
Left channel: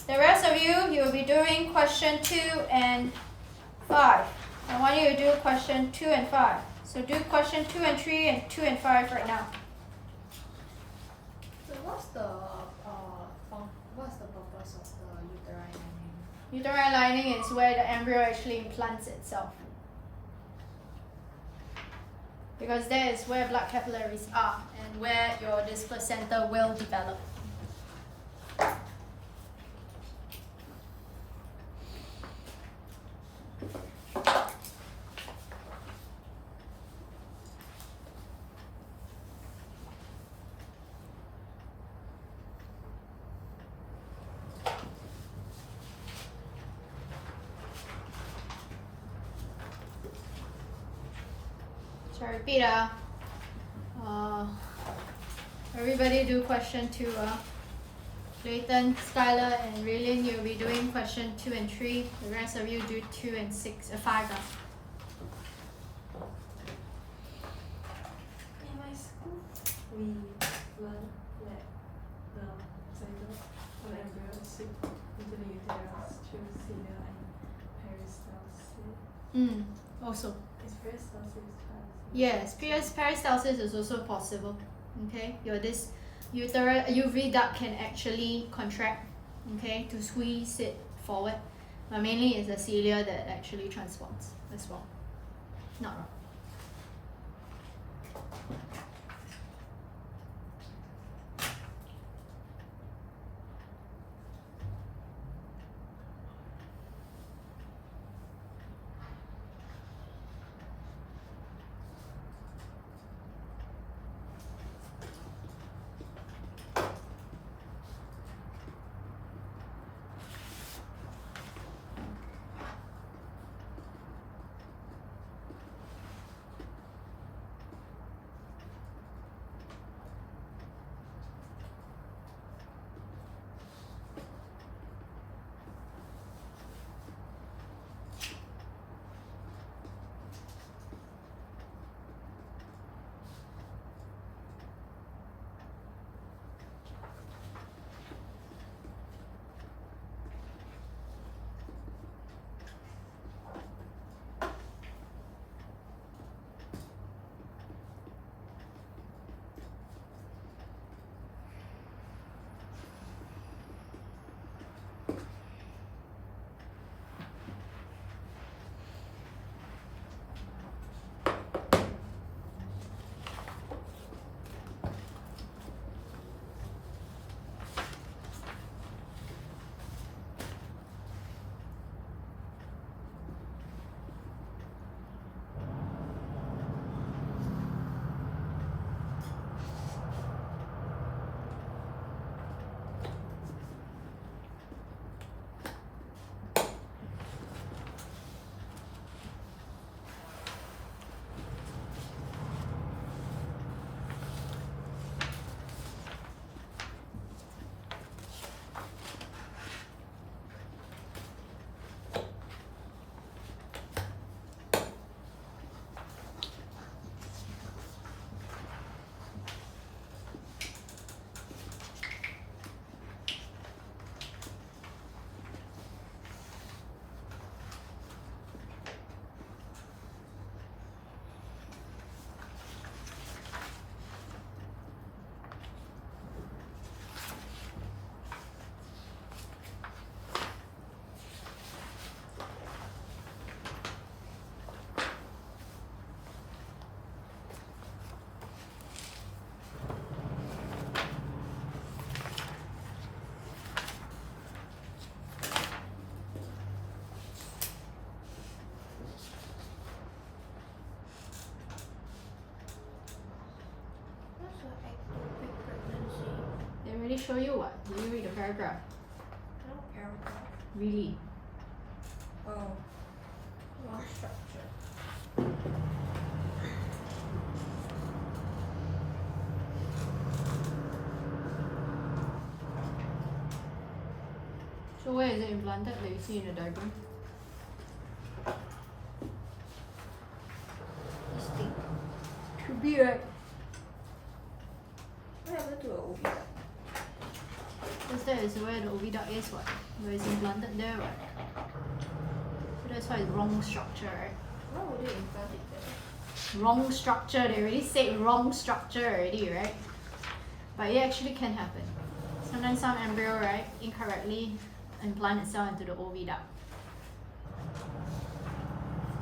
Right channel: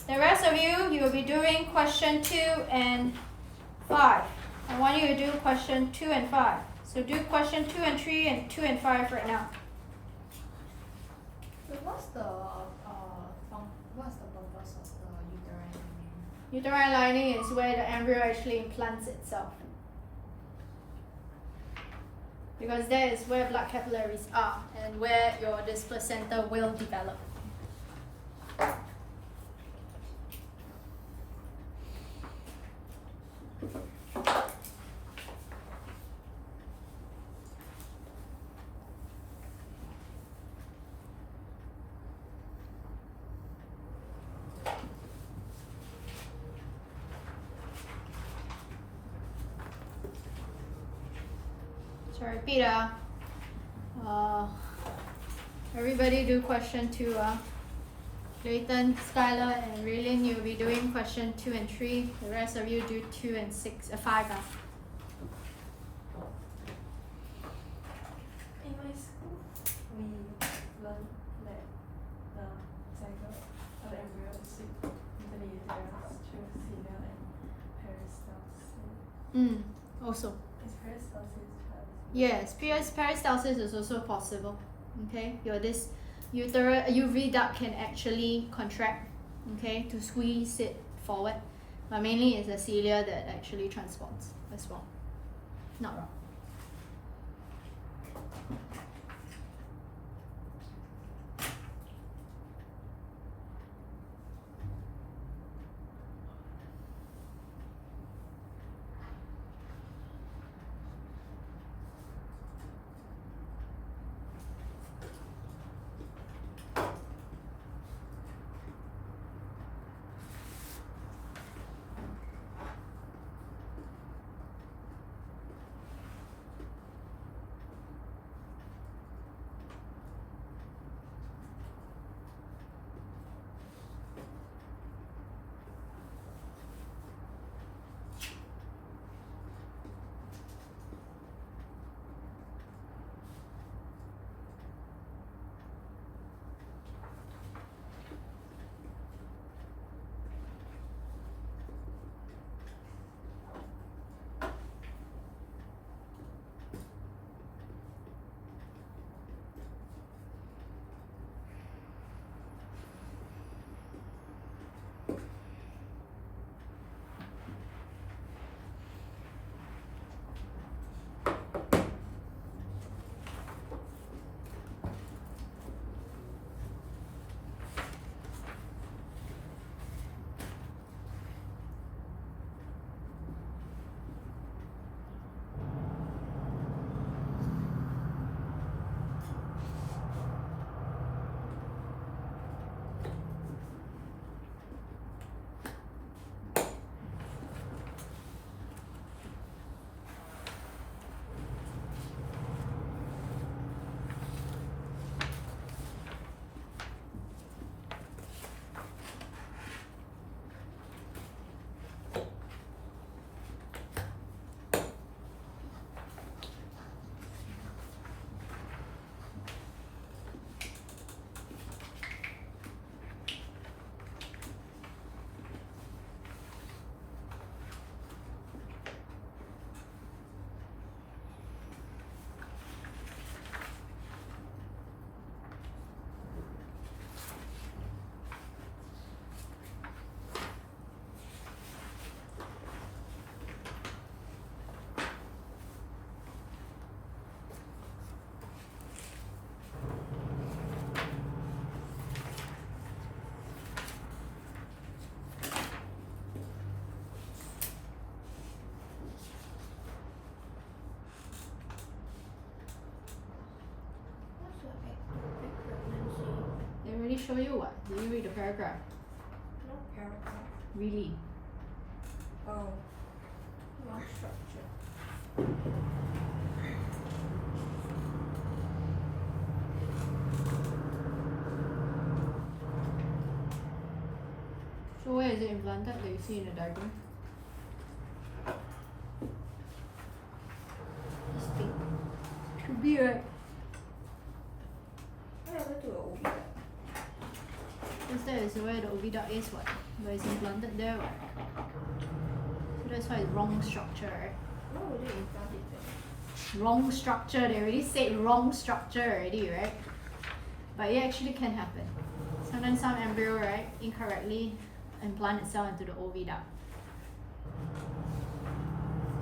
The rest of you, you'll be doing question 2 and 5. I want you to do question 2 and 5. So do question 2 and 3 and 2 and 5 right now. So what's the purpose of the uterine lining? Uterine lining is where the embryo actually implants itself. Because that is where blood capillaries are and where this placenta will develop. So repeat. Everybody do question 2. Clayton, Skylar, and Raylene, you'll be doing question 2 and 3. The rest of you do 2 and 5. In my school, we learn that the zygote or the embryo is seeped into the uterus through cilia and peristalsis. Also. Is peristalsis child? Yes, peristalsis is also possible. Okay, this UV duct can actually contract, okay, to squeeze it forward. But mainly it's the cilia that actually transports as well. Not wrong. already show you what? Did you read the paragraph? No paragraph. Really? Oh. One structure. So where is it implanted that you see in the diagram? This thing. Should be right. What happened to the OB? Because that is where the oviduct is what? Where it's implanted there what? So that's why it's wrong structure, right? Why would they implant it there? Wrong structure, they already said wrong structure already, right? But it actually can happen. Sometimes some embryo, right, incorrectly implant itself into the oviduct.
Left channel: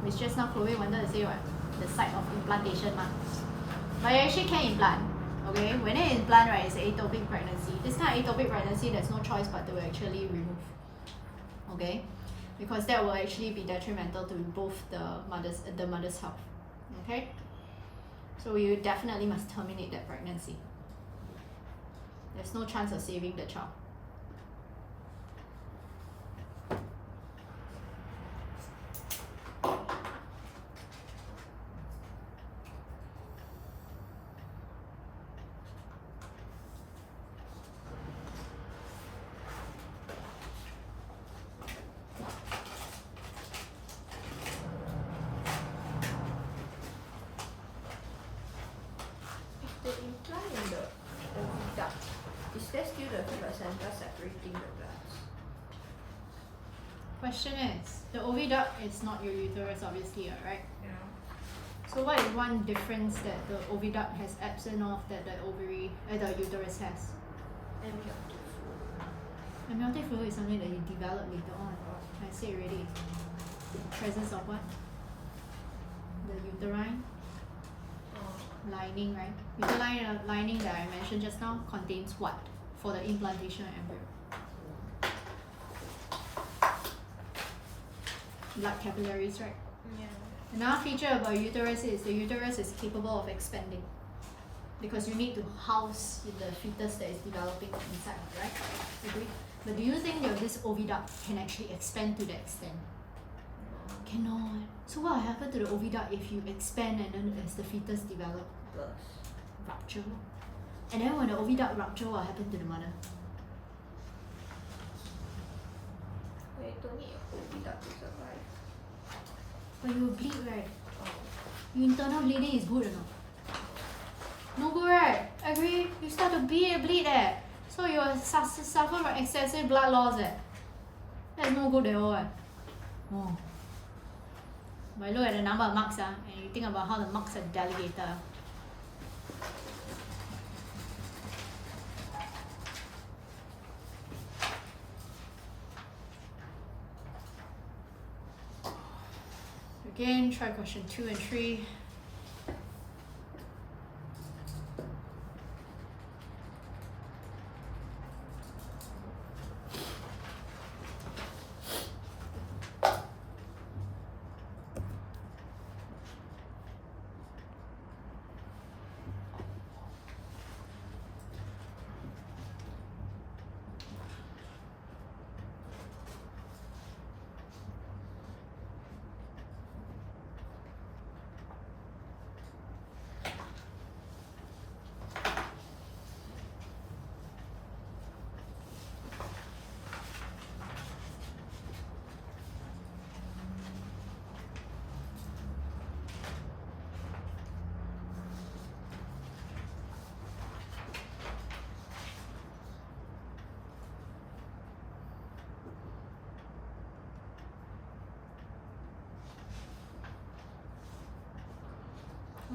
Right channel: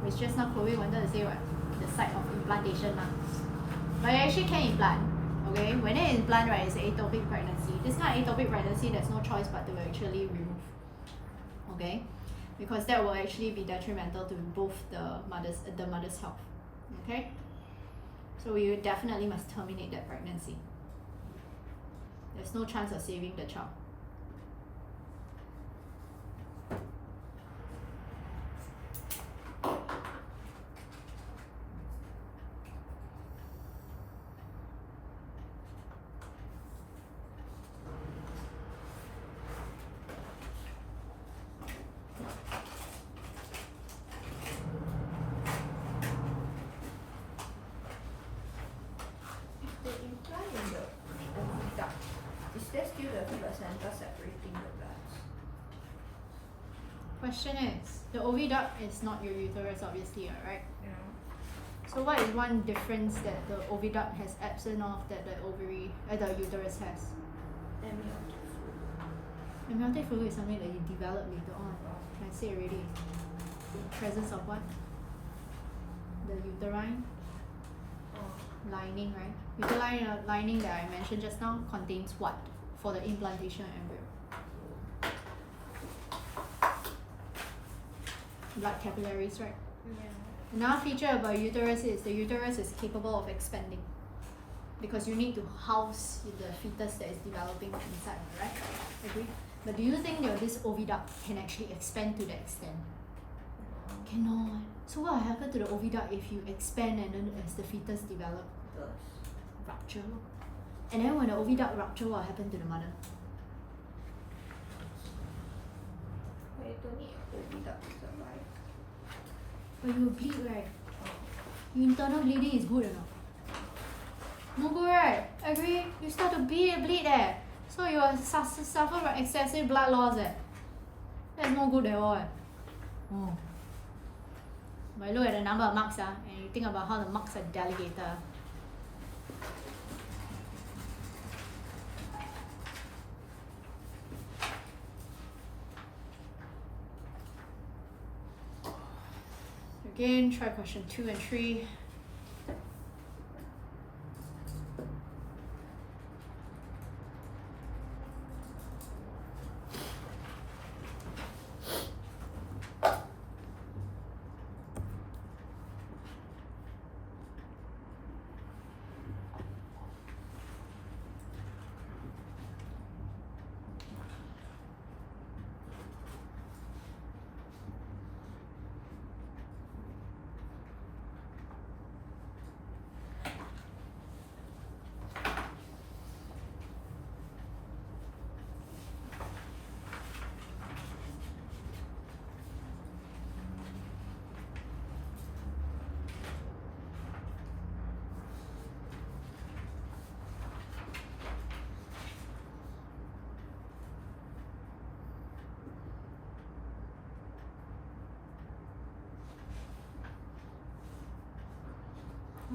Which just now Chloe wanted to say what? The site of implantation ma. But it actually can implant. Okay, when it implant, right, it's ectopic pregnancy. This kind of ectopic pregnancy, there's no choice but to actually remove. Okay, because that will actually be detrimental to both the mother's health. Okay, so we definitely must terminate that pregnancy. There's no chance of saving the child. If they implant in the oviduct, is there still the placenta separating the bloods? Question is, the oviduct is not your uterus obviously, right? Yeah. So what is one difference that the oviduct has absent of that the the uterus has? Amniotic fluid is something that you develop later on. I said already. Presence of what? The uterine lining, right? Uterine lining that I mentioned just now contains what for the implantation embryo? Blood capillaries, right? Yeah. Another feature about uterus is the uterus is capable of expanding because you need to house the fetus that is developing inside, right? Agree? But do you think that this oviduct can actually expand to that extent? Cannot. So what will happen to the oviduct if you expand and then as the fetus develop? Rupture. And then when the oviduct rupture, what will happen to the mother? But you don't need your oviduct to survive. But you will bleed, right? Your internal bleeding is good or not? No good, right? Agree? You start to bleed there. So you will suffer from excessive blood loss. That's no good at all. Oh. But look at the number of marks and you think about how the marks are delegated. Again, try question 2 and 3.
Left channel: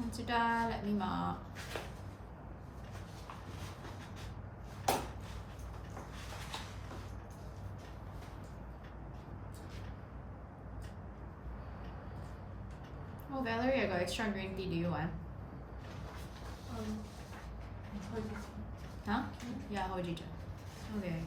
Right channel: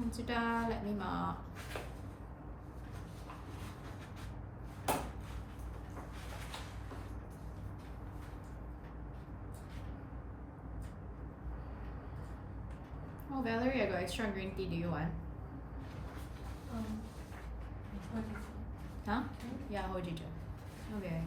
Consider, let me mark. Oh, Valerie, I got extra green tea. Do you want? Huh? Yeah, hojicha. Okay.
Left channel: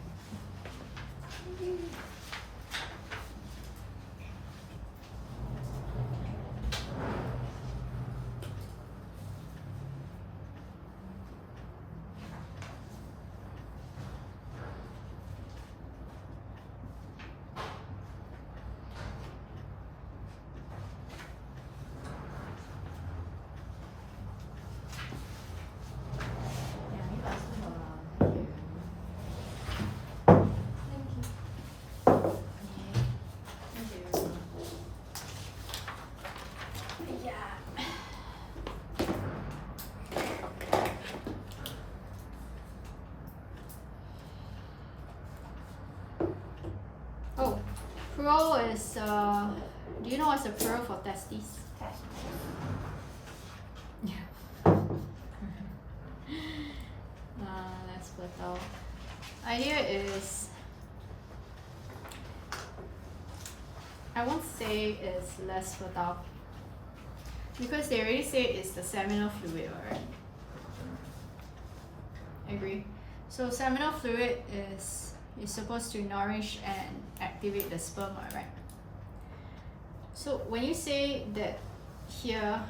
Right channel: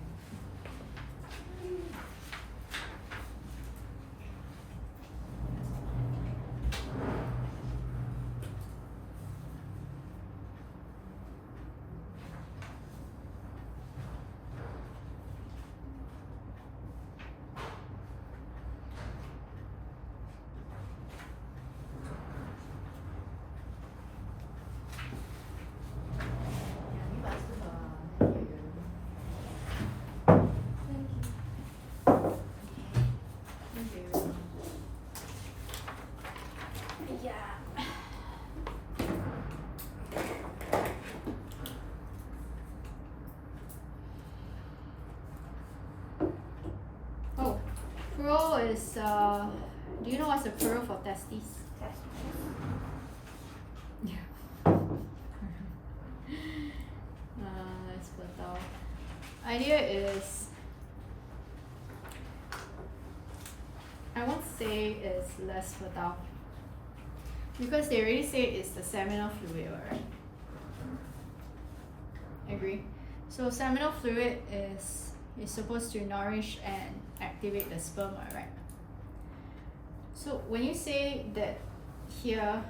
plural is, do you know what's the plural for testes? Testes. Yeah. Less fertile. Idea is, I won't say it's less fertile because they already say it's the seminal fluid, right? Agree. So seminal fluid is supposed to nourish and activate the sperm, right? So when you say that here,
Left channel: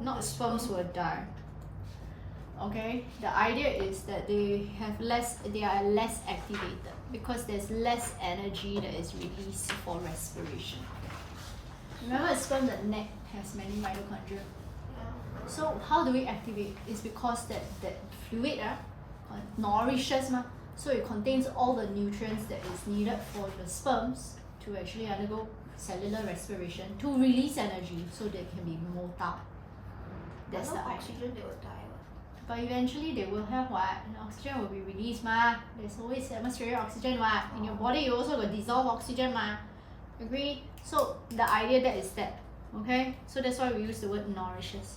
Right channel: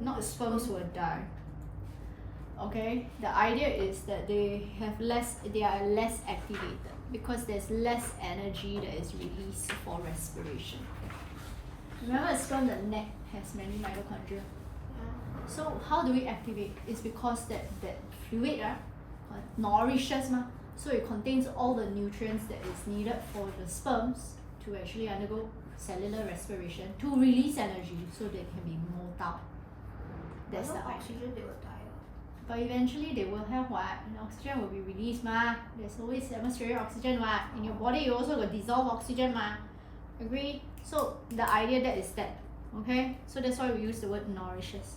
not sperms will die. Okay, the idea is that they are less activated because there's less energy that is released for respiration. Remember, a sperm, the neck has many mitochondria. So how do we activate? It's because that fluid nourishes, so it contains all the nutrients that is needed for the sperms to actually undergo cellular respiration to release energy so they can be motile. That's the idea. Oxygen, they will die. But eventually they will have what? The oxygen will be released, There's always atmospheric oxygen, In your body you also got dissolved oxygen, Agree? So the idea that is that, okay? So that's why we use the word nourishes.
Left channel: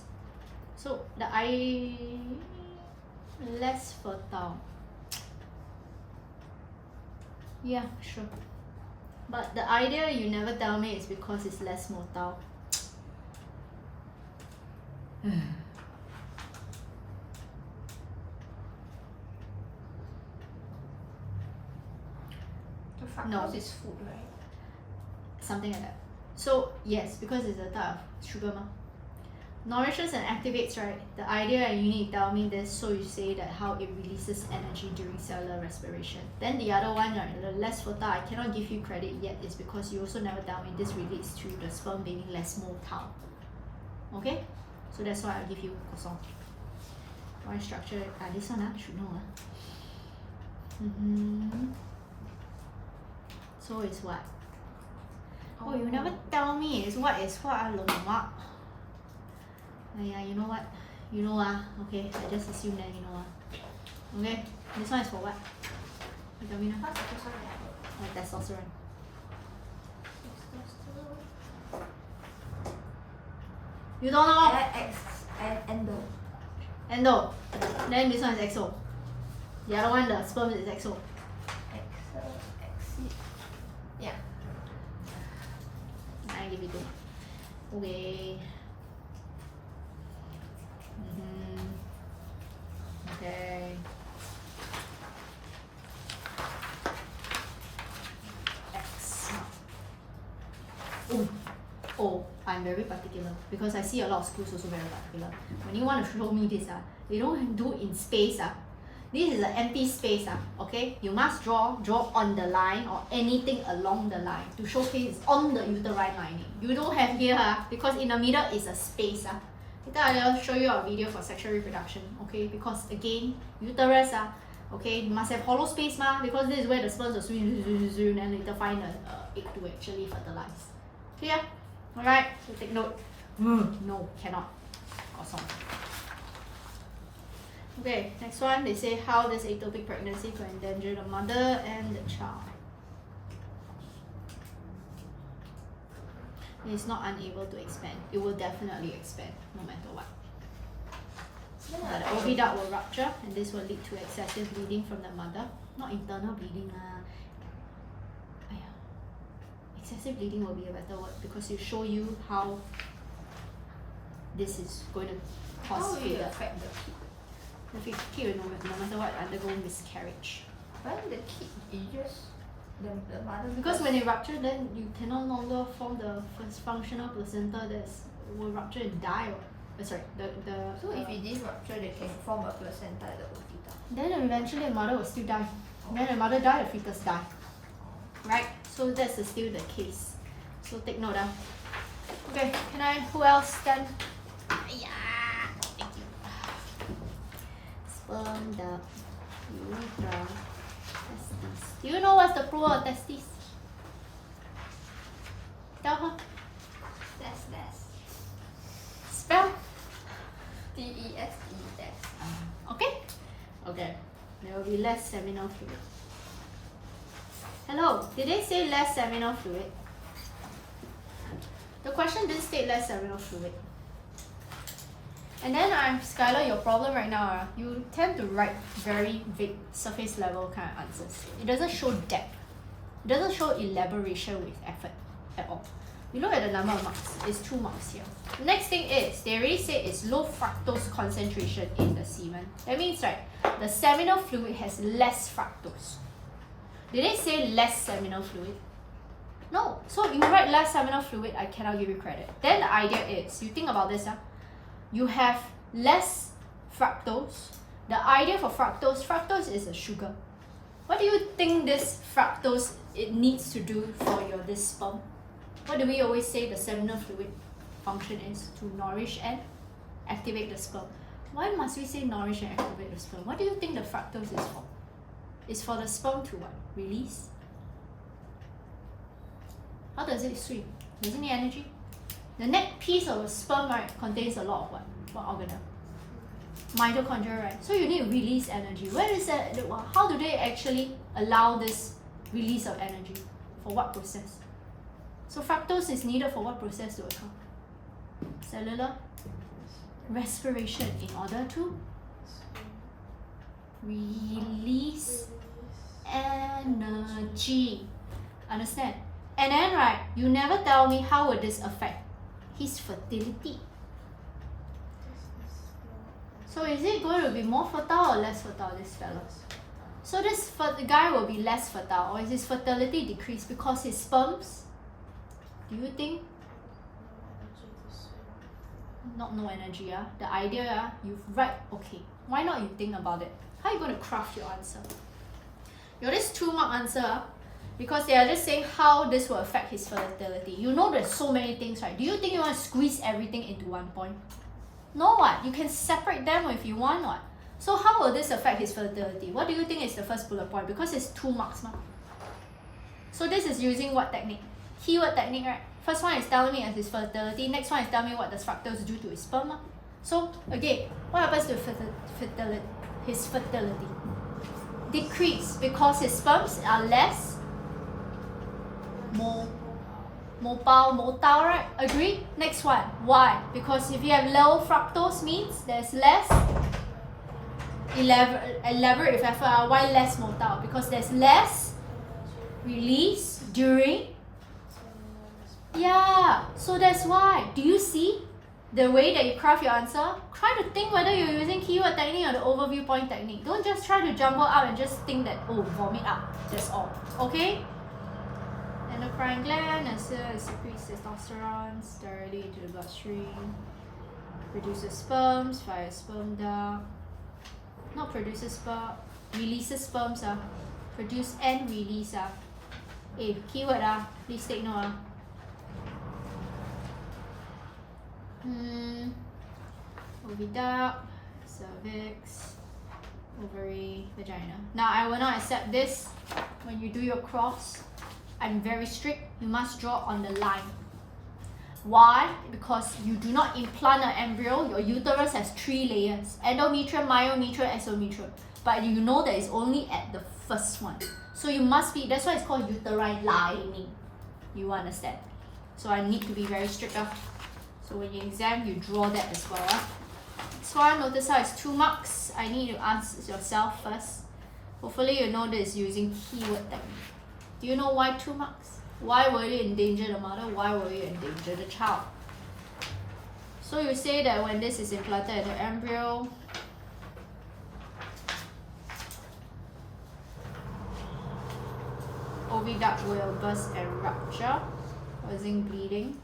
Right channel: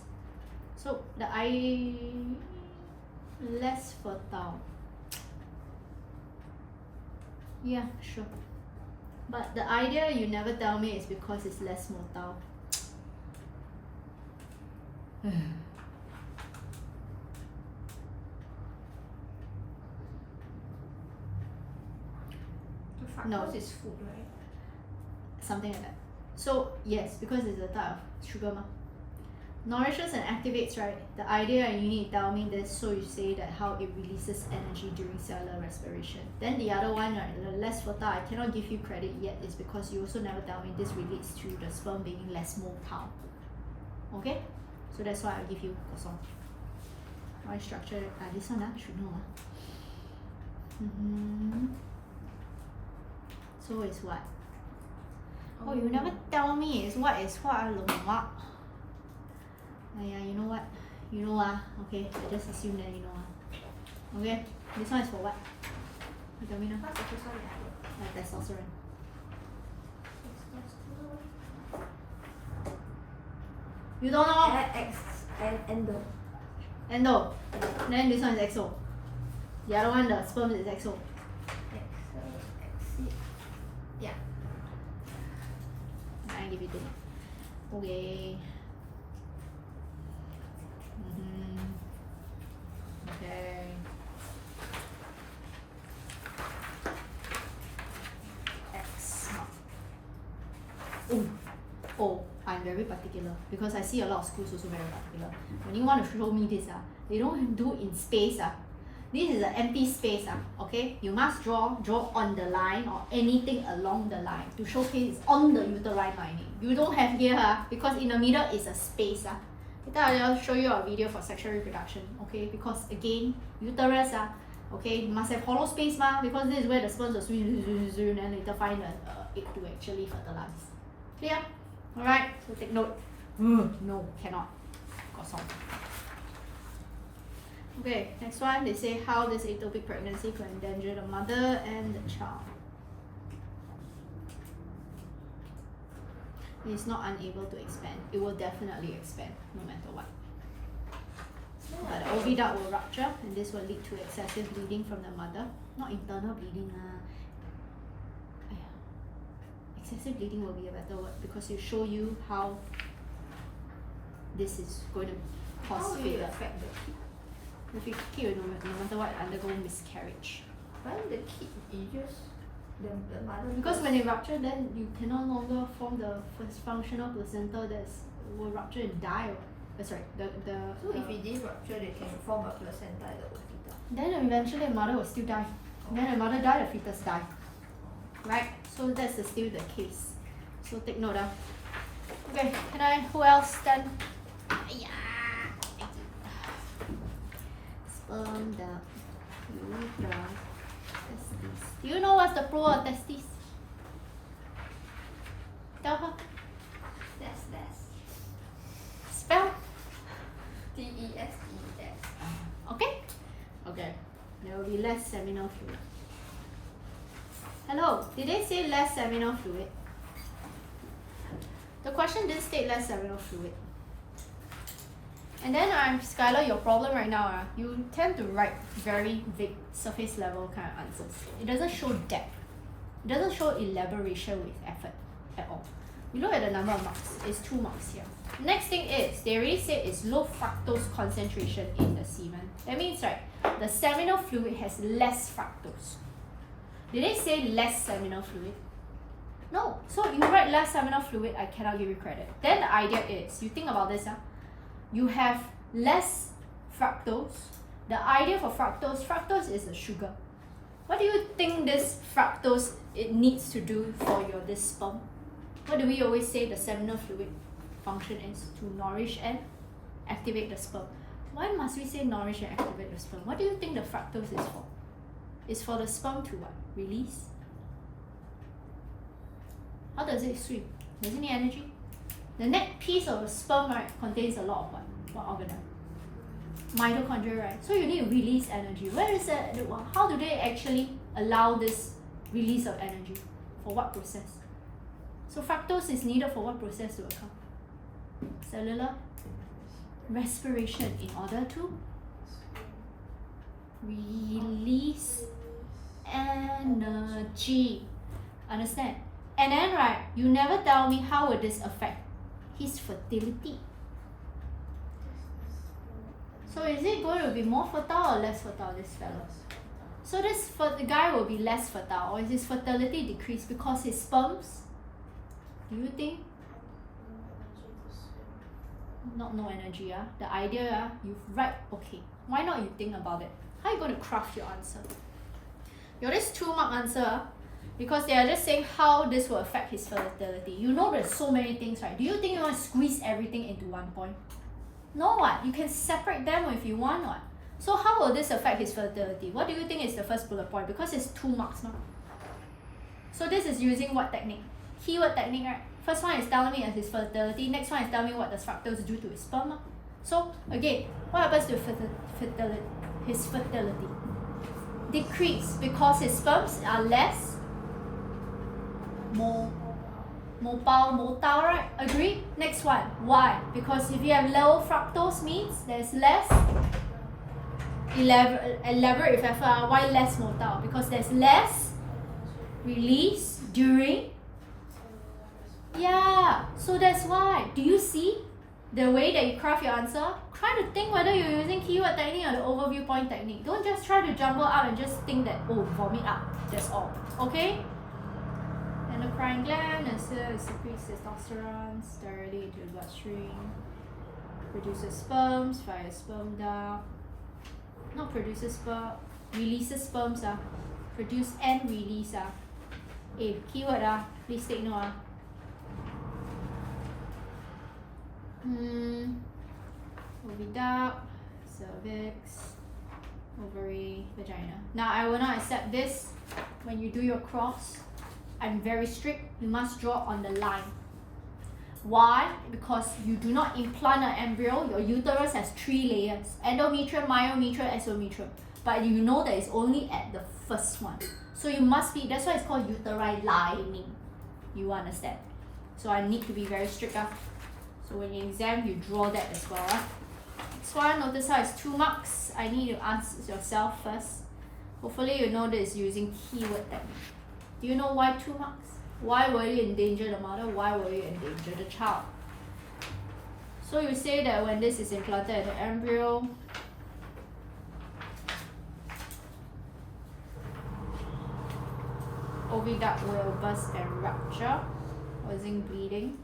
So the less fertile. Yeah, sure. But the idea you never tell me is because it's less motile. No. Fructose is food, right? Something like that. So yes, because it's a type of sugar, nourishes and activates, right? The idea, and you need to tell me this, so you say that how it releases energy during cellular respiration. Then the other one, right, the less fertile, I cannot give you credit yet, is because you also never tell me this relates to the sperm being less motile. Okay? So that's why I'll give you croissant. Why structure? This one should know. So it's what? Oh, you never tell me. It's what is what? Lemak. Yeah, you know what? You know okay, I just assume that you know Okay, this one is for what? You tell me now. Testosterone. You don't know? Endo. Endo. Then this one is exo. The other one, the sperm is exo. Yeah. I give you 2 marks. Okay. Okay. X. Oh, I'm very particular because I see a lot of schools also very particular. When you want to show me this, they don't do in space. This is an empty space, okay? You must draw on the line or anything along the line to showcase it's on the uterine lining. You don't have here, because in the middle is a space. Later I'll show you a video for sexual reproduction, okay? Because again, uterus, okay, must have hollow space, because this is where the sperms will swim and later find an egg to actually fertilize. Clear? Alright, so take note. No, cannot. Got some. Okay, next one, they say how this ectopic pregnancy could endanger the mother and the child. It is not unable to expand. It will definitely expand, no matter what. But the oviduct will rupture, and this will lead to excessive bleeding from the mother. Not internal bleeding. Excessive bleeding will be a better word, because it show you how this is going to cause failure. Affect the kid? The kid will no matter what undergo miscarriage. When the kid is just the mother. Because when it rupture, then you can no longer form the first functional placenta that will rupture and die. So if it didn't rupture, they can form a placenta at the oviduct. Then eventually the mother will still die. Then the mother die, the fetus die. Right? So that's still the case. So take note. Okay, who else then? Yeah. Thank you. Sperm duct, urethra, testes. Do you know what's the plural of testes? Tell her. That's Spell. TESE. Okay? Okay. There will be less seminal fluid. Hello, did they say less seminal fluid? The question didn't state less seminal fluid. And then Skylar, your problem right now, you tend to write very big surface level kind of answers. It doesn't show depth. It doesn't show elaboration with effort at all. You look at the number of marks, it's 2 marks here. Next thing is, they already say it's low fructose concentration in the semen. That means, right, the seminal fluid has less fructose. Did they say less seminal fluid? No. So you write less seminal fluid, I cannot give you credit. Then the idea is, you think about this, you have less fructose. The idea for fructose is a sugar. What do you think this fructose it needs to do for this sperm? What do we always say the seminal fluid function is? To nourish and activate the sperm. Why must we say nourish and activate the sperm? What do you think the fructose is for? It's for the sperm to what? Release? How does it swim? Does it need energy? The neck piece of a sperm, right, contains a lot of what? What organelle? Mitochondria, right? So you need to release energy. Where is that? How do they actually allow this release of energy? For what process? So fructose is needed for what process to occur? Cellular respiration in order to release energy. Understand? And then, right, you never tell me how would this affect his fertility. So is it going to be more fertile or less fertile, this fellow? So this guy will be less fertile, or is his fertility decreased because his sperms? Do you think? Not no energy, The idea, you write, okay. Why not you think about it? How are you going to craft your answer? Your this 2 mark answer, because they are just saying how this will affect his fertility. You know there's so many things, right? Do you think you want to squeeze everything into 1 point? No, what? You can separate them if you want, what? So how will this affect his fertility? What do you think is the first bullet point? Because it's 2 marks, ma. So this is using what technique? Keyword technique, right? First one is telling me as his fertility. Next one is telling me what does fructose do to his sperm. So again, what happens to his fertility? Decrease because his sperms are less mobile, right? Agree? Next one. Why? Because if you have low fructose means there's less elaborate with effort. Why less motile? Because there's less release during. Yeah, so that's why. Do you see the way that you craft your answer? Try to think whether you're using keyword technique or the overview point technique. Don't just try to jumble out and just think that, oh, vomit out. That's all. Okay? Endocrine gland secretes testosterone directly into the bloodstream. Produces sperms via sperm duct. Not produces sperm, releases sperms. Produce and release. Keyword. Please take note. Oviduct, cervix, ovary, vagina. Now I will not accept this when you do your cross. I'm very strict. You must draw on the line. Why? Because you do not implant an embryo. Your uterus has 3 layers: endometrium, myometrium, exometrium. But you know that it's only at the first one. So you must be. That's why it's called uterine lining. You understand? So I need to be very strict. So when you exam, you draw that as well. Next one, notice how it's 2 marks. I need you to answer yourself first. Hopefully you know this using keyword technique. Do you know why 2 marks? Why will you endanger the mother? Why will you endanger the child? So you say that when this is implanted in the embryo, oviduct will burst and rupture, causing bleeding.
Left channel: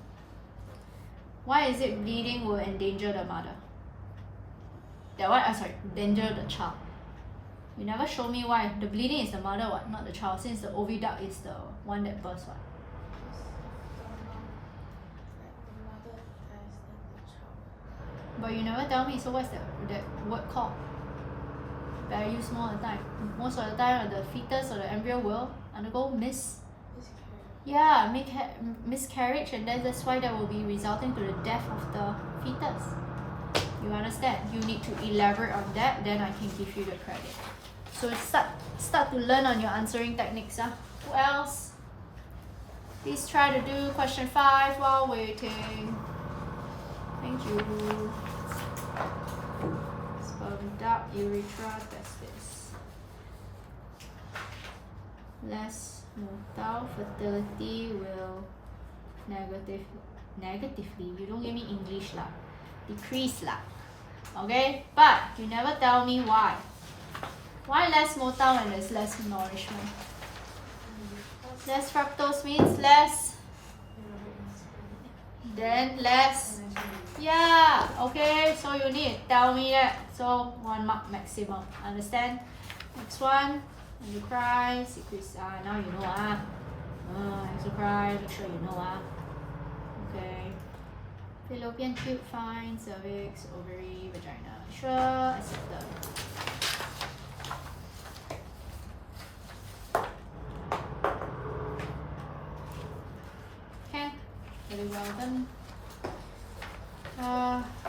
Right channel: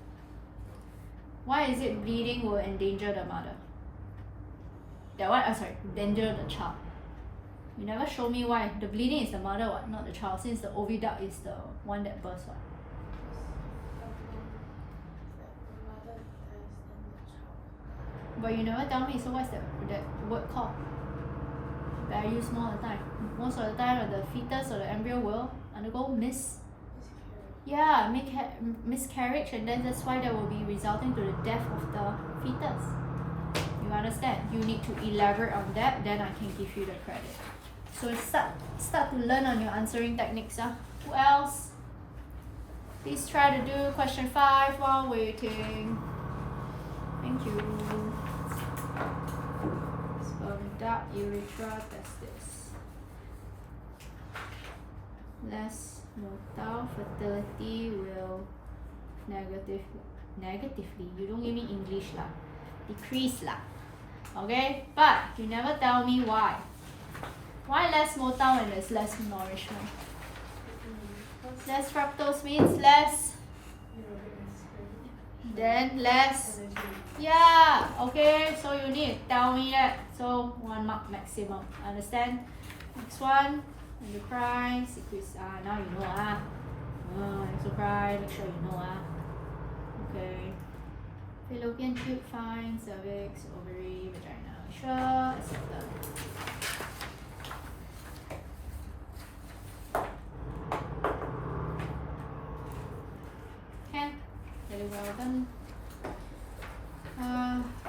Why is it bleeding will endanger the mother? That one, endanger the child. You never show me why. The bleeding is the mother, what? Not the child, since the oviduct is the one that bursts, what? But you never tell me, so what's that word called? That I use more of the time. Most of the time, the fetus or the embryo will undergo miscarriage, and then that's why that will be resulting to the death of the fetus. You understand? You need to elaborate on that, then I can give you the credit. So start to learn on your answering techniques. Who else? Please try to do question 5 while waiting. Thank you. Sperm duct urethra testis. Less motile, fertility will negatively, you don't give me English lah, decrease lah. Okay, but you never tell me why. Why less motile when there's less nourishment? Less fructose means less, then less. Yeah, okay, so you need to tell me that. So 1 mark maximum, understand? Next one, endocrine, secretes. Now you know exocrine, make sure you know Okay. Fallopian tube, fine, cervix, ovary, vagina, sure, accepted. Okay, very well done.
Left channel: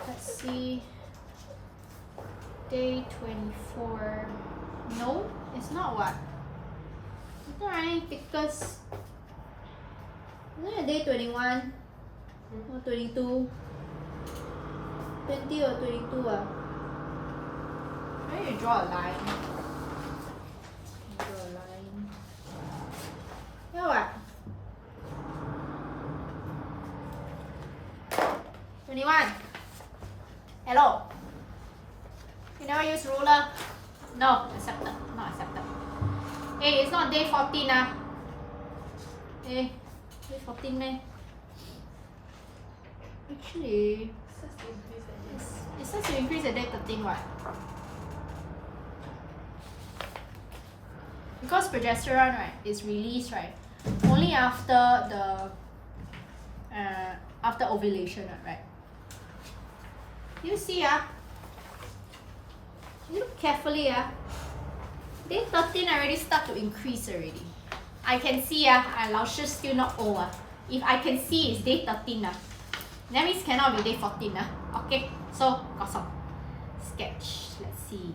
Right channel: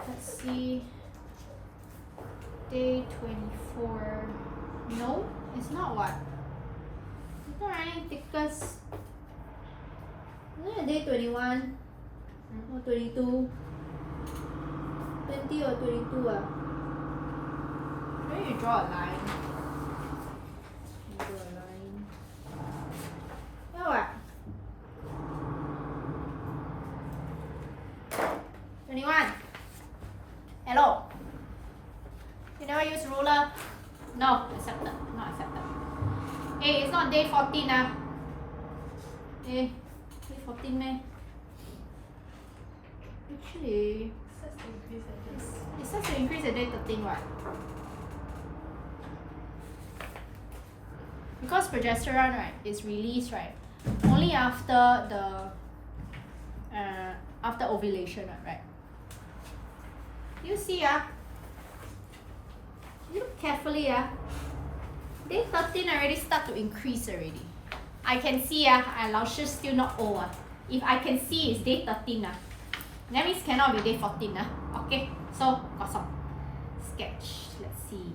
Let's see. Day 24. No, it's not what? It's not running because. Isn't it day 21? Or 22? 20 or 22 Where you draw a line? You draw a line. Yeah, what? 21. Hello. You never use ruler? No, accepted. Not accepted. Hey, it's not day 14 Hey, day 14 man. Actually, it starts to increase at day 13 what? Because progesterone right is released right only after the after ovulation right? You see you look carefully day 13 already start to increase already. I can see Lao Shi still not old If I can see it's day 13 that means cannot be day 14 Okay, so got some sketch. Let's see.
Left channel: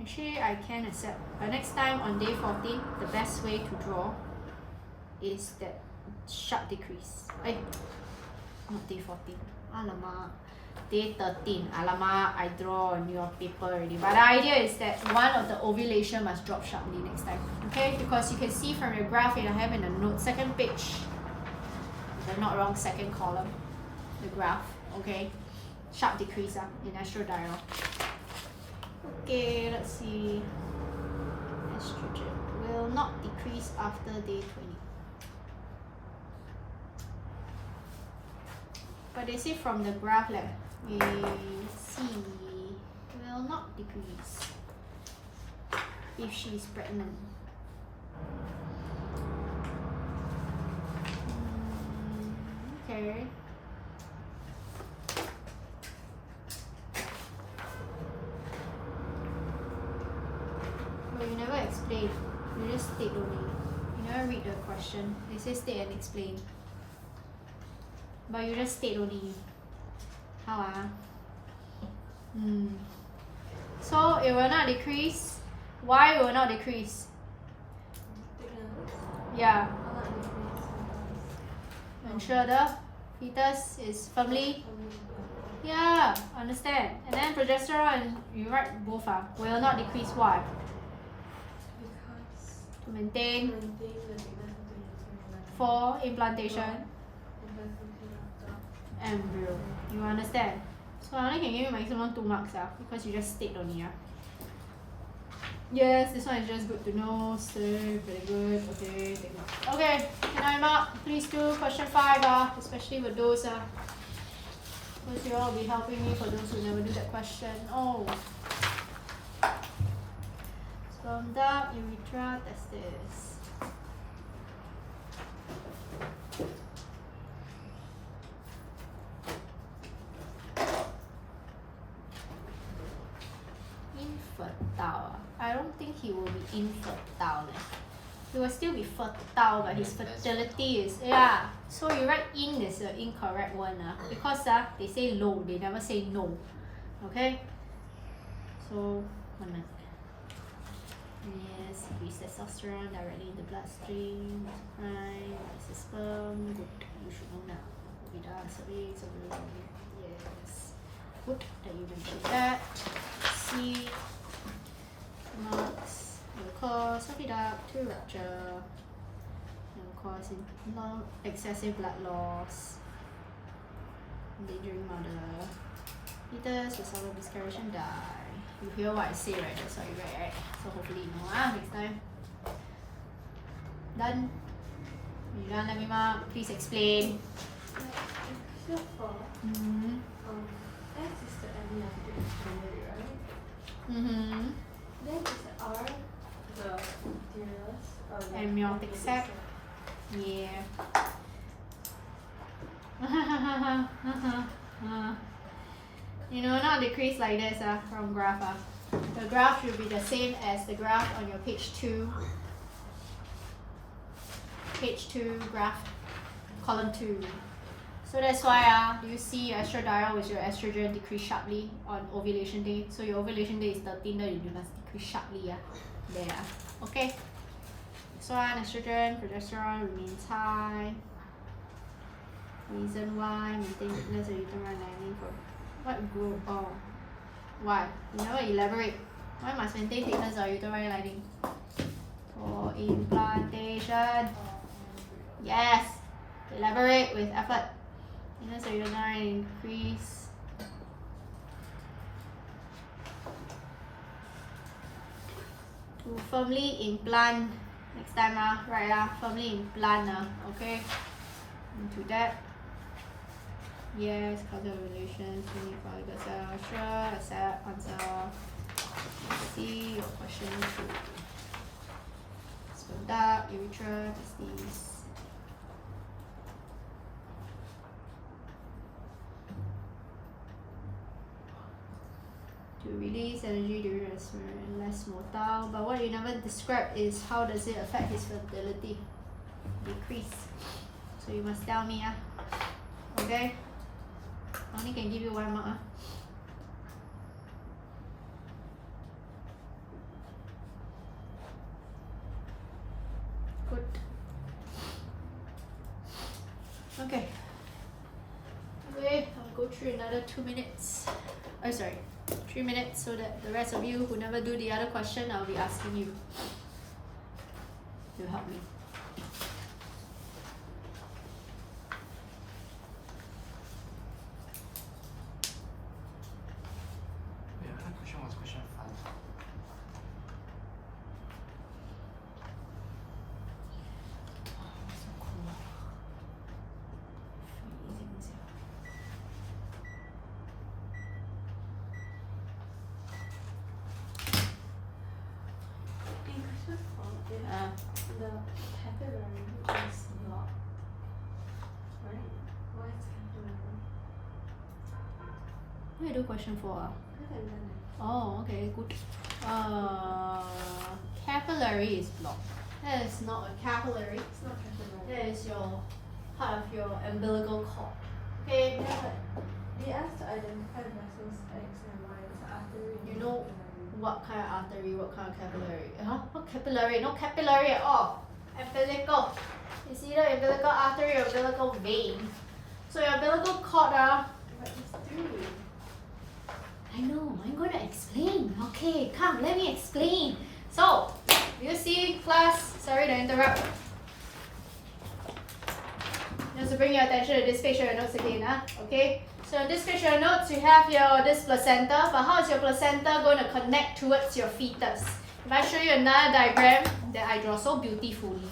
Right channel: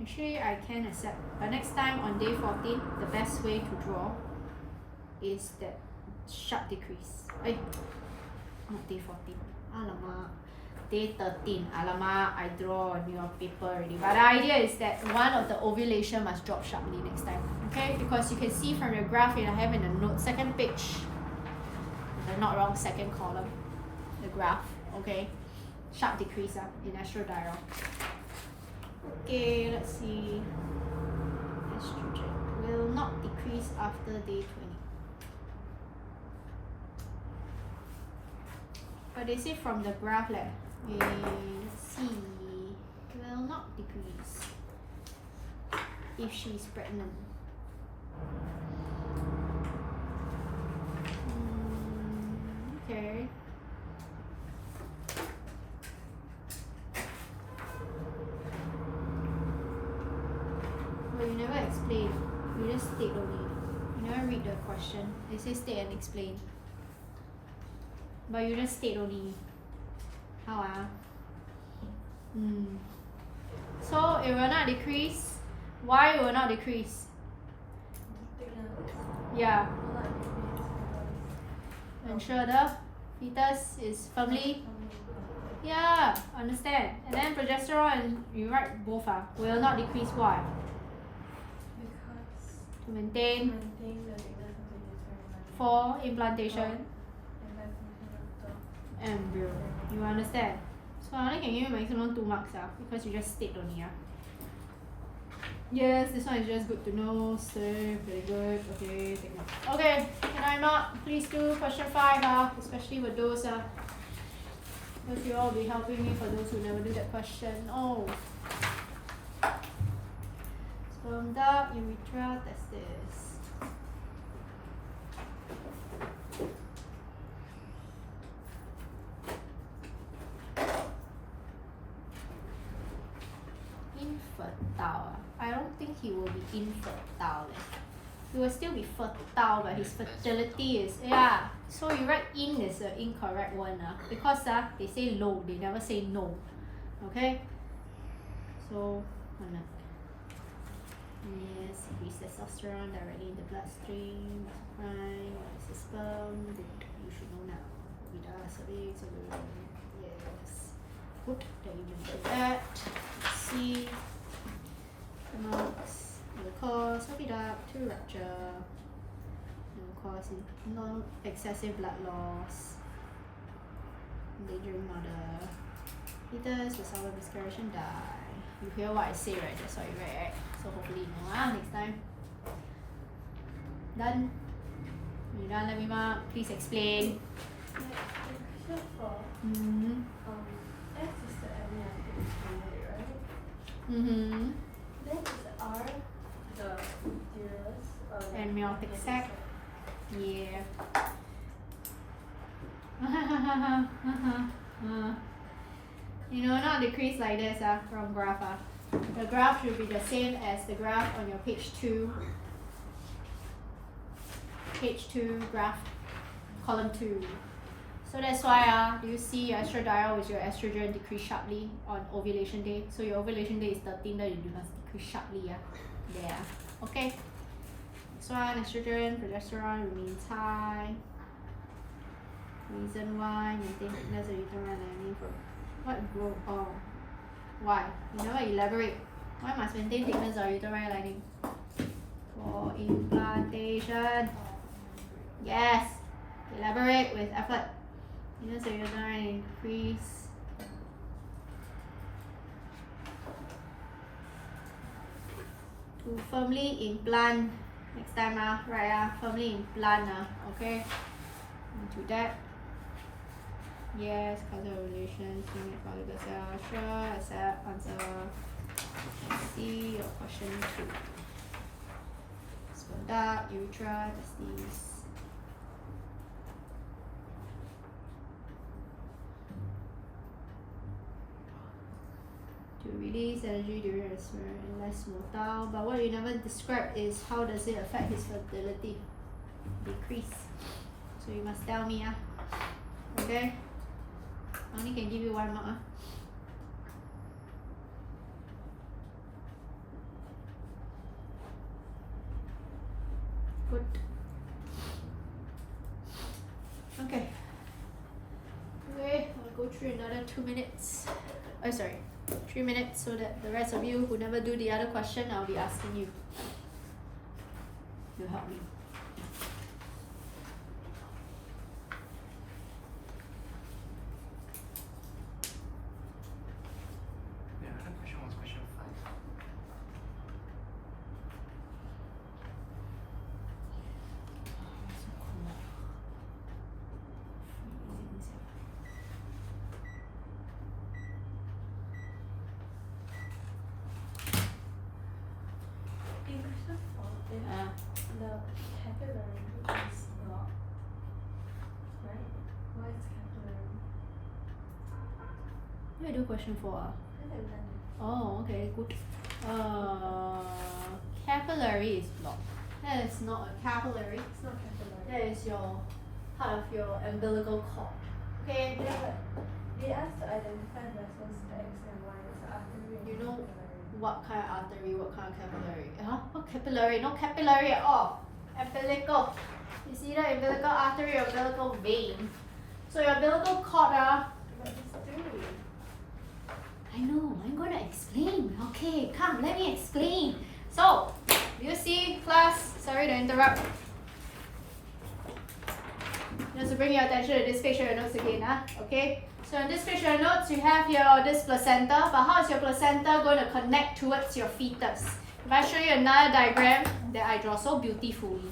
Actually, I can accept, but next time on day 14, the best way to draw is that sharp decrease. Not day 14. Alamak. Day 13. Alamak, I draw on your paper already. But the idea is that one of the ovulation must drop sharply next time. Okay? Because you can see from your graph I have in the note, second page. If I'm not wrong, second column. The graph. Okay? Sharp decrease in estradiol. Okay, let's see. Estrogen will not decrease after day 20. But they say from the graph C will not decrease if she's pregnant. Okay. But you never explain. You just state only. You never read the question. They say state and explain. But you just state only. How So it will not decrease. Why will not decrease? Yeah. Ensure the fetus is firmly. Yeah, understand. And then progesterone, you write both will not decrease. Why? To maintain for implantation embryo. You understand? So I only can give you maximum 2 marks because you just state only Yes, this one is just good to know. Safe, very good. Okay, take mark. Okay, can I mark? Please do question 5 especially with those because you all will be helping me for those who never do that question. Oh. Sperm duct, urethra, testis. Infertile. I don't think he will be infertile. He will still be fertile, but his fertility is So you write in is the incorrect one because they say low, they never say no. Okay? So, one minute. Yes, increase testosterone directly in the bloodstream. What's a crime? What is the sperm? Good, you should know now. Ovida, cervix, ovarian. Yes. Good that you mentioned that. Let's see. Marks will cause ovida to rupture. It will cause non excessive blood loss. Endangering mother. Fetus will suffer miscarriage and die. You hear what I say, right? That's what you write, right? So hopefully you know next time. Done? You done, let me mark. Please explain. Except for Mm-hmm. X is the amniotic fluid, right? Mm-hmm. Then is R the uterus? Amniotic sac. Yeah. You know, not decrease like this from graph. The graph should be the same as the graph on your page 2. Page 2 graph, column 2. So that's why do you see your estradiol with your estrogen decrease sharply on ovulation day? So your ovulation day is 13, then you must decrease sharply. There. Okay. Next one, estrogen, progesterone remains high. Reason why, maintain thickness of uterine lining for what growth? Oh, why? You never elaborate. Why must maintain thickness of uterine lining? For implantation. Yes. Elaborate with effort. Thickness of uterine increase. To firmly implant. Next time, right? Firmly implant. Okay. Into that. Yes, causal relations, unique follicle cell, sure, accept, answer. See your question 2. Sperm duct, urethra, testes. To release energy during and less motile. But what you never describe is how does it affect his fertility? Decrease. So you must tell me, okay? I only can give you 1 mark. Good. Okay. Okay, I'll go through another 2 minutes. Oh, sorry, 3 minutes, so that the rest of you who never do the other question, I'll be asking you. You help me. The other question was question 5. So cool. In question 4, the capillary is blocked, right? Why is capillary? What do you do question 4? I haven't done it. Oh, okay, good. Capillary is blocked. That is not a capillary. It's not capillary. That is your part of your umbilical cord. Okay. Yeah, but they asked to identify vessels X and Y as artery and You know capillary. what kind of artery, what kind of capillary? What capillary? No capillary at all. Umbilical. It's either umbilical artery or umbilical vein. So your umbilical cord, But it's 3. I know, I'm gonna explain. Okay, come, let me explain. So, you see, class, sorry to interrupt. Just to bring your attention to this picture of notes again, okay? So in this picture of notes, you have this placenta, but how is your placenta going to connect towards your fetus? If I show you another diagram that I draw so beautifully.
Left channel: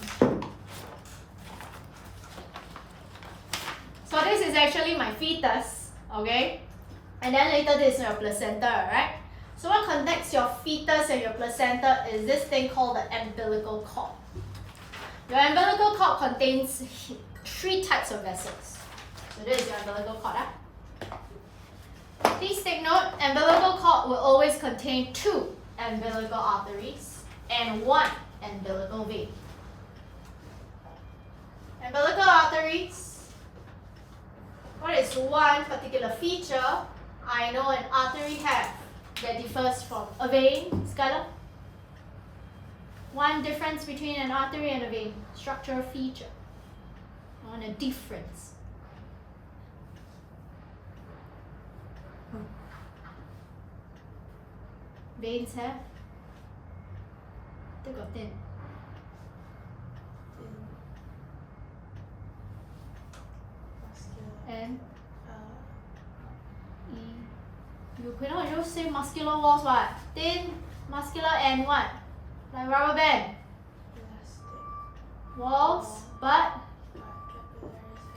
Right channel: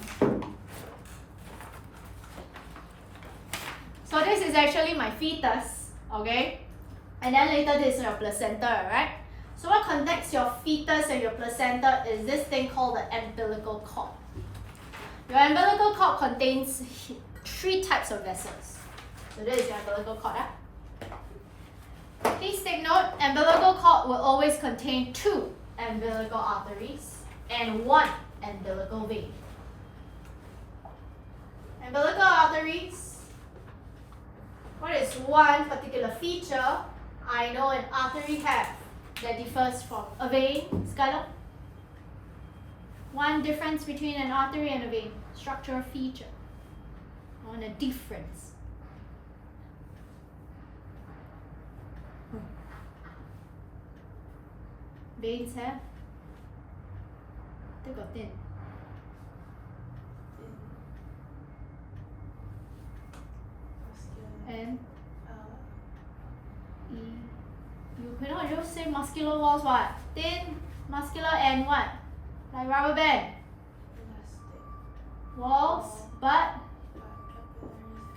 So this is actually my fetus, okay? And then later this is your placenta, right? So what connects your fetus and your placenta is this thing called the umbilical cord. Your umbilical cord contains 3 types of vessels. So this is your umbilical cord. Please take note, umbilical cord will always contain 2 umbilical arteries and 1 umbilical vein. Umbilical arteries, what is one particular feature? I know an artery have that differs from a vein, Skylar? One difference between an artery and a vein, structural feature. I want a difference. Veins have? They got thin. And you cannot just say muscular walls, what? Thin, muscular, and what? Like rubber band. Walls, but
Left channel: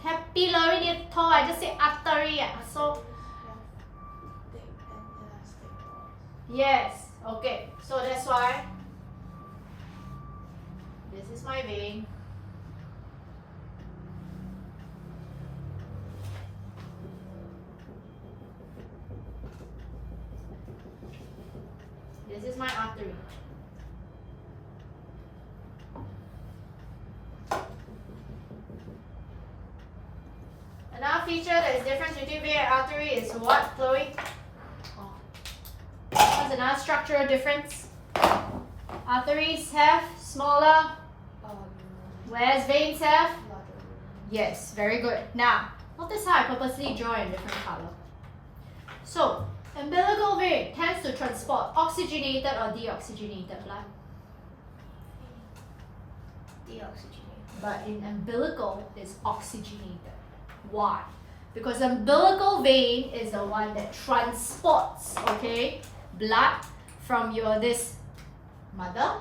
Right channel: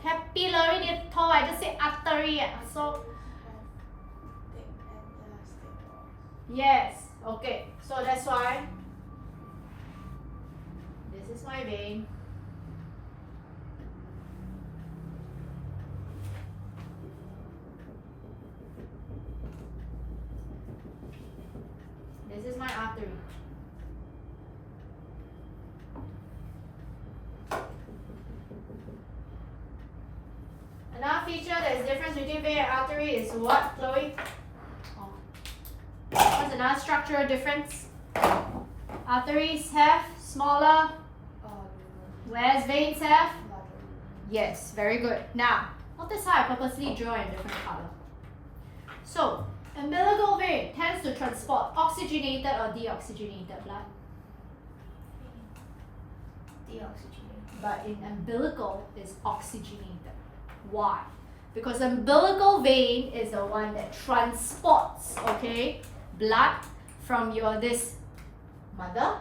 capillary 你头 I just say artery. So yes, okay. So that's why this is my vein. This is my artery. Another feature that is different between vein and artery is what, Chloe? What's another structural difference? Arteries have smaller, whereas veins have? Yes, very good. Now, notice how I purposely draw in different color. So, umbilical vein tends to transport oxygenated or deoxygenated blood. Deoxygenated. But in umbilical, it's oxygenated. Why? Because umbilical vein is the one that transports, okay, blood from your this mother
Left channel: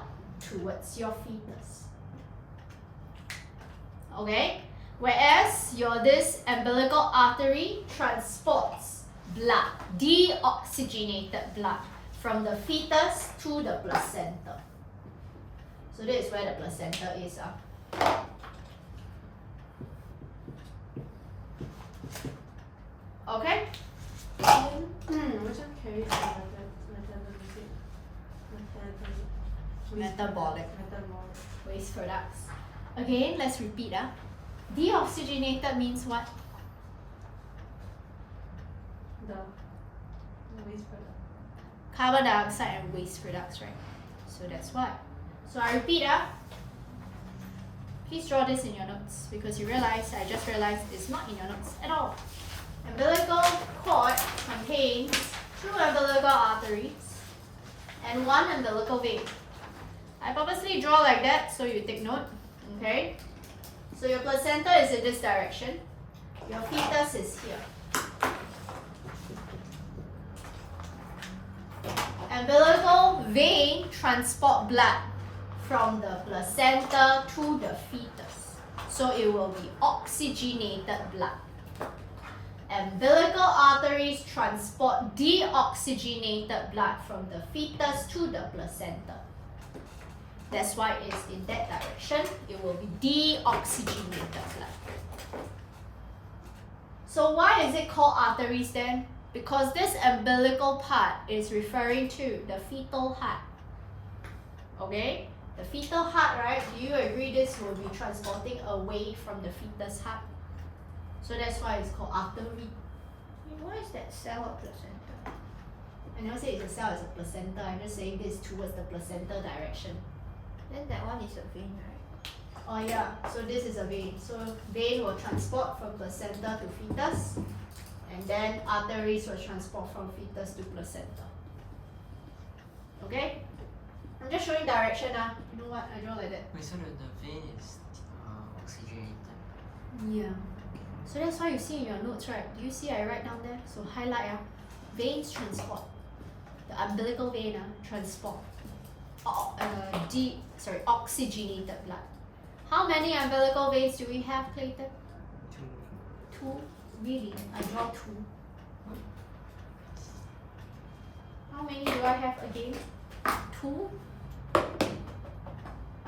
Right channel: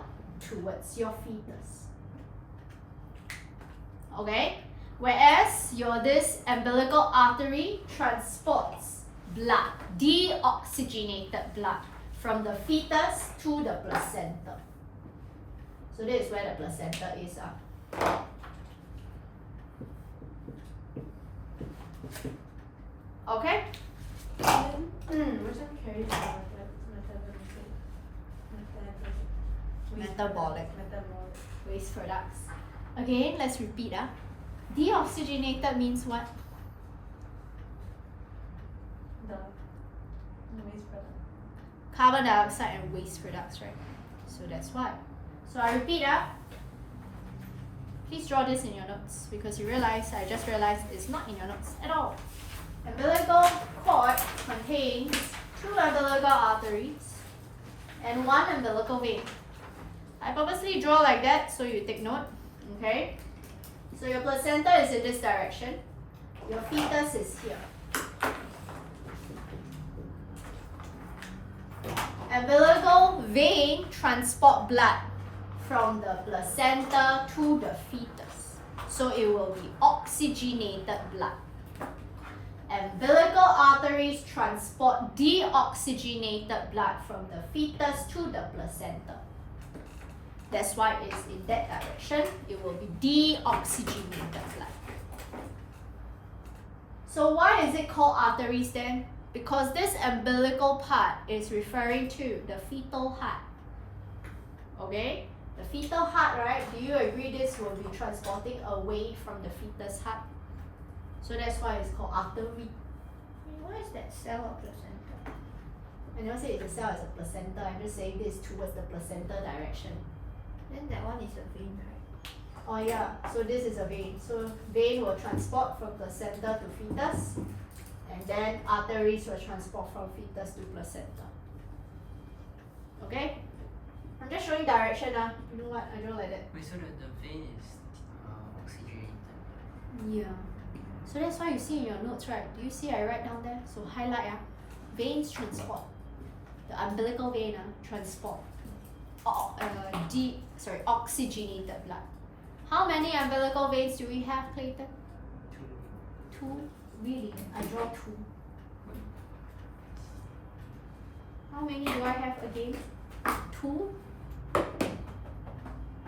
towards your fetus. Okay? Whereas your this umbilical artery transports blood, deoxygenated blood from the fetus to the placenta. So this is where the placenta is. Okay? Which one carries the Metabolic metabolic. waste products. Again, let's repeat. Deoxygenated means what? The waste product. Carbon dioxide and waste products, right? So that's why. So I repeat. Please draw this in your notes because I just realized it's not in your notes at all. Umbilical cord contains 2 umbilical arteries and 1 umbilical vein. I purposely draw like that so you take note, okay? So your placenta is in this direction. Your fetus is here. Umbilical vein transport blood from the placenta to the fetus. So it will be oxygenated blood. Umbilical arteries transport deoxygenated blood from the fetus to the placenta. That's why it's in that direction. It will be deoxygenated blood. So why is it called arteries then? Because this umbilical part is referring to the fetal heart. Okay? The fetal heart, right? Do you agree this will be transporting away from the fetus heart? So that's why it's called artery. What is that cell of placenta? I never say it's a cell, it's a placenta. I'm just saying this towards the placenta direction. Then that one is a vein, right? Oh yeah, so this is a vein. So vein will transport from placenta to fetus. And then arteries will transport from fetus to placenta. Okay? I'm just showing direction. You know what? I draw like that. Wait, so the vein is oxygenated. Yeah. So that's why you see in your notes, right? Do you see I write down there? So highlight. Veins transport. The umbilical vein transport. Oxygenated blood. How many umbilical veins do we have, Clayton? 2. 2? Really? I draw 2. How many do I have again? 2?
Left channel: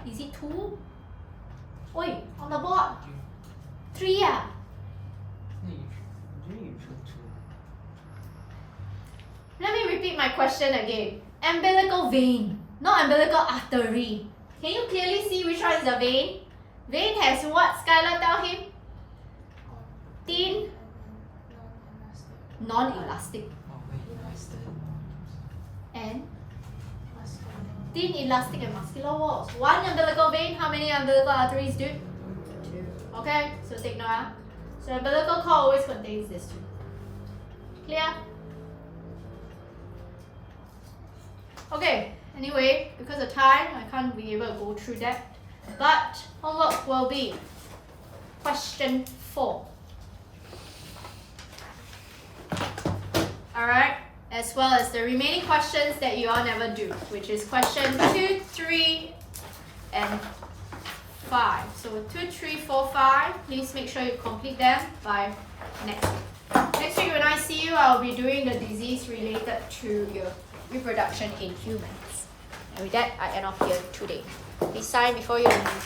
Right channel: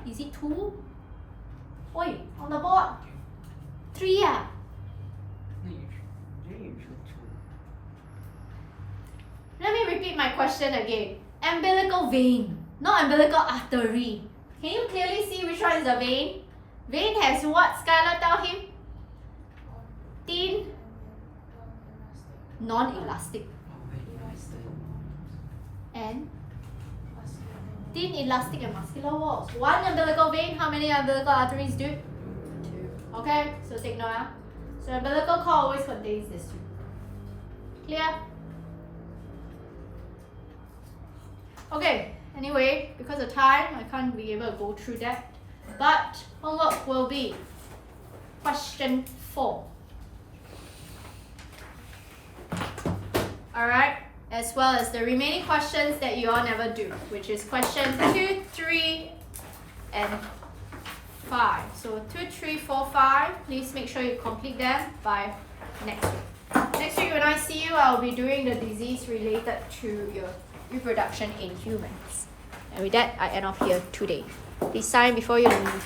Is it 2? Oi, on the board. 3 You should 2. Let me repeat my question again. Umbilical vein, not umbilical artery. Can you clearly see which one is the vein? Vein has what? Skylar, tell him. Thin, non-elastic. thin, elastic, and muscular walls. One umbilical vein, how many umbilical arteries, dude? 2. Okay, so take note. Ah. So umbilical cord always contains these 2. Clear? Okay, anyway, because of time, I can't be able to go through that. But homework will be question 4. Alright, as well as the remaining questions that you all never do, which is question 2, 3, and 5. So 2, 3, 4, 5. Please make sure you complete them by next week. Next week when I see you, I'll be doing the disease related to your reproduction in humans. And with that, I end off here today. Please sign before you leave.